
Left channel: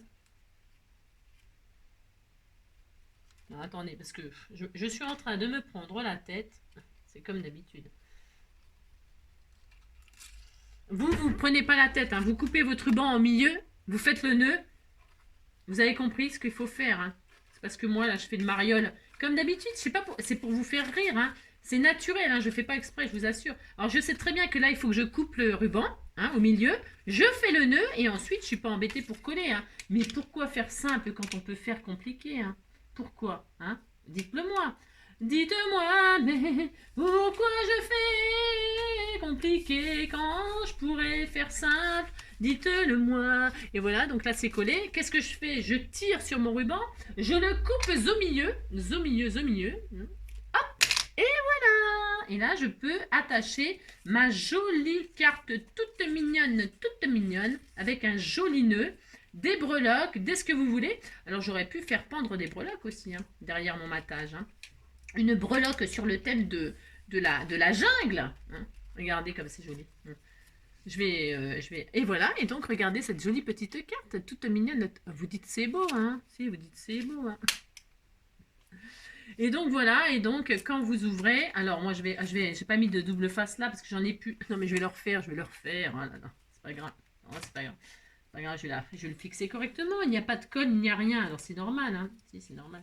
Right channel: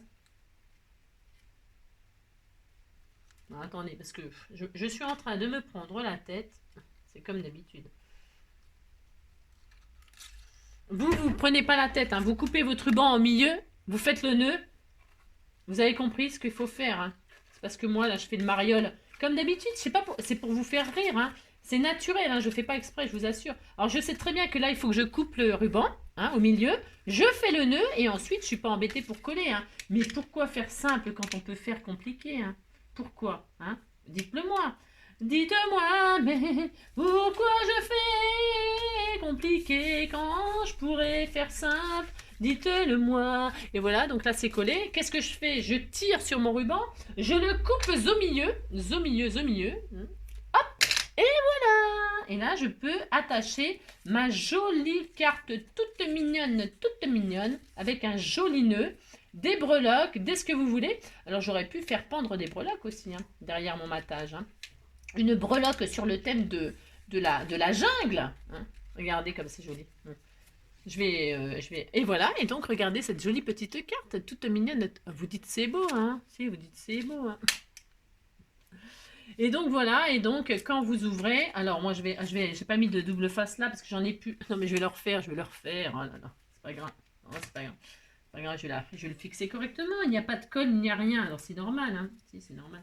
Non, attendez, parce que je suis en train de me prendre la tête. C'est comme d'habitude. Vous prenez pas la tête, hein. Vous coupez votre ruban en milieu, vous faites le nœud. Vous avez compris ce qu'il faut faire, hein. C'est parce que moi, là, je fais le mariole. Comme d'habitude, c'est pour vous faire rire, hein. C'est naturel, hein. Je fais pas exprès, je vous assure. Alors, je sais très bien que là, il faut que je coupe le ruban, hein, au milieu. Je fais le nœud et ensuite, je suis pas embêtée pour coller, hein. Mais pourquoi faire simple quand on peut faire compliqué, hein? Pourquoi, hein? Dites-le moi. Dites-moi, mais pourquoi je fais compliqué quand je pourrais faire simple? Dites-le moi. Et voilà, donc là c'est collé. Qu'est-ce que je fais? Je tire sur mon ruban, je le coupe au milieu, au milieu. Hop, et voilà. Et là je peux attacher ma jolie carte toute mignonne, avec un joli nœud, des breloques, dès ce que vous voulez. Alors j'aurais pu faire pendre des breloques aussi, hein, derrière mon matage, hein. Une breloque sur le thème de la jungle, hein. Regardez comme c'est joli. Je vais... Et voilà, et donc regardez cette jolie petite carte, toute mignonne. Vous dites c'est beau, hein? Si, vous dites c'est beau, hein? Et donc voilà, et donc quand vous ouvrez, alors moi j'ai pas mis de double face là parce que j'en ai plus. Non mais je vais le refaire, Oh là là, c'est pas grave. Non, c'est pas grave. C'est pas grave, je vais le fixer correctement. Il n'y a pas de colle, il n'y a rien. Alors c'est normal, hein? Si, c'est normal.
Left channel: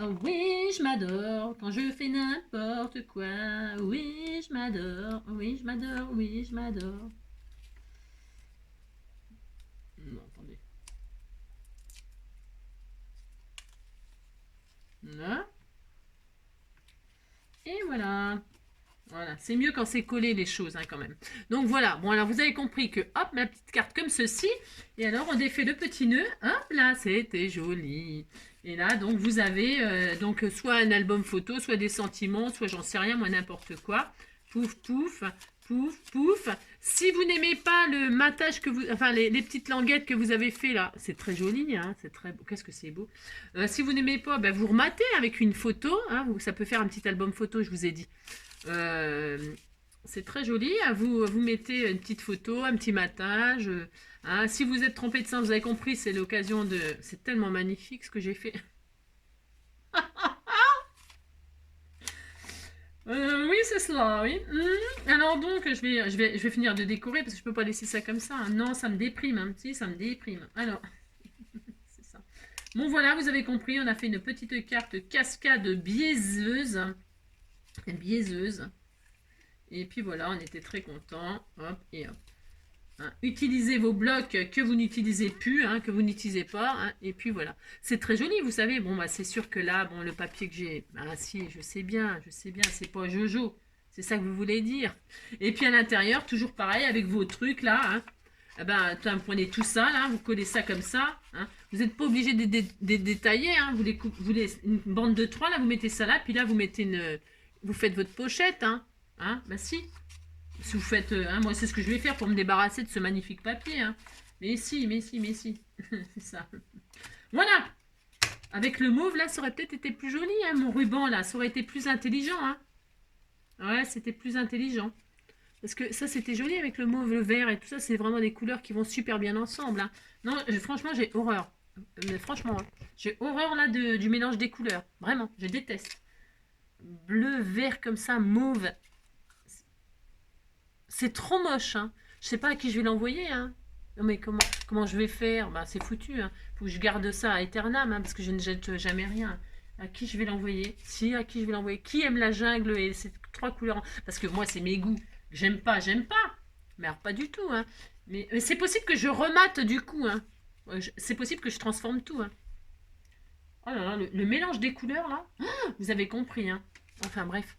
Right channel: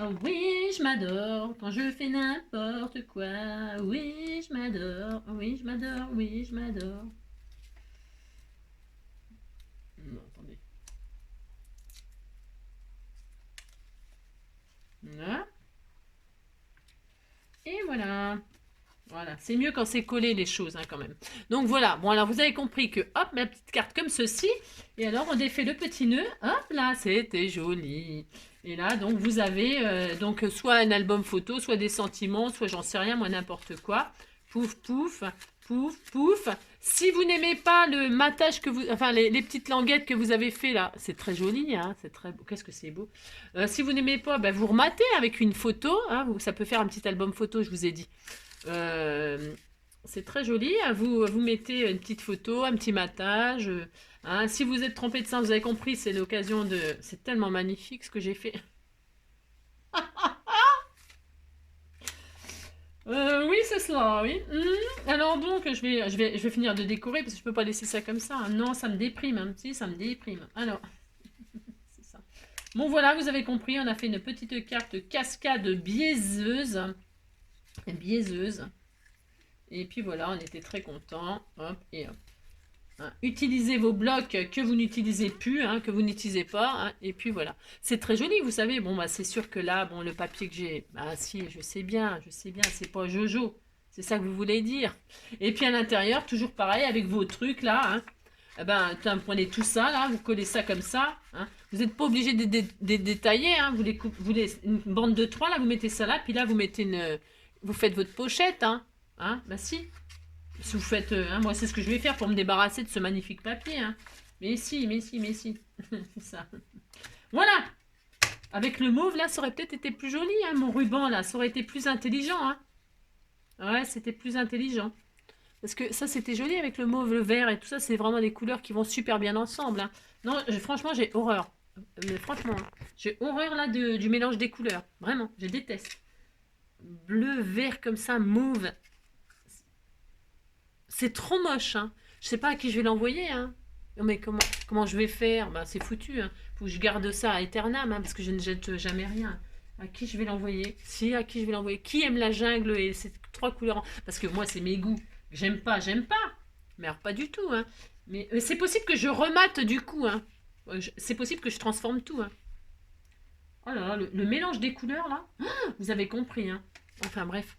Oh oui, je m'adore quand je fais n'importe quoi. Oui, je m'adore. Oui, je m'adore. Oui, je m'adore. Non, attendez. Là. Et voilà. Voilà, c'est mieux quand c'est collé les choses, hein, quand même. Donc voilà, bon alors vous avez compris que hop, ma petite carte comme ceci. Et alors on défait le petit nœud. Hop là, c'était joli. Et là, donc vous avez donc soit un album photo, soit des sentiments, soit j'en sais rien, moi n'importe quoi. Pouf, pouf, pouf, pouf. Si vous n'aimez pas le matage que vous... Enfin, les petites languettes que vous avez fait là, c'est très joli, hein, c'est très beau. Qu'est-ce que c'est beau. Si vous n'aimez pas, ben, vous rematez avec une photo. Hein, ça peut faire un petit album photo, je vous ai dit. C'est très joli. Hein, vous mettez une petite photo, un petit matage. Hein, si vous êtes trompé de sein, vous avez compris, c'est l'occasion de... C'est tellement magnifique ce que j'ai fait. Oui, c'est cela, oui. Alors donc, je vais finir de décorer parce que je peux pas laisser ça comme ça, hein. Non, ça me déprime, hein. Si, ça me déprime. Alors, c'est ça. Bon, voilà, vous avez compris, on a fait une petite carte cascade biaiseuse. Biaiseuse. Et puis voilà, on était très contents. Hop, et hop. Hein, utilisez vos blocs que vous n'utilisez plus, hein, que vous n'utilisez pas, hein, et puis voilà. C'est très joli, vous savez. Bon, bah, c'est sûr que là, bon, le papier que j'ai, ah si, je sais bien, c'est pas Jojo. C'est ça que vous voulez dire. Et puis à l'intérieur, toujours pareil, avec vos trucs là, hein. Eh ben, vous prenez tout ça là, vous collez ça comme ça, hein. Vous n'êtes pas obligé de détailler, hein. Une bande de 3 là, vous mettez ça là, puis là vous mettez vous faites votre pochette, hein. Bah si. Si vous faites, hein, moi c'est ce que je vais faire pour me débarrasser de ce magnifique papier, hein. Mais si. C'est ça. Voilà. Avec le mauve là, ça aurait peut-être été plus joli, hein, mon ruban là, ça aurait été plus intelligent, hein. Ouais, c'était plus intelligent. Parce que ça c'était joli avec le mauve, le vert et tout ça, c'est vraiment des couleurs qui vont super bien ensemble, hein. Non, franchement j'ai horreur. Mais franchement, hein, j'ai horreur là du mélange des couleurs. Vraiment, je déteste. Bleu, vert comme ça, mauve. C'est trop moche, hein. Je sais pas à qui je vais l'envoyer, hein. Non mais comment je vais faire? Bah c'est foutu, hein. Faut que je garde ça à Eternam, hein, parce que je ne jette jamais rien. À qui je vais l'envoyer? Si, à qui je vais l'envoyer? Qui aime la jungle et ces 3 couleurs? Parce que moi c'est mes goûts. J'aime pas. Mais alors pas du tout, hein. Mais c'est possible que je remate du coup, hein. C'est possible que je transforme tout, hein. Oh là là, le mélange des couleurs là, vous avez compris, hein. Enfin bref.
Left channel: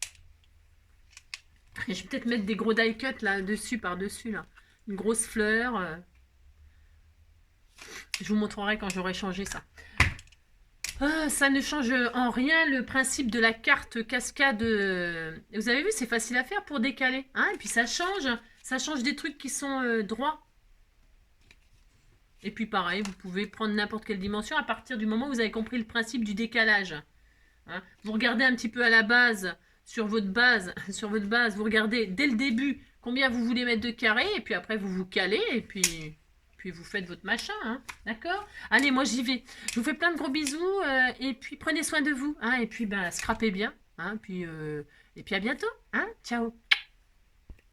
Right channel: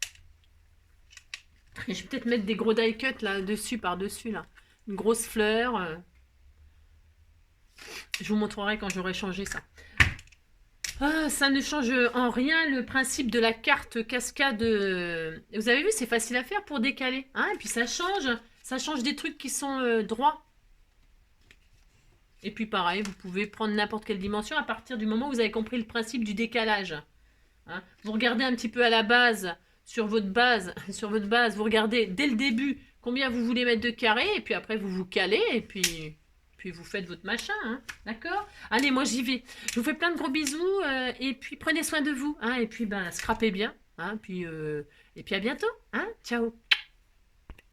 Je vais peut-être mettre des gros die cut là dessus, par-dessus là. Une grosse fleur. Je vous montrerai quand j'aurai changé ça. Ah, ça ne change en rien le principe de la carte cascade. Vous avez vu, c'est facile à faire pour décaler. Hein, et puis ça change des trucs qui sont droits. Et puis pareil, vous pouvez prendre n'importe quelle dimension à partir du moment où vous avez compris le principe du décalage. Hein. Vous regardez un petit peu à la base, sur votre base, vous regardez dès le début combien vous voulez mettre de carré, et puis après vous vous calez, et puis vous faites votre machin. Hein. D'accord? Allez, moi j'y vais. Je vous fais plein de gros bisous, et puis prenez soin de vous. Hein, et puis ben, scrapez bien. Hein, et puis à bientôt. Hein. Ciao.